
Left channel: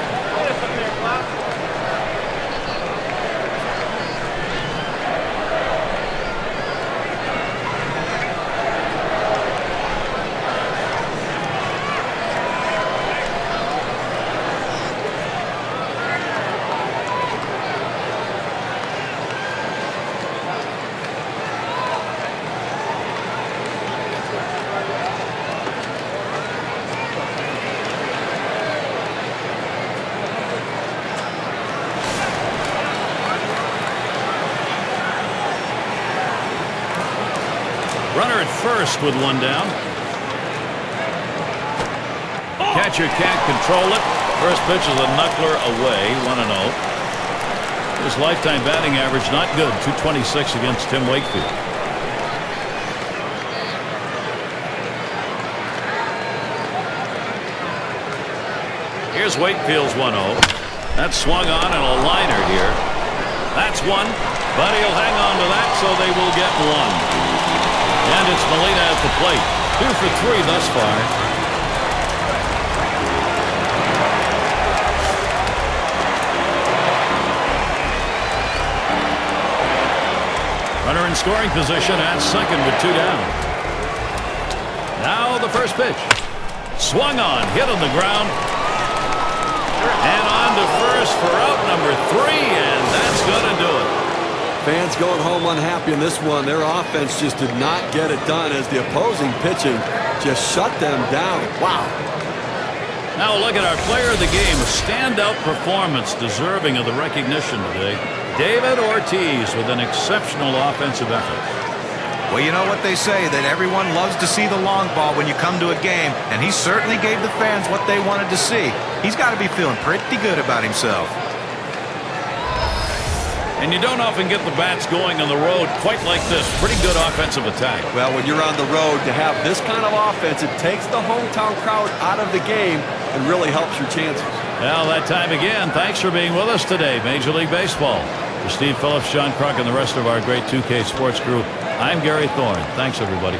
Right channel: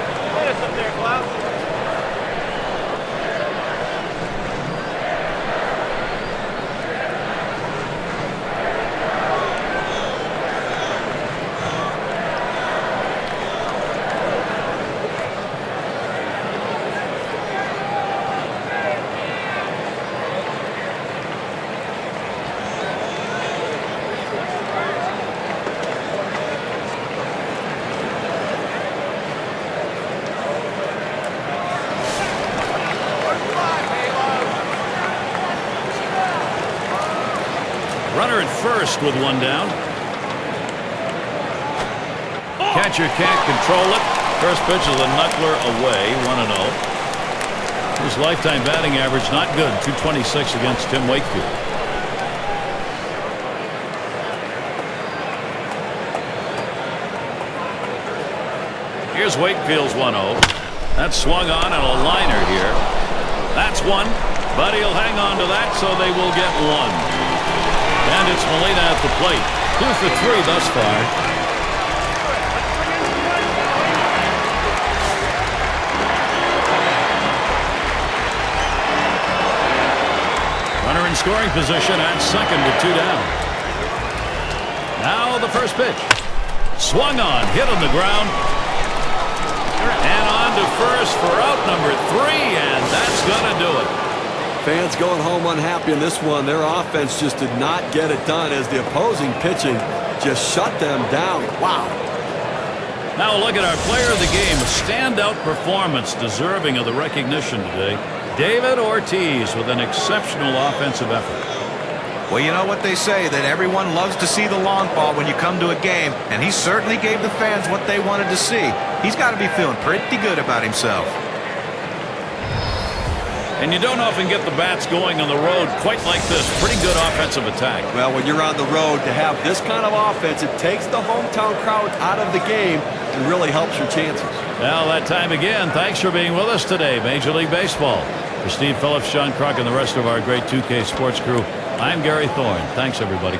Runner at first with one down. Catcher can't control it. First pitch is a knuckler away, 1-0. His lifetime batting average not good, 226 against Tim Wakefield. Here's Wakefield's 1-0. That's swung on and a liner here. That's one, but he'll hang on to that, so they will get one. And it's Molina at the plate. 2 for 3 thus far. Runner in scoring position at second with 2 down. Now the first pitch. Swung on, hit on the ground. And on to first for out number 3, and that's going to do it. Fans going home unhappy in this one. Their offense just did not get it done as the opposing pitching just shut them down. Wow. Now look at our player of the game. A standout performance deserving of the recognition today. David Ortiz with an exceptional offensive effort. Well, you know what they say, that everyone loves to see the long ball when you come to a game, and he certainly gave the fans what they wanted to see. He's got to be feeling pretty good about himself. And you don't often get the bats going on the road quite like this. Pretty good offensive attack. Well, when you're on the road, to have this kind of offense, it takes the hometown crowd out of the game and really helps your chances. Well, that time again. Thanks for being with us today, Major League Baseball. For Steve Phillips, John Kruk, and the rest of our great 2K Sports crew, I'm Gary Thorne. Thanks, everybody.